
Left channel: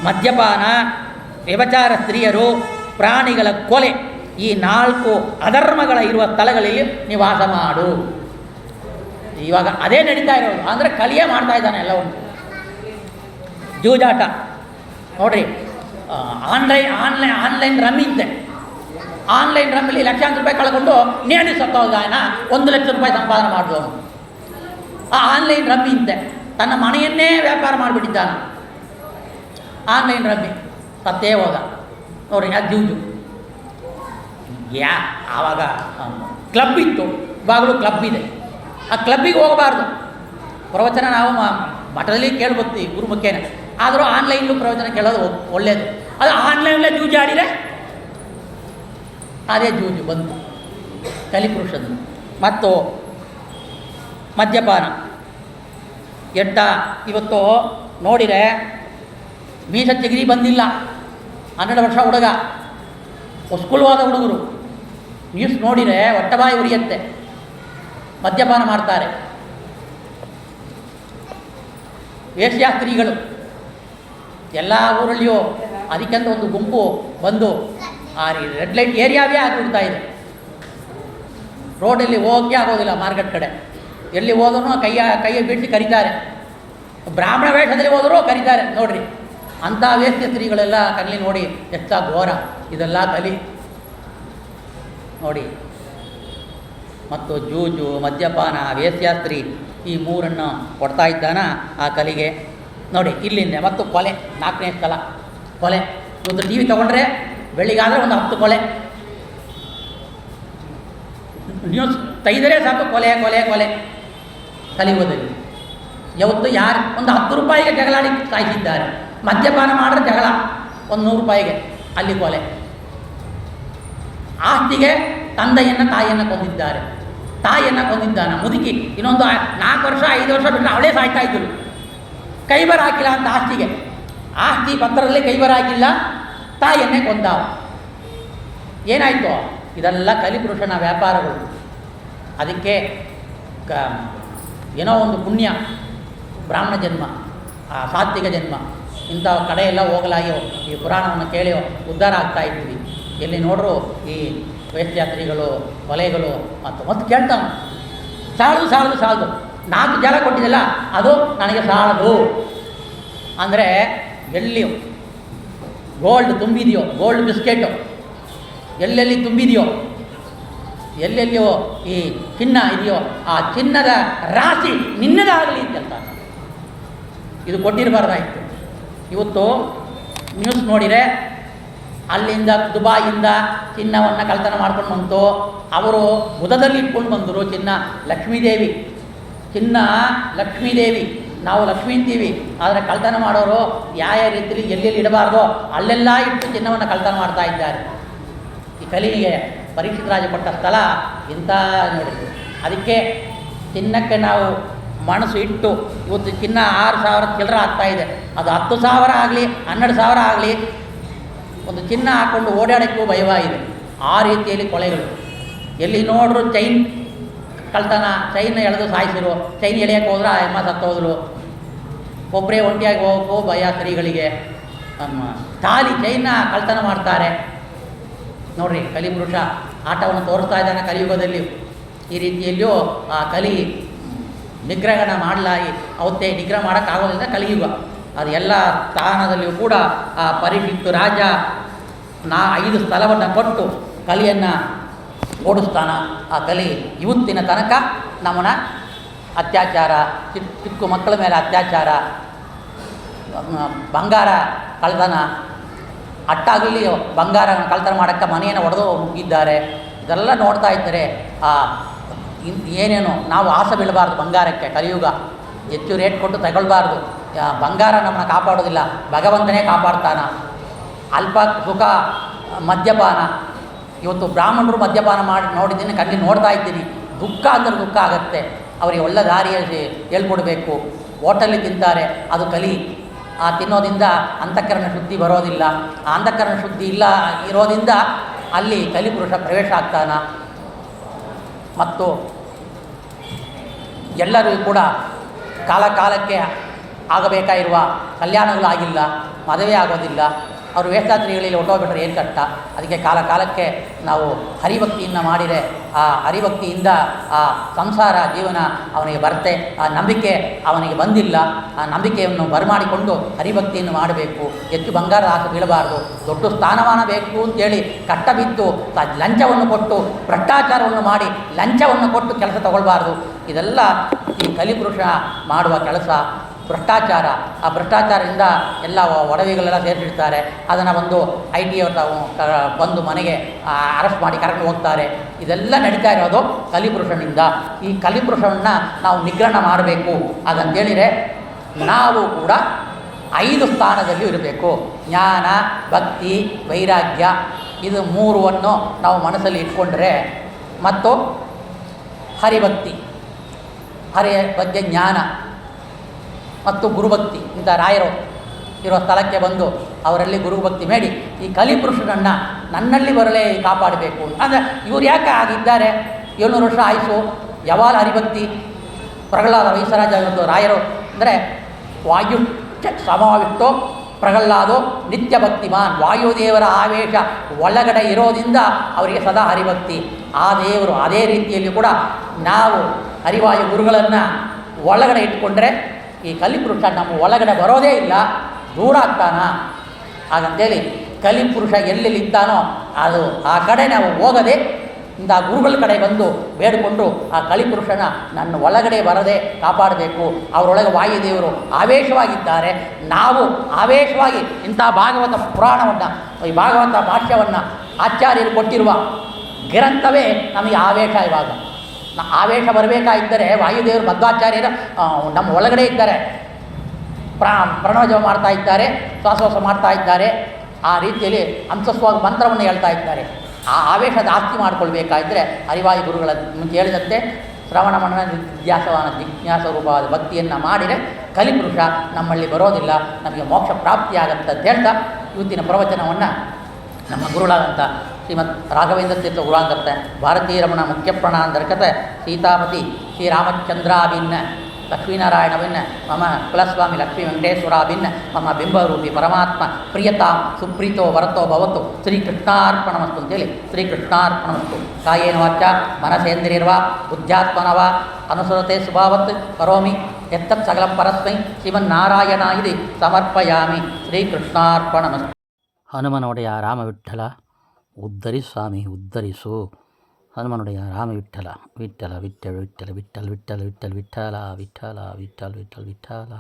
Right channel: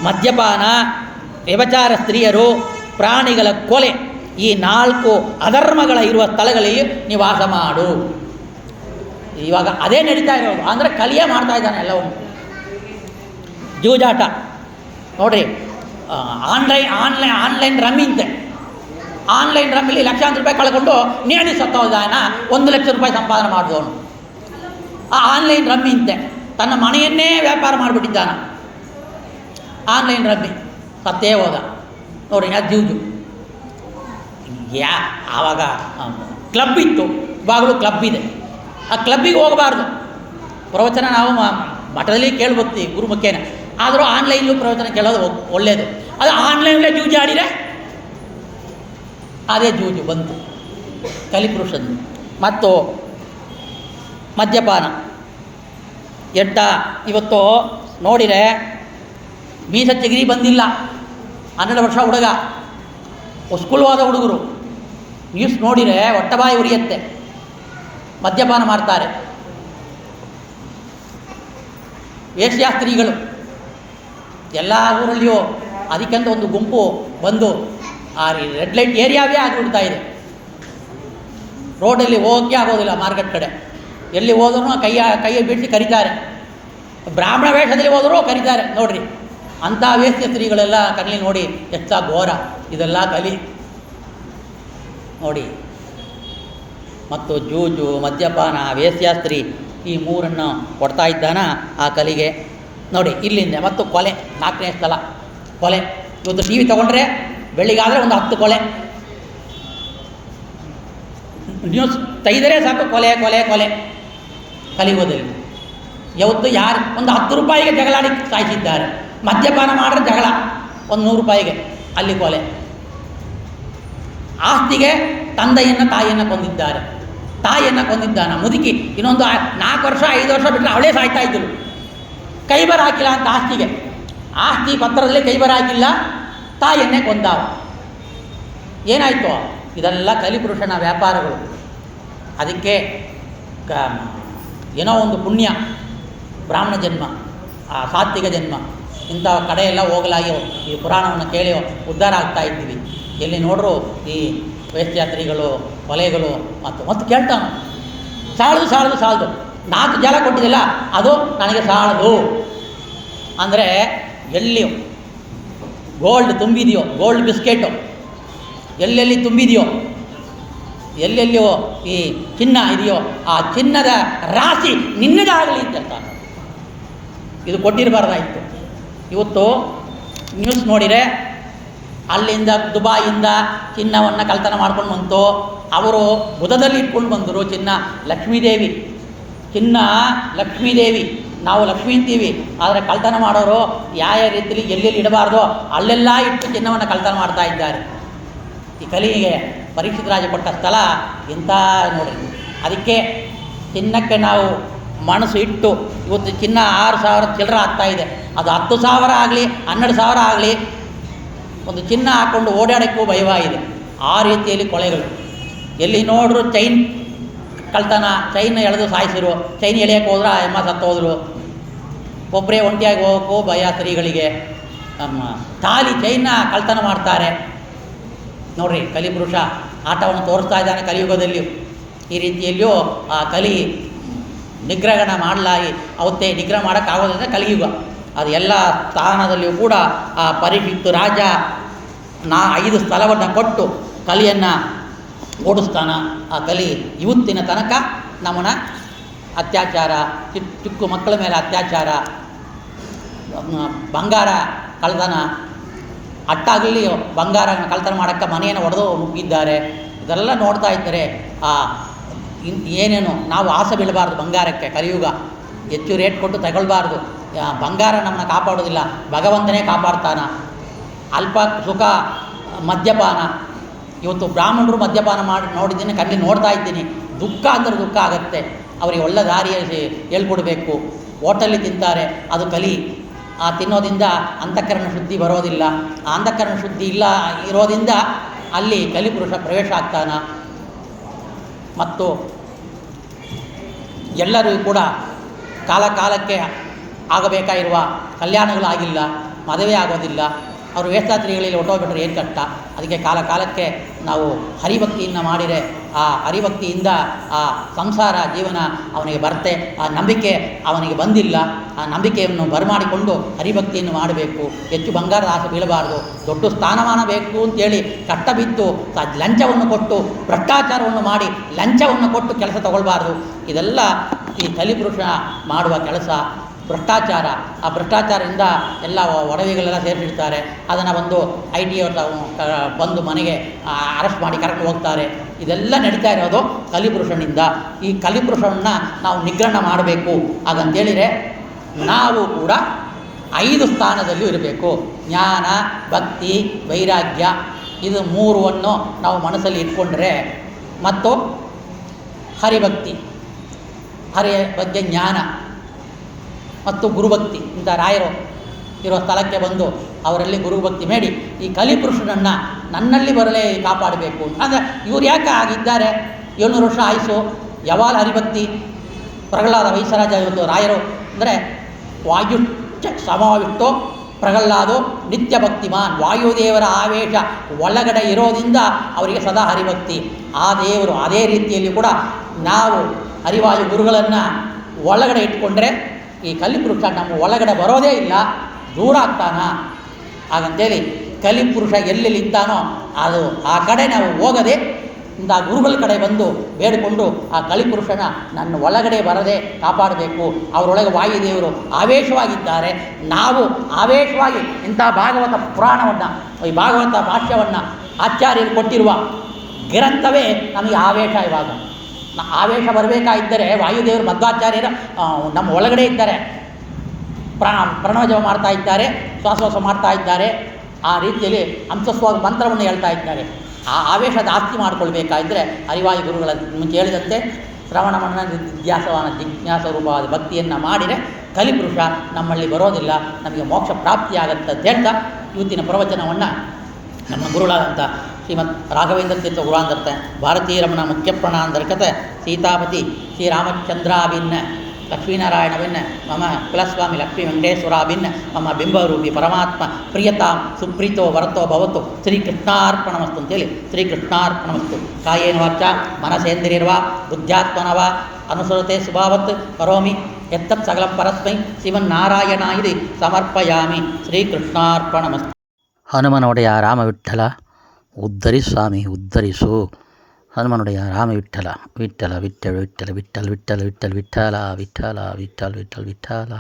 ಮದ್ಯಪಾನ, ವ್ಯಭಿಚಾರ, ಸ್ತ್ರೀಯರು, ಪ್ರಾಣಿಗಳ ಕೊಲೆ, ಈ 4 ಅಧರ್ಮಗಳ ಇರುವ ಸ್ಥಳಗಳಲ್ಲಿ ನಿವಾಸ ಮಾಡು. ಇವಾಗ ಅದೇ ನಡೀತಾ ಇರೋದು, ಅಂದರೆ ಕಲಿಯೇ ಮಾಡ್ತಾ ಇದ್ದಾನೆ ಎಲ್ಲವನ್ನು. ಜೂಜಾಟ ನೋಡಿರಿ, ಆನ್ಲೈನ್ ರಮ್ಮಿಂತೆ, ಆನ್ಲೈನ್ ರಮ್ಮಿಲಿ ಲಕ್ಷಾಂತರ ರೂಪಾಯಿ ಕಳ್ಕೊಂಡು ನೇಣಿ ಸತ್ತೋದಾನ, 1 ಲಕ್ಷ ರೂಪಾಯಿ ಸಂಪಾದನೆ ಮಾಡಿದವನು. ಆ ಆನ್ಲೈನ್ ರಮ್ಮಿಂತೆ ತನ್ನ ಮನೆಯನ್ನೇ ವ್ಯಾಪಾರ ಮಾಡಿಬಿಟ್ಟಿದ್ದಾನೆ, ಆನ್ಲೈನ್ ರಮ್ಮಿ ಸತ್ತೇ ಹೋದ ನೋಡ್ರಿ. ಅದು ಜೂಜು. ಆವಾಗ ಕ್ಲಬ್ ಇತ್ತು, ಇವಾಗಲೂ ಕ್ಲಬ್ ಇದೆ, ಆ ಕ್ಲಬ್ಬಿಗೆ ಹೋಗಬಾರ್ದು. ಪ್ರವಚನ ನಾವು ಮಠದಲ್ಲಿ ಕೇಳ್ಬೋಗ್ತೀವಿ ಗುರುಮುಖೇನೆ, ಆದರೂ ಆನ್ಲೈನ್ಲು ಪ್ರವಚನ ಕೇಳೋದು ಒಳ್ಳೆಯದು. ಅದು ಆನ್ಲೈನಲ್ಲೇ ಜೂಜು ಆಡಿದರೆ ಅದೇ ಜೂಜು ಬಂತು ಕಲಿಪುರುಷದ್ದು. ಮತ್ತು ಮದ್ಯಪಾನ, ಎಡ್ಡ, ಇವತ್ತು ನೋಡಿದರೆ ಮೀಸ ಚಿಗಿರಿ ಬಂದಿಲ್ಲ, 12 ವರ್ಷ ಹುಡುಗ, ಸ್ಕೂಲ್ವಾದ ಹುಡುಗರು, ನ್ಯೂಸ್ ನೋಡಿದರೆ ಹೊಟ್ಟೆಬಾಯಿ ಉರಿಯತ್ತೆ, ಮದ್ಯಪಾನ ಮಾಡ್ತಾರೆ. ವೇಶ್ಯಾಸ್ತ್ರೀಗಳು ಎಲ್ಲ ಊರಲ್ಲಿಯೂ ಅದಕ್ಕೆಂತ ಒಂದು ಗುಂಪು ಬಂದು ಆ ರೆಡ್ ಲೈಟ್ ಏರಿಯಾವೇ ಆಗಿಬಿಡ್ತಾ ಇದೆ. ರೋಡಲ್ಲಿ ಹೋಗಕ್ಕೆ ಆಗೋದಿಲ್ಲ. ಮಾರ್ಕೆಟ್ ಕಡೆ ಎಲ್ಲಿ ಹೋದ್ರೂ ಕೈಯ ಬಿಡಿಸಿ ಕರೀತಾರೆ. ಬ್ರಾಹ್ಮಣ ವೇಷದಲ್ಲಿ ಹೋದರೂ ಕರೀತಾರೆ ನೋಡ್ರಿ. ಅಂಥ ವೇಶ್ಯ ಸ್ತ್ರೀಗಳೆಲ್ಲ ಕಲಿ ನೋಡಿ ಎಷ್ಟ ಘೋರ. ಇದೆಲ್ಲ ಕಲಿ ನೋಡಿ. ಮತ್ತು ಜೂಜು, ಮದ್ಯಪಾನ, ವೇಶ್ಯಾಸ್ತ್ರೀ ಈ ಮೂರನ್ನು ಕೊಡ್ತಾ ಇದ್ದಾನ ಆ ಕಲಿಗೆ ನೋಡಿ. ಇಲ್ಲಿಂದ ಮತ್ತು ಕೊಲೆ 4ನೇ ಸ್ಥಳ ಕೊಲೆ. ಇವತ್ತು ಟಿ ವಿ ತೊಗೊಂಡ್ರೆ ಬೆಳಿಗಾದರೆ ಒಂದು 10 ಕೊಲೆ, ನ್ಯೂಸ್ ತೆಗೆದರೆ ಸಾಕು ಕೊಲೆ ಕೊಲೆ ಕೊಲೆ. ಕಲಿಯುಗದಲ್ಲಿ ಯಾವತ್ತು ಯಾರು ಒಂದು 10 ರೂಪಾಯಿಗೆ ಜಗಳಾಡಿ ಸಾಯಿಸಿದ್ದಾರೆ. ಮದ್ಯಪಾನ ಮಾಡಿದ್ರೆ ಜಗಳ ಒಂದು 100 ರೂಪಾಯಿಗೆ, ಅಲ್ಲಿ ಕೊಲೆ. ಆಸ್ತಿಗೆ ತಂದೆಯನ್ನು ತಾಯಿಯನ್ನು ಕೊಂದಿದ್ದಾರೆ. ತಾಯಿಯನ್ನು ಕೊಂದಿದ್ದಾನ ಮುದುಕಿ. ಇನ್ನೊಂದು 4 ವರ್ಷ 5 ವರ್ಷ ಬಿಟ್ಟರೆ ಅವಳೇ ಸಾಯ್ತಾ ಇದ್ದಳು. ಕೈಬರ ಹಾಕಿಲ್ಲ ಅಂತ ಆಸ್ತಿಗೆ, ಆಸ್ತಿ ಪತ್ರದಲ್ಲಿ ಕೈಬರ ಹಾಕಿಲ್ಲ, ತಾಯಿಯನ್ನೇ ಕೊಂದಾವ. ಏನಾಯಿತು? ಇದೆಲ್ಲ ಕಲಿಪುರುಷನ ವ್ಯಾಪಾರಗಳು. ಅದಕ್ಕೆ ಏನೋ ಒಂದು ಪುಣ್ಯ, ಬ್ರಾಹ್ಮಣ ಜನ್ಮ, ಸಾತ್ವಿಕ ಜನ್ಮ, ಇಂಥ ಕಡೆಯೆಲ್ಲ ಹೋಗಲಾಗಿ ಈ ಪುರಾಣವನ್ನು ಕೇಳಿ ಉದ್ಧಾರ ಆಗ್ತಾ ಇದ್ವಿ. ಎಲ್ಲಿ ನೋಡ್ರು ಈ ವೇಶ್ಯಾಸ್ತ್ರೀಗಳು, ಕೊಲೆಗಳು ಮತ್ತು ಕೇಳ್ತಾನೆ ಸಾಲದು 4 ಜಲ ಕೊಟ್ಟಿದ್ದಲ್ಲ ಅದು ನನಗೆ ಸಾಲದು ಅಂದರೆ, ಎಲ್ಲಿ ಗೋಲ್ಡ್ ತುಂಬಿದೆಯೋ, ಗೋಲ್ಡ್ ಬಿಸ್ಕೆಟು ಎಲ್ಲೆಲ್ಲಿ ತುಂಬಿದೆಯೋ, ಎಲ್ಲೆಲ್ಲಿಯೋ ಈ ಚಿನ್ನ ಇದೆಯೋ, ಆ ಚಿನ್ನದ ರಾಶಿ ನಿನ್ನದಾಗಲಿ ಅಂತ ಇದು ಕೊಟ್ಟಿರಬಾರ್ದಾಯಿತು. ಇವತ್ತು ನ್ಯೂಸ್ ನೋಡಿದರೆ ಅಲ್ಲಿಂದ ದುಬಾಯಿಂದ ಚಿನ್ನವನ್ನು ಕಳ್ತನ ಮಾಡ್ಕೊಂಡು ಬಂತು. ಅವರು ಬುಧದಲ್ಲಿ ಇಟ್ಕೊಂಡು ಬಂದರು ಚಿನ್ನ. ಲಕ್ಷ್ಮೀದೇವಿ ಚಿನ್ನ, ಲಕ್ಷ್ಮೀದೇವಿ, ನಾವು ಲಕ್ಷ್ಮೀ ಅಂತೀವಿ. ಆದರೆ ಕಳ್ತನ ಮಾಡೋರು ಯಾವ ರೀತಿಯಲ್ಲಿ ಎಲ್ಲೆಲ್ಲಿ ಇಡಬಾರ್ದೋ ಅಲ್ಲೆಲ್ಲ ಇಟ್ಟು ಚಿನ್ನವನ್ನು ಕಳ್ತನ ಮಾಡ್ತಾ ಇದ್ದಾರೆ. ಈ ಕಲಿಗೆ ಪರೀಕ್ಷಿತ ರಾಜ ಕೊಟ್ಟ ಸ್ಥಳ ಇಂಥ ನೋಡಿ. ಅದಕ್ಕೆ ಚಿನ್ನಕ್ಕೆ ನಾವು ಮನಸ್ಸು ಇಟ್ಟು ಇವತ್ತು ಚಿನ್ನ 6,000 ಚಿಲ್ಲರೆ ಆಗ್ತಾಯಿದೆ. ಅದು 10,000 ಆಗಲಿ 12,000 ಆಗಲಿ ಒಂದು ಚಿನ್ನ ಹಾಕ್ಕೊಂಡು ಓಡಾಡೋಕ್ಕೂ ಭಯವಾಗಿದೆ. ಆ ರೀತಿಯಲ್ಲಿ ಕೊಲೆಗಳು. ಎಲ್ಲಿ ನೋಡ್ರು ಚೈನ್ ಕಳ್ತನ, ಚೈನ್ ಎಳೆದು ಸಾಯಿಸಿರು. ಚೈನ್ ಎಳೆಯೋಕ್ಕೆ ಹೋದ್ರೆ ಆ ಎಮ್ಮ ಸತ್ತೋದ್ರು. ಒಬ್ಬರೇ ಒಂಟಿಯಾಗಿ ಹೋಗೋಕ್ಕೂ ಭಯ ಸ್ತ್ರೀಗಳಿಗೆ. ತಾಲಿ ಚೈನ್ನ ಕಳ್ತನ ಮಾಡ್ತಾರೆ ನೋಡ್ರಿ. ಕಲಿಪುರುಷ ಆಟವನ್ನು ತೋರಿಸ್ತಾ ಇದ್ದಾನೆ ಕಲಿಯುಗದಲ್ಲಿ. ಈ ರೀತಿಯಲ್ಲಿಯೂ ಆ ಕಲಿ ನಿಗ್ರಹಣ ಮಾಡಲಾಗಿ ಅವತ್ತೇ ನಿಗ್ರಹ ಮಾಡೋಕ್ಕಾಗೋದಂದರೆ ಕಲಿಯುಗ. ಅದು ಎಲ್ಲ ಸ್ಥಾನದಲ್ಲಿಯೂ ಕೂಡ ಆ ಪರೀಕ್ಷಿತ್ ರಾಜ 5 ಸ್ಥಳವನ್ನು ಕೊಟ್ಟು ಕಲಿಯನ್ನು ಓಡಿಸ್ತಾನ. ಆ ಕಲಿ ಇವತ್ತಿನ ತನಕ ನಮ್ಮನ್ನ ಅತ್ಯಾಚಾರ, ಚಿಕ್ಕ ಮಕ್ಕಳ ಮೇಲೆ ಅತ್ಯಾಚಾರ, ಬಂಗಾರ ಕಳ್ತನ, ಅಟ್ಟಾಗಲಿ ಬಂಗಾರ ಕಳ್ತನ ಮಾಡೋಕ್ಕೆ ಮನೆಯನ್ನು ಒಡೆದು ಮುಗಿದ್ದಾರೆ. ಇದೆಲ್ಲ ನೋಡ್ತಾ ಇದ್ದರೆ ಏನೇನು ನಾವು ಆಸೆ ಬೀಳಬಾರ್ದು ಬಂಗಾರಕ್ಕೆ. ಕಲಿಯುಗ ಹೆಚ್ಚು ರೇಟ್ ಕೊಟ್ಟು ತಗೊಳ್ಬಾರ್ದು. ಬಂಗಾರ ನಮ್ಮನ್ನು ಕಾಪಾಡೋದಿಲ್ಲ, ಭಗವಂತನೇ ಕಾಪಾಡ್ತಾನ. ಅಲ್ಪ ಸುಖ, ಮದ್ಯಪಾನ. ಇವತ್ತು ಬ್ರಾಹ್ಮಣರು ಮದ್ಯಪಾನ ಮಾಡಿ ನೋಡಿದ್ದೀನಿ, ಕಣ್ಣಲ್ಲಿ ನೋಡ್ತಾ ಇದ್ದೀನಿ. ದುಃಖ ಅಂದರೆ ದುಃಖ ಆಗುತ್ತೆ. ಅವರಿಗೆ ಒಳ್ಳೆ ದಾರಿಯಲ್ಲಿ ಹೇಳ್ಕೊಡ್ಬೇಕು. ಹೋಟೆಲ್ಲಿ ತಿಂತಾರೆ, ಅದು ಕಲಿ. ಆ ತಿನ್ನೋದಿಂದ ಅಂತಃಕರಣ ಶುದ್ಧಿ ಬರೋದಿಲ್ಲ. ಆ ಅಂತಃಕರಣ ಶುದ್ಧಿ ಇಲ್ಲ ಇರೋದ್ರಿಂದ ಅಲ್ಲಿ ಕಲಿಪುರುಷ ಪ್ರವೇಶ ಆಗ್ತಾನ. ಮತ್ತು ಎಲ್ಲರೂ ಕೂಡ ಕಾಲಕ್ಕೆ ಆಗಬೇಕಾಗಿರುವ ಕಲ್ಯಾಣಗಳು ಆಗಿಲ್ಲ, ಮದುವೆ ಆಗೋದಿಲ್ಲ. ಅವರು ವೇಷಾಸ್ತ್ರೀಗಳಲ್ಲಿ ಹೊಟ್ಟೋಗ್ಬಿಟ್ರೆ ಏನು ಕಷ್ಟ. ಅದಕ್ಕೆ ಕಾಲಕ್ಕೆ ನಾವು ಹರಿಭಕ್ತಿಯನ್ನು ಮಾಡಿದರೆ ಆ ಹರಿಭಕ್ತಿಯಿಂದ ಆ ಸಂಸಾರ ಜೀವನ ಅವನಿಗೆ ಬರುತ್ತೆ. ಆ ನಂಬಿಕೆ ಅವನಿಗೆ ಬಂದಿಲ್ಲ. ಆ ನಂಬಿಕೆಯನ್ನು ಬರಮಾಡಿಕೊಂಡು ಹರಿಭಕ್ತಿಯನ್ನು ಮಾಡಬೇಕು. ಹೆಚ್ಚು ಬಂಗಾರದ ಆಸೆ ಬೀಳಬಾರ್ದು. ದೊಡ್ಡ ಸ್ಥಾನಮಾನ ಬೇಕು ಅಂತೇಳಿ ಕಷ್ಟ ಬಿದ್ದು ಲಂಚವನ್ನು ಕೊಟ್ಟು ಭ್ರಷ್ಟಾಚಾರವನ್ನು ಮಾಡಿ ಲಂಚವನ್ನು ಕೊಟ್ಟು ಕೆಲಸ ತಗೊಳ್ಬಾರ್ದು. ಇದೆಲ್ಲ ಈ ಕಲಿಪುರುಷ ಮಾಡುವ ಕೆಲಸ. ಭ್ರಷ್ಟಾಚಾರ, ಆ ಭ್ರಷ್ಟಾಚಾರದಿಂದ ಎಲ್ಲ ಒಡವೆಗಳೆಲ್ಲ ಸೇರಿಸಿಡ್ತಾರೆ. ಅದನ್ನು ಒಂದು IT ಬಂದು ಮನೆಗೆ ಅರೆಸ್ಟ್ ಮಾಡಿ ಕರ್ಕೊಂಡು ಹೋಗ್ತಾರೆ. ಇದೆಲ್ಲ ನಡೀತಾ ಇರೋದು ಕಲಿಪುರುಷನಿಂದ. ಈ ಕಲಿಪುರುಷನನ್ನು ನಾವು ನಿಗ್ರಹಣ ಮಾಡಬೇಕು. ಹಾಗಂತೇಳಿದರೆ ನಾವು ಕೂಡ 5 ಸ್ಥಾನದಲ್ಲೂ ಇರಬೇಕು. ಜ್ಞಾನ, ಭಕ್ತಿ, ವೈರಾಗ್ಯ, ಇದು 3ವನ್ನು ನಾವು ಮನಸ್ಸಲ್ಲಿ ಇಟ್ಕೊಂಡ್ರೆ, ಮತ್ತು ಹರಿಭಕ್ತಿ, ಹರಿಯ ಬಗ್ಗೆ ಜ್ಞಾನ ಮತ್ತು ಗುರುಭಕ್ತಿ, ಇಂಥ ರಾಯರು ಇರೋ ಸ್ಥಳಕ್ಕೆ ಬಂದು ಅವರಲ್ಲಿ ಗುರುಭಕ್ತಿ ಮಾಡಿ ಈ ಕಲಿಪುರುಷನನ್ನು ನನ್ನಲ್ಲಿ ಬರಲೇ ಕಾಪಾಡಬೇಕು. ಅಂದರೆ ಇವ್ರು ಯಾಕೆ ಆಗಿದ್ದಾರೆ? 700 ವರ್ಷ ಆಯಿತು. ಯಾವಾಗ ಹರಿಭಕ್ತಿ? ಪ್ರಹ್ಲಾದ ವೈಸರಾಜ ಇರೋದು ರಾಯರು ಅಂದರೆ ವಾಯುಶ್ಚ ಸಮಾವಿಷ್ಟೋ ಪ್ರಹ್ಲಾದೋ ನಿತ್ಯ ಭಕ್ತಿಮಾನ್. ವಾಯುದೇವರ ಆವೇಶ ಒಳಗಡೆ ಇರೋದ್ರಿಂದ ಅವರಿಗೆ ಸದಾ ಹರಿಭಕ್ತಿ. ಆ ದೇವರು ಅದೇ ರೀತಿಯಲ್ಲಿ ಕೂಡ ನಾವು ಹರಿವಾಯು ಗುರುಗಳನ್ನು ಒಳಗಡೆ ಇಟ್ಕೊಂಡ್ರೆ ಈ ಕಲಿಪುರುಷ ನಮ್ಮ ಒಳಗಡೆ ಬರೋದೇ ಇಲ್ಲ, ದೂರ ಆಗ್ತಾನ. ಹಾಗಂತೇಳಿ ಕಲಿಪುರುಷ ಎಲ್ಲೆಲ್ಲಿದ್ದಾನೋ ಅದು ಆ ಕಡೆ ನಾವು ಹೋಗದೆ ಇಂಥ ಗುರುಗಳ ಕಡೆ ಬಂದು ಬೇಡಿಕೊಂಡು ಆ ಕಲಿಪುರುಷನ ನನ್ನ ಒಳಗಡೆ ಬರದೆ ಕಾಪಾಡಬೇಕು. ಅವರೊಳಗೆ ವಾಯುದೇವರು ಆವೇಶವಾಗಿದ್ದಾರೆ. ನಾವು ಆವೇಶವಾಗಿ ಇಂಥ ಭಾಗವತ ಪುರಾಣವನ್ನು, ಈ ಭಾಗವತ ಭಾಷ್ಯವನ್ನು ಆಚಾರ್ಯರು ಕೊಟ್ಟಿರುವ ಗ್ರಂಥವೇ ನಮಗೆ ಆವೇಶ. ಇವಾಗ ಆವೇಶ ಬರಬೇಕಾಗಿದ್ದರೆ ವಾಯುದೇವರು ಮಧ್ವಾಚಾರ್ಯರು ನಮ್ಮ ಒಳಗಡೆ ಇದ್ದಾರೆ, ಪ್ರಣವಜಪ ಮಾಡ್ತಾ ಇದ್ದಾರೆ, ಶ್ವಾಸೋಶ್ವಾಸ ಮಾಡ್ತಾ ಇದ್ದಾರೆ. ಆ ರೀತಿಯಲ್ಲಿ ಹಂಸಸ್ವ ಮಂತ್ರವನ್ನು ಹೇಳ್ತಾ ಇದ್ದಾರೆ. ಆ ಆವೇಶ ಜಾಸ್ತಿ ಮಾಡಿಕೊಳ್ಬೇಕಾದ್ರೆ ಹರಿವಾಯು ಗುರುಗಳ ಮುಂಚೆ ಹೇಳಿದಂತೆ ಶ್ರವಣ ಮನನ ನಿಧ್ಯಾಸವಾನ ಜಿಜ್ಞಾಸ ರೂಪವಾದ ಭಕ್ತಿಯನ್ನು ಮಾಡಿದರೆ ಕಲಿಪುರುಷ ನಮ್ಮಲ್ಲಿ ಬರೋದಿಲ್ಲ, ನಮಗೆ ಮೋಕ್ಷ ಪ್ರಾಪ್ತಿಯಾಗತ್ತೆ ಅಂತ ಹೇಳ್ತಾ ಇವತ್ತಿನ ಪ್ರವಚನವನ್ನು ನಮ್ಮ ಗುರುಗಳಾದಂಥ ಶ್ರೀಮದ್ ರಾಘವೇಂದ್ರ ತೀರ್ಥ ಗುರುಗಳಾದಂಥ ಭಾರತೀಯ ರಮಣ ಮುಖ್ಯ ಪ್ರಣಾಂತರ್ಗತ ಸೀತಾಪತಿ ಶ್ರೀರಾಮಚಂದ್ರಾಭಿನ್ನ ಲಕ್ಷ್ಮೀನಾರಾಯಣವಿನ್ನ ಮಮ ಕುಲಸ್ವಾಮಿ ಲಕ್ಷ್ಮೀ ವೆಂಕಟೇಶ್ವರಾಭಿನ್ನ ಮಮ ಬಿಂಬರೂಪಿ ಪರಮಾತ್ಮ ಪ್ರಿಯತಾಂ ಸುಪ್ರೀತೋ ವರತೋ ಭವತು ಶ್ರೀಕೃಷ್ಣಾರ್ಪಣಮಸ್ತು ಅಂತೇಳಿ ಶ್ರೀಕೃಷ್ಣಾರ್ಪಣಮಸ್ತು. ಕಾಯೇನ ವಾಚ ಮನಸೇಂದ್ರಿಯರ್ವಾ ಬುದ್ಧ್ಯಾತ್ಮನವಾ ಅನುಸರತೆ ಸ್ವಭಾವತ್ ಕರೋಮಿ ಎತ್ತತ್ ಸಕಲಂ ಪರಸ್ಮೈ ಶ್ರೀಮನ್ನಾರಾಯಣಾಯಿದಿ ಸಮರ್ಪಯಾಮಿ. ಶ್ರೀಕೃಷ್ಣಾರ್ಪಣಮಸ್ತು. ಹನುಮನೊಡೆಯ ರಾಮವಿಠಲ ಉದ್ಧರಿಸು ಸ್ವಾಮಿ ಉದ್ಧರಿಸು. ಹನುಮನುಡೆಯ ರಾಮ ವಿಠಲ ವಿಠಲ ವಿಠಲ ವಿಠಲ ವಿಠಲ ವಿಠಲ ವಿಠಲ ವಿಠಲ ವಿಠಲ ವಿಠಲ ವಿಠಲ ವಿಠಲ.